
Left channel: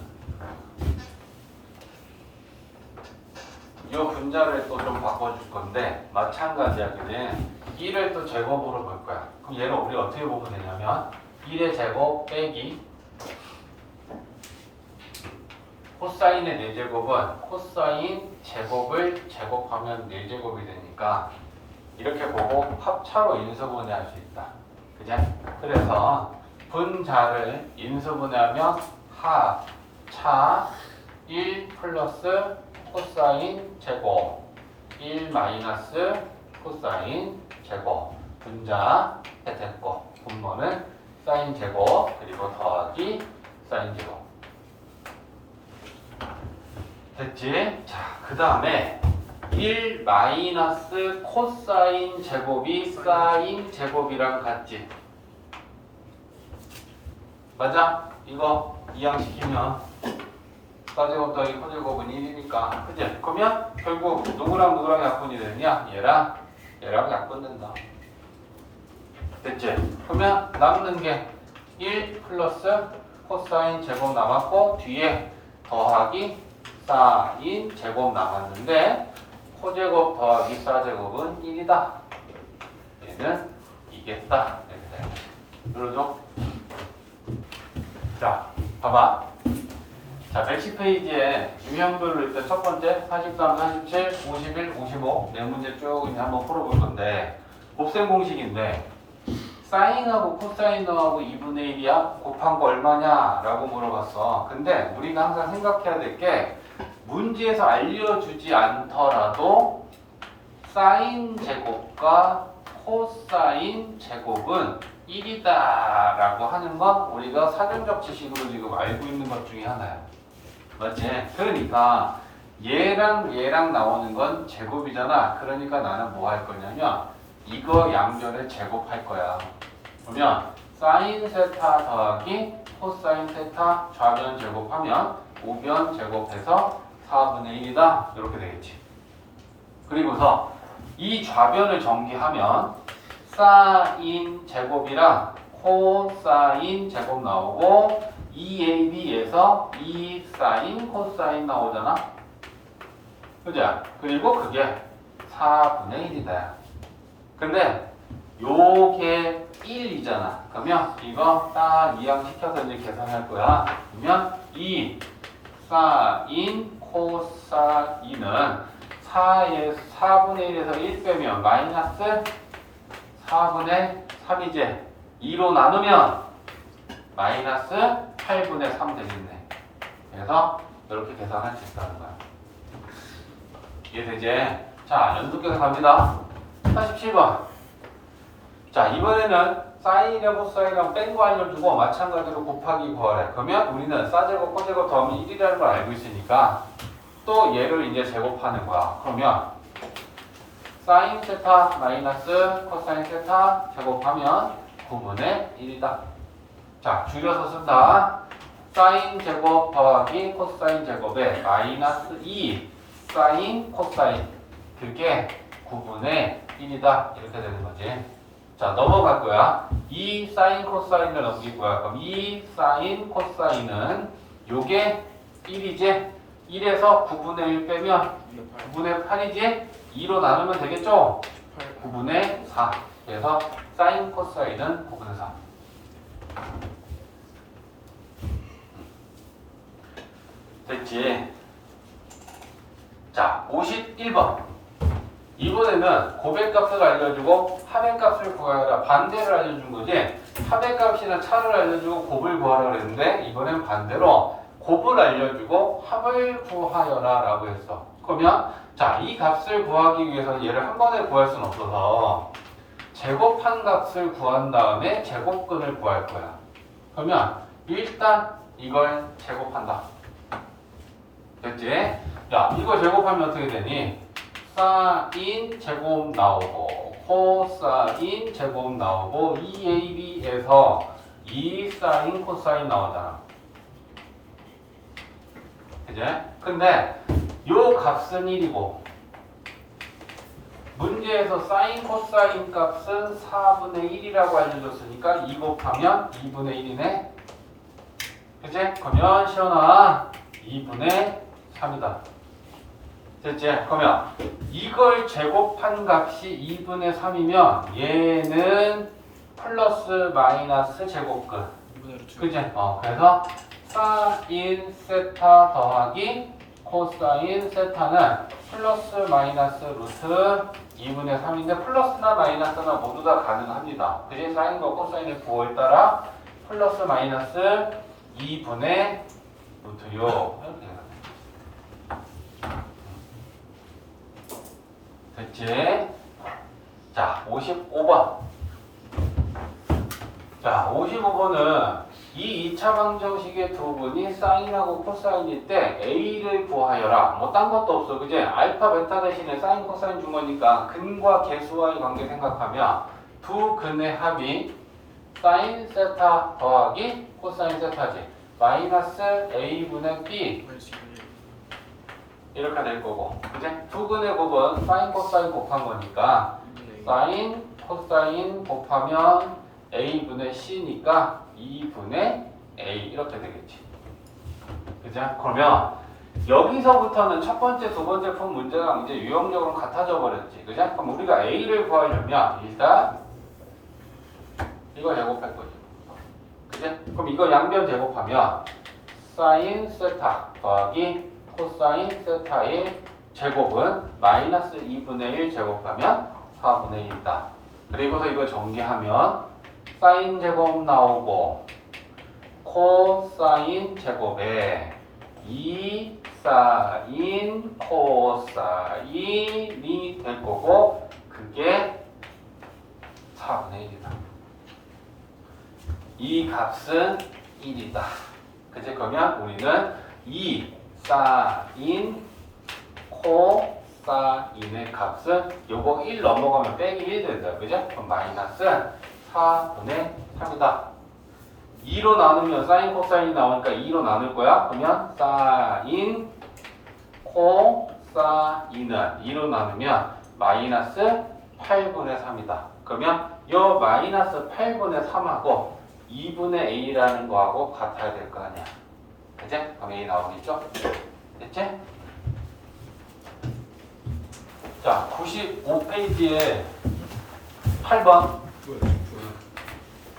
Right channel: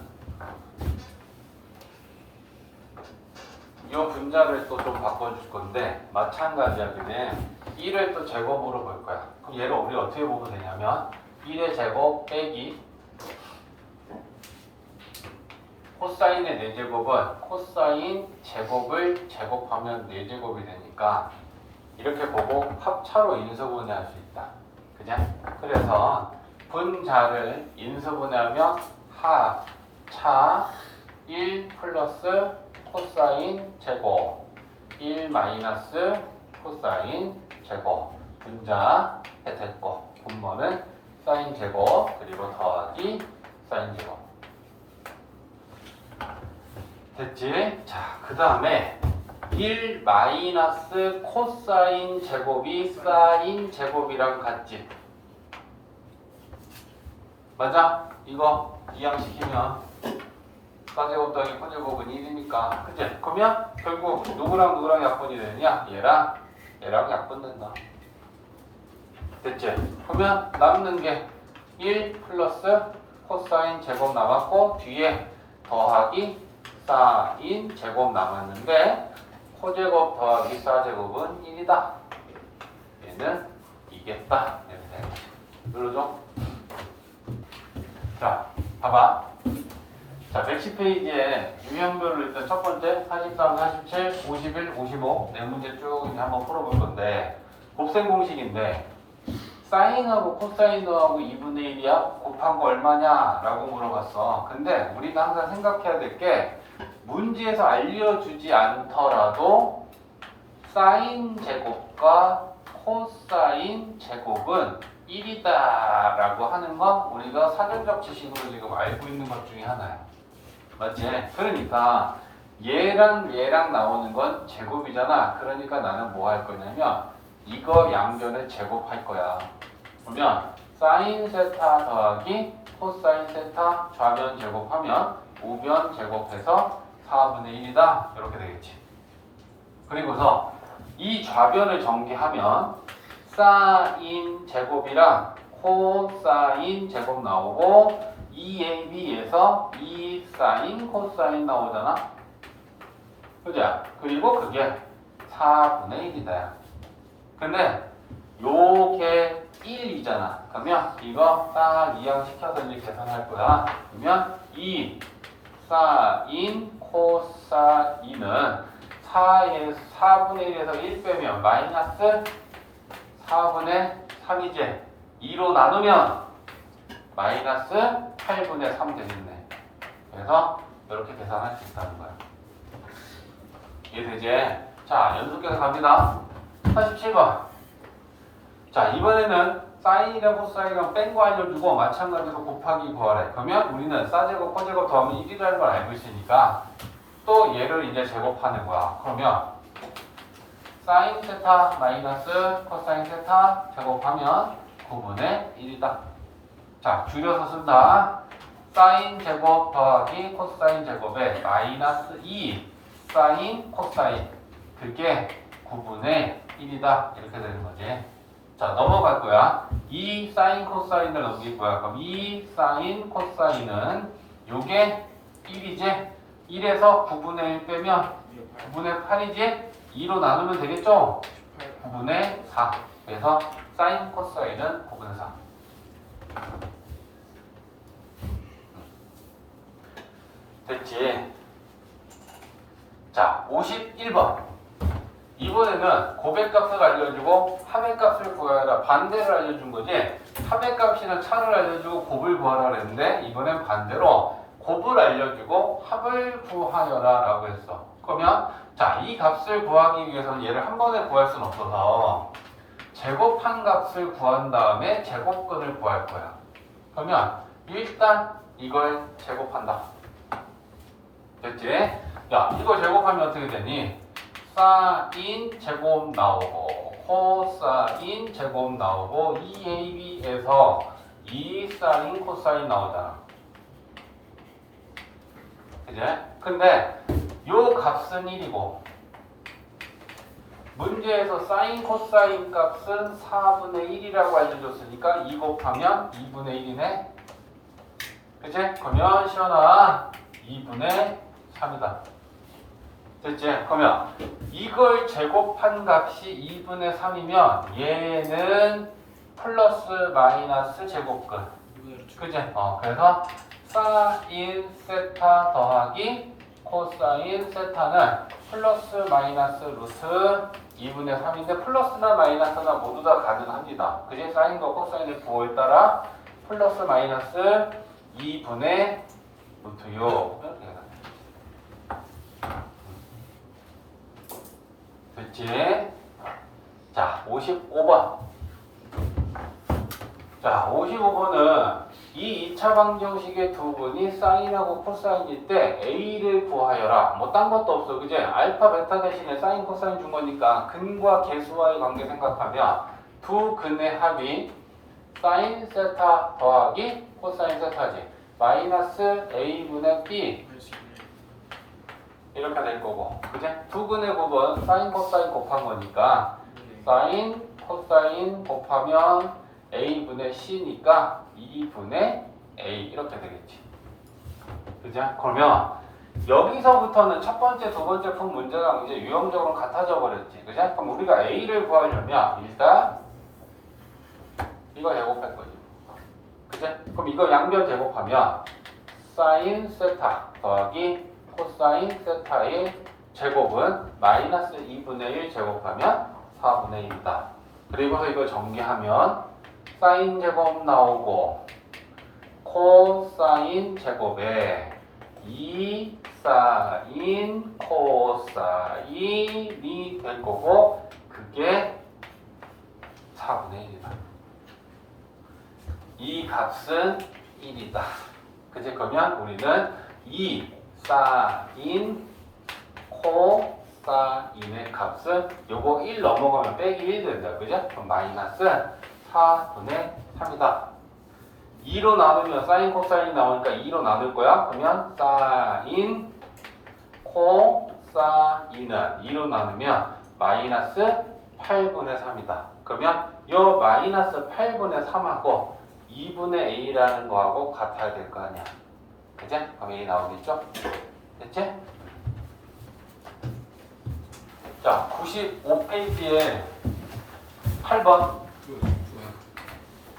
이 분자를 또 좀 바꿔줄 건데 마찬가지야. 그게 1을 또 제곱으로 볼 거야. 그럼 얘를 우리 어떻게 보면 되냐면 1의 제곱 빼기 코사인의 4제곱은 코사인 제곱을 제곱하면 4제곱이 되니까 이렇게 보고 합차로 인수분해할 수 있다. 그죠? 그래서 분자를 인수분해하면 합차 1 플러스 코사인 제곱 1 마이너스 코사인 제곱, 분자 됐고 분모는 사인 제곱 그리고 더하기 사인 제곱. 됐지? 자, 그 다음에 1 마이너스 코사인 제곱이 사인 제곱이랑 같지? 맞아? 이거 이항시키면 사제곱 더하기 코제곱은 1이니까, 그치? 그러면 결국 누구랑 누구랑 약분이 되느냐? 얘랑 약분된다. 됐지? 그러면 남는 게 1 플러스 코사인 제곱 남았고 뒤에 더하기 사인 제곱 남았는데 코제곱 더하기 사제곱은 1이다. 얘는 이겠다. 눌러줘. 자, 봐봐. 자, 110페이지에 유형별로 일단 첫 번째 43, 47, 51, 55 네 문제 쭉 이제 한번 풀어볼 건데, 곱셈 공식인데 사인하고 코사인하고 2분의 1이야? 곱한 거 얼마냐? 라고 물어봤어. 근데 우리가 항상 생각해야 될 게, 문제에서 알려주지 않더라도 사인 제곱과 코사인 제곱은 1이다 라고 하는 건 우리가 사전적 지식으로 지금 알고 있는 것 중에 하나야. 맞지? 그러니까 얘랑 나오는 건 제곱이잖아. 그러니까 나는 뭐 할 거냐면 이거 양변을 제곱할 거야. 그러면 사인 세타 더하기 코사인 세타 좌변 제곱하면 우변 제곱해서 4분의 1이다. 이렇게 되겠지. 그리고서 이 좌변을 정리하면 사인 제곱이랑 코사인 제곱 나오고 2ab에서 2사인 코사인 나오잖아. 그죠? 그리고 그게 4분의 1이다. 근데 요게 1이잖아. 그러면 이거 딱 이항시켜서 이제 계산할 거야. 그러면 2 사인 코사인은 4분의 1에서 1 빼면 마이너스 4분의 3이지. 2로 나누면 마이너스 8분의 3 되겠네. 그래서 이렇게 계산할 수 있다는 거야. 이해되지? 자, 연속해서 갑니다. 47번. 자, 이번에는 사인이랑 코사인이랑 뺀 거 알려주고 마찬가지로 곱하기 구하래. 그러면 우리는 싸제곱, 코제곱 더하면 1이라는 걸 알고 있으니까 또 얘를 이제 제곱하는 거야. 그러면 사인 세타 마이너스 코사인 세타 제곱하면 9분의 1이다. 자, 줄여서 쓴다. 사인 제곱 더하기 코사인 제곱에 마이너스 2 사인 코사인 그게 9분의 1이다. 이렇게 되는 거지. 자, 넘어갈 거야. 2 사인 코사인을 넘길 거야. 그럼 2 사인 코사인은 요게 1이지? 1에서 9분의 1 빼면 9분의 8이지? 2로 나누면 되겠죠? 9분의 4. 그래서 사인 코사인은 9분의 4. 됐지? 자, 51번. 이번에는 고백값을 알려주고 합의값을 구하여라. 반대를 알려준 거지. 합의값이나 차를 알려주고 곱을 구하라 그랬는데 이번엔 반대로 곱을 알려주고 합을 구하여라 라고 했어. 그러면 자, 이 값을 구하기 위해서 얘를 한 번에 구할 수는 없어서 제곱한 값을 구한 다음에 제곱근을 구할 거야. 그러면 일단 이걸 제곱한다. 됐지? 야, 이거 제곱하면 어떻게 되니? 사인 제곱 나오고 코사인 제곱 나오고 2ab에서 2 사인 코사인 나오잖아. 그지? 근데 요 값은 1이고 문제에서 사인 코사인 값은 4분의 1이라고 알려줬으니까 2 곱하면 2분의 1이네. 그치? 그러면 시연아 2분의 3이다. 됐지? 그러면 이걸 제곱한 값이 2분의 3이면 얘는 플러스 마이너스 제곱근. 그치? 그래서 사인 세타 더하기 코사인 세타는 플러스 마이너스 루트 2분의 3인데 플러스나 마이너스나 모두 다 가능합니다. 그지? 사인과 코사인의 부호에 따라 플러스 마이너스 2분의 루트요. 됐지? 자, 55번. 자, 55번은 이 2차 방정식의 두 분이 사인하고 코사인일 때 A를 구하여라. 뭐 딴 것도 없어. 그지? 알파, 베타 대신에 사인, 코사인 준 거니까 근과 계수와의 관계 생각하면 두 근의 합이 사인 세타 더하기 코사인 세타지. 마이너스 A분의 B. 이렇게 될 거고. 그지? 두 근의 곱은 사인, 코사인 곱한 거니까 사인, 코사인 곱하면 A분의 C니까 2분의 A 이렇게 되겠지. 그죠? 그러면 여기서부터는 첫 번째, 두 번째 푼 문제가 이제 유형적으로 같아져 버렸지. 그죠? 그럼 우리가 A를 구하려면 일단 이거 제곱할 거지. 그죠? 그럼 이거 양변 제곱하면 사인 세타 더하기 코사인 세타의 제곱은 마이너스 2분의 1 제곱하면 4분의 1이다. 그리고서 이거 정리하면 사인 제곱 나오고 코사인 제곱에 2 사인 코사인이 될 거고 그게 4분의 1이다. 이 값은 1이다. 그치? 그러면 우리는 2 사인 코사인의 값은 요거 1 넘어가면 빼기 1 된다. 그죠? 그럼 마이너스 4분의 3이다. 2로 나누면 사인 코사인이 나오니까 2로 나눌 거야. 그러면 사인 코사인은 2로 나누면 마이너스 8분의 3이다. 그러면 이 마이너스 8분의 3하고 2분의 a라는 거하고 같아야 될 거 아니야. 그치? 그럼 a 나오겠죠? 됐지? 자, 95페이지에 8번.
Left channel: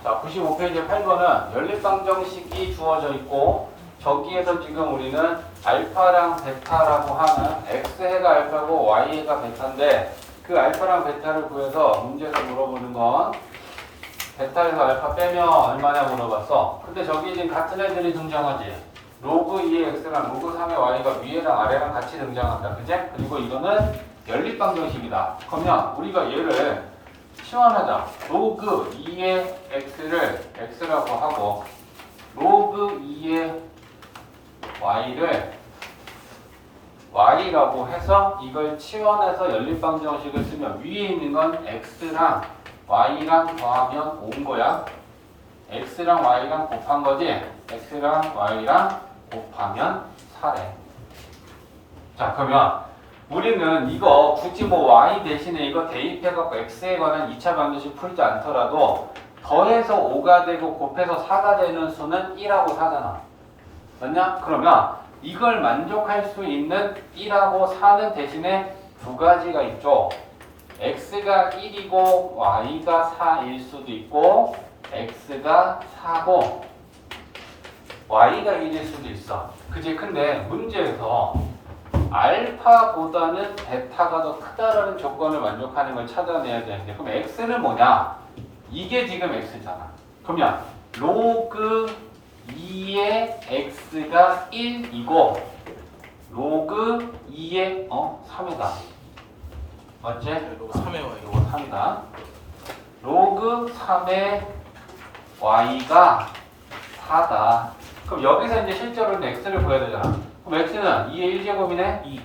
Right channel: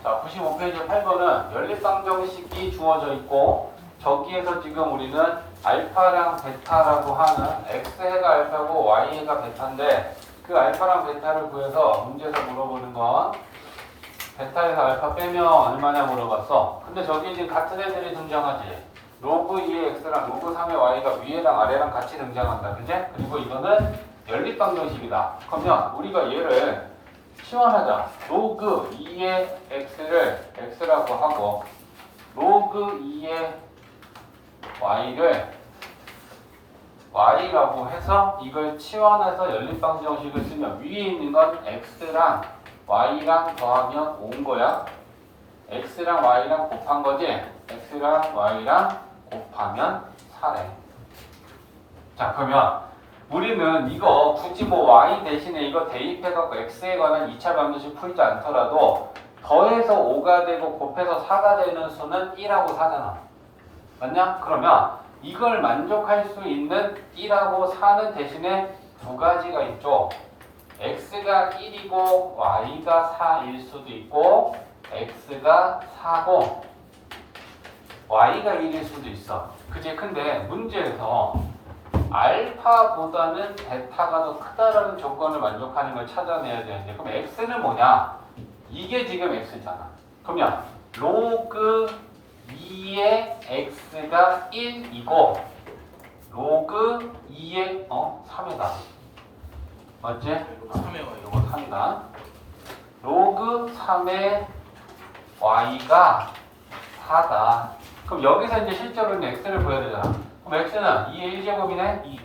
자, 95페이지 8번은 연립방정식이 주어져 있고 저기에서 지금 우리는 알파랑 베타라고 하는 x해가 알파고 y해가 베타인데 그 알파랑 베타를 구해서 문제에서 물어보는 건 베타에서 알파 빼면 얼마냐 물어봤어. 근데 저기 이제 같은 애들이 등장하지. 로그 2의 x랑 로그 3의 y가 위에랑 아래랑 같이 등장한다. 그제? 그리고 이거는 연립방정식이다. 그러면 우리가 얘를 치환하자. 로그 2의 x를 x라고 하고 로그 2의 y를 y라고 해서 이걸 치환해서 연립방정식을 쓰면 위에 있는 건 x랑 y랑 더하면 5인 거야. x랑 y랑 곱한 거지. x랑 y랑 곱하면 4래. 자, 그러면 우리는 이거 굳이 뭐 y 대신에 이거 대입해갖고 x에 관한 2차 방정식 풀지 않더라도 더해서 5가 되고 곱해서 4가 되는 수는 1하고 4잖아. 맞냐? 그러면 이걸 만족할 수 있는 1하고 4는 대신에 두 가지가 있죠. x가 1이고 y가 4일 수도 있고 x가 4고 y가 1일 수도 있어. 그치? 근데 문제에서 알파보다는 베타가 더 크다라는 조건을 만족하는 걸 찾아내야 되는데 그럼 x는 뭐냐? 이게 지금 x잖아. 그러면 로그 2의 x가 1이고 로그 2의 3이다. 맞지? 로그 3의 y. 로그 3이다. 로그 3의 y가 4다. 그럼 여기서 이제 실제로는 x를 구해야 되잖아. 그럼 x는 2의 1제곱이네? 2.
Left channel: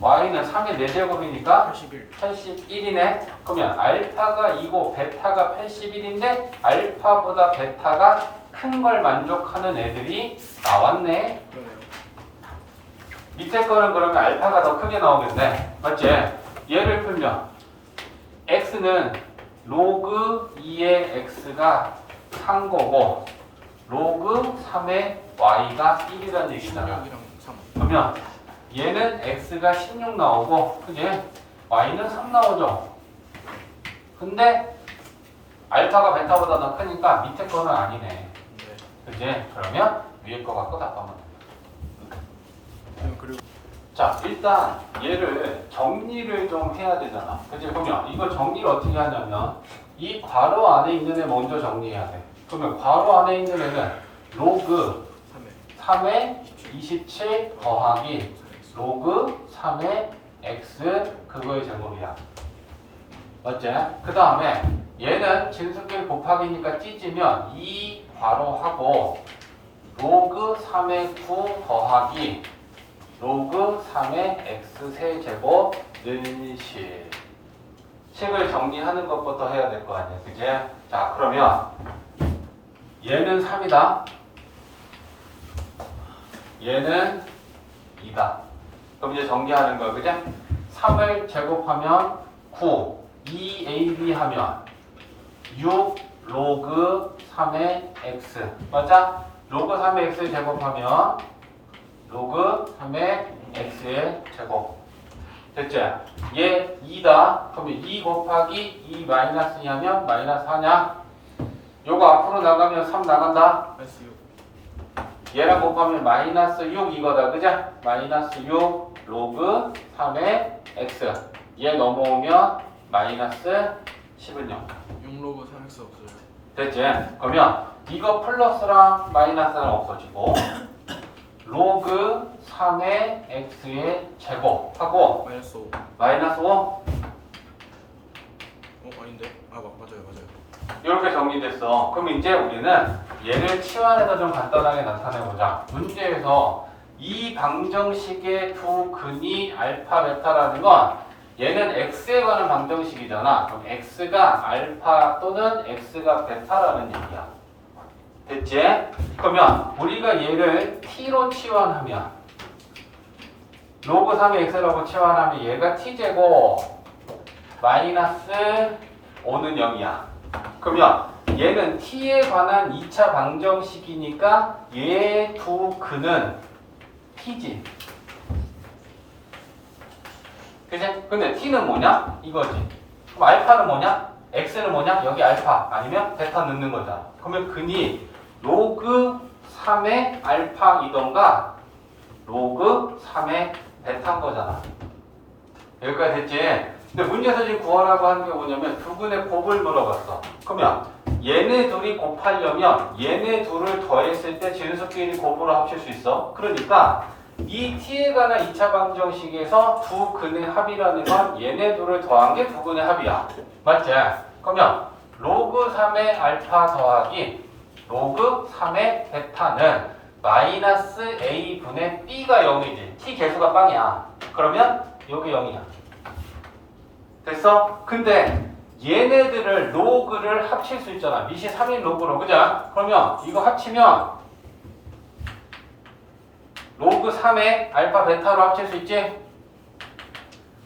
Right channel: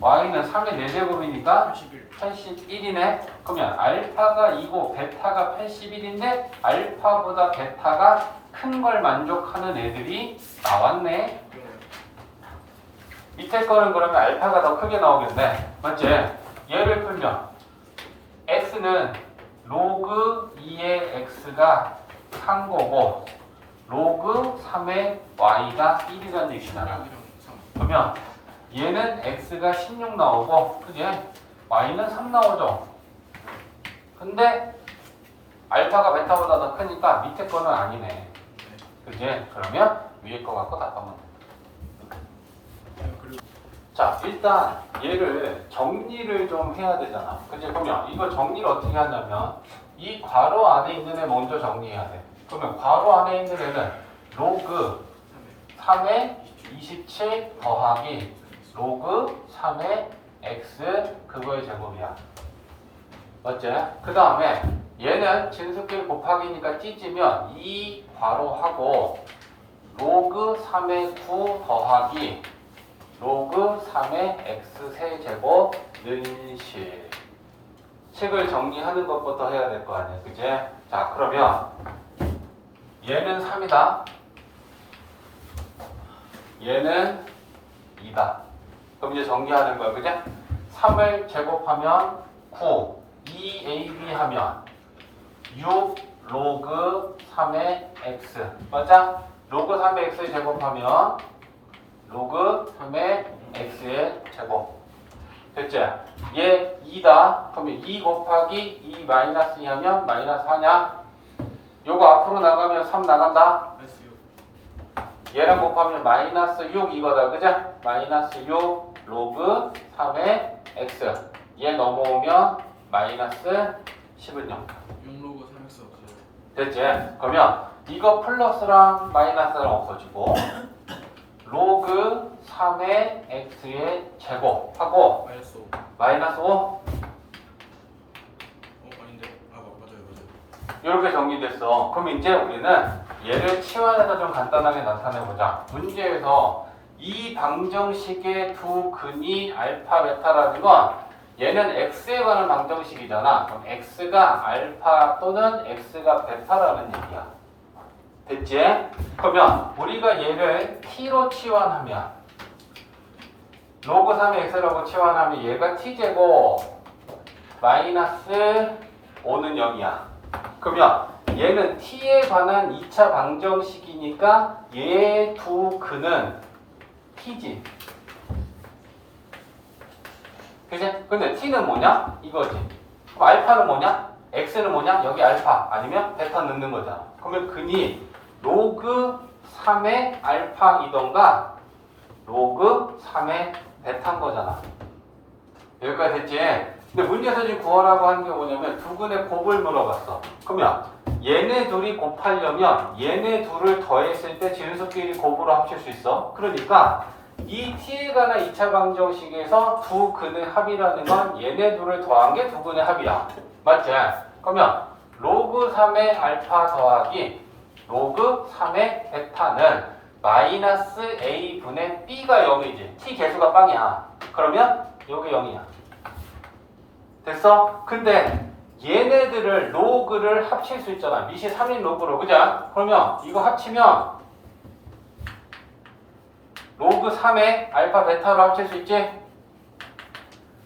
y는 3의 4제곱이니까 81. 81이네. 그러면 알파가 2고 베타가 81인데 알파보다 베타가 큰 걸 만족하는 애들이 나왔네. 그러네요. 밑에 거는 그러면 알파가 더 크게 나오겠네. 맞지? 얘를 풀면 x는 로그 2의 x가 3 거고 로그 3의 y가 1이라는 얘기잖아. 16이랑 3. 그러면 얘는 x가 16 나오고 그지? y는 3 나오죠. 근데 알파가 베타보다 더 크니까 밑에 거는 아니네. 네. 그지? 그러면 위에 거 갖고 답하면 돼. 그리고 자, 일단 얘를 정리를 좀 해야 되잖아. 그치? 그러면 이걸 정리를 어떻게 하냐면 이 괄호 안에 있는 애 먼저 정리해야 돼. 그러면 괄호 안에 있는 애는 로그 3의 27 더하기 로그 3의 x 그거의 제곱이야. 맞지? 그 다음에 얘는 진수끼리 곱하기니까 찢으면 2 괄호하고 로그 3의 9 더하기 로그 3의 x 세제곱 는실 식을 정리하는 것부터 해야 될 거 아니에요. 그치? 자, 그러면 얘는 3이다. 얘는 2다. 그럼 이제 정리하는 거야. 그치? 3을 제곱하면 9, 2ab 하면 6 로그 3의 x. 맞아? 로그 3의 x 제곱하면 로그 3의 x의 제곱. 됐지? 얘 2다. 그러면 2 곱하기 2 마이너스 2하면 마이너스 4냐? 요거 앞으로 나가면 3 나간다. 마이너스 6. 얘랑 곱하면 마이너스 6 이거다. 그죠? 마이너스 6 로그 3의 x. 얘 넘어오면 마이너스 10은 0. 6로그 3x 없어요. 됐지? 그러면 이거 플러스랑 마이너스랑 없어지고 로그 3의 x의 제곱하고 마이너스 5. 마이너스 5 아닌데? 맞아요. 이렇게 정리됐어. 그럼 이제 우리는 얘를 치환해서 좀 간단하게 나타내보자. 문제에서 이 방정식의 두 근이 알파, 베타라는 건 얘는 x에 관한 방정식이잖아. 그럼 x가 알파 또는 x가 베타라는 얘기야. 됐지? 그러면 우리가 얘를 t로 치환하면 로그 3의 x라고 치환하면 얘가 t제곱 마이너스 5는 0이야. 그러면 얘는 t에 관한 2차 방정식이니까 얘 두 근은 t지. 그치? 근데 t는 뭐냐? 이거지. 그럼 알파는 뭐냐? x는 뭐냐? 여기 알파 아니면 베타 넣는 거잖아. 그러면 근이 로그 3의 알파이던가 로그 3의 베타인 거잖아. 여기까지 됐지? 근데 문제에서 지금 구하라고 하는 게 뭐냐면 두 근의 곱을 물어봤어. 그러면 얘네 둘이 곱하려면 얘네 둘을 더했을 때 진수끼리 곱으로 합칠 수 있어. 그러니까 이 t에 관한 2차 방정식에서 두 근의 합이라는 건 얘네 둘을 더한 게 두 근의 합이야. 맞지? 그러면 로그 3의 알파 더하기 로그 3의 베타는 마이너스 a분의 b가 0이지. t 개수가 빵이야. 그러면 여기 0이야. 됐어? 근데 얘네들을 로그를 합칠 수 있잖아. 밑이 3인 로그로. 그죠? 그러면 이거 합치면 로그 3의 알파 베타로 합칠 수 있지?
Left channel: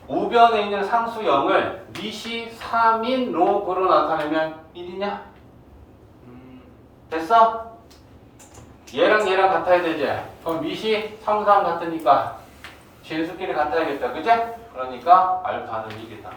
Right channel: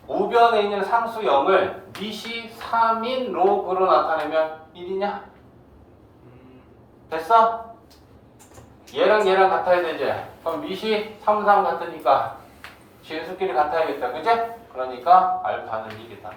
우변에 있는 상수 0을 밑이 3인 로그로 나타내면 1이냐? 됐어? 얘랑 얘랑 같아야 되지? 그럼 밑이 3, 3 같으니까 진수끼리 같아야겠다. 그지? 그러니까 알파는 1이다.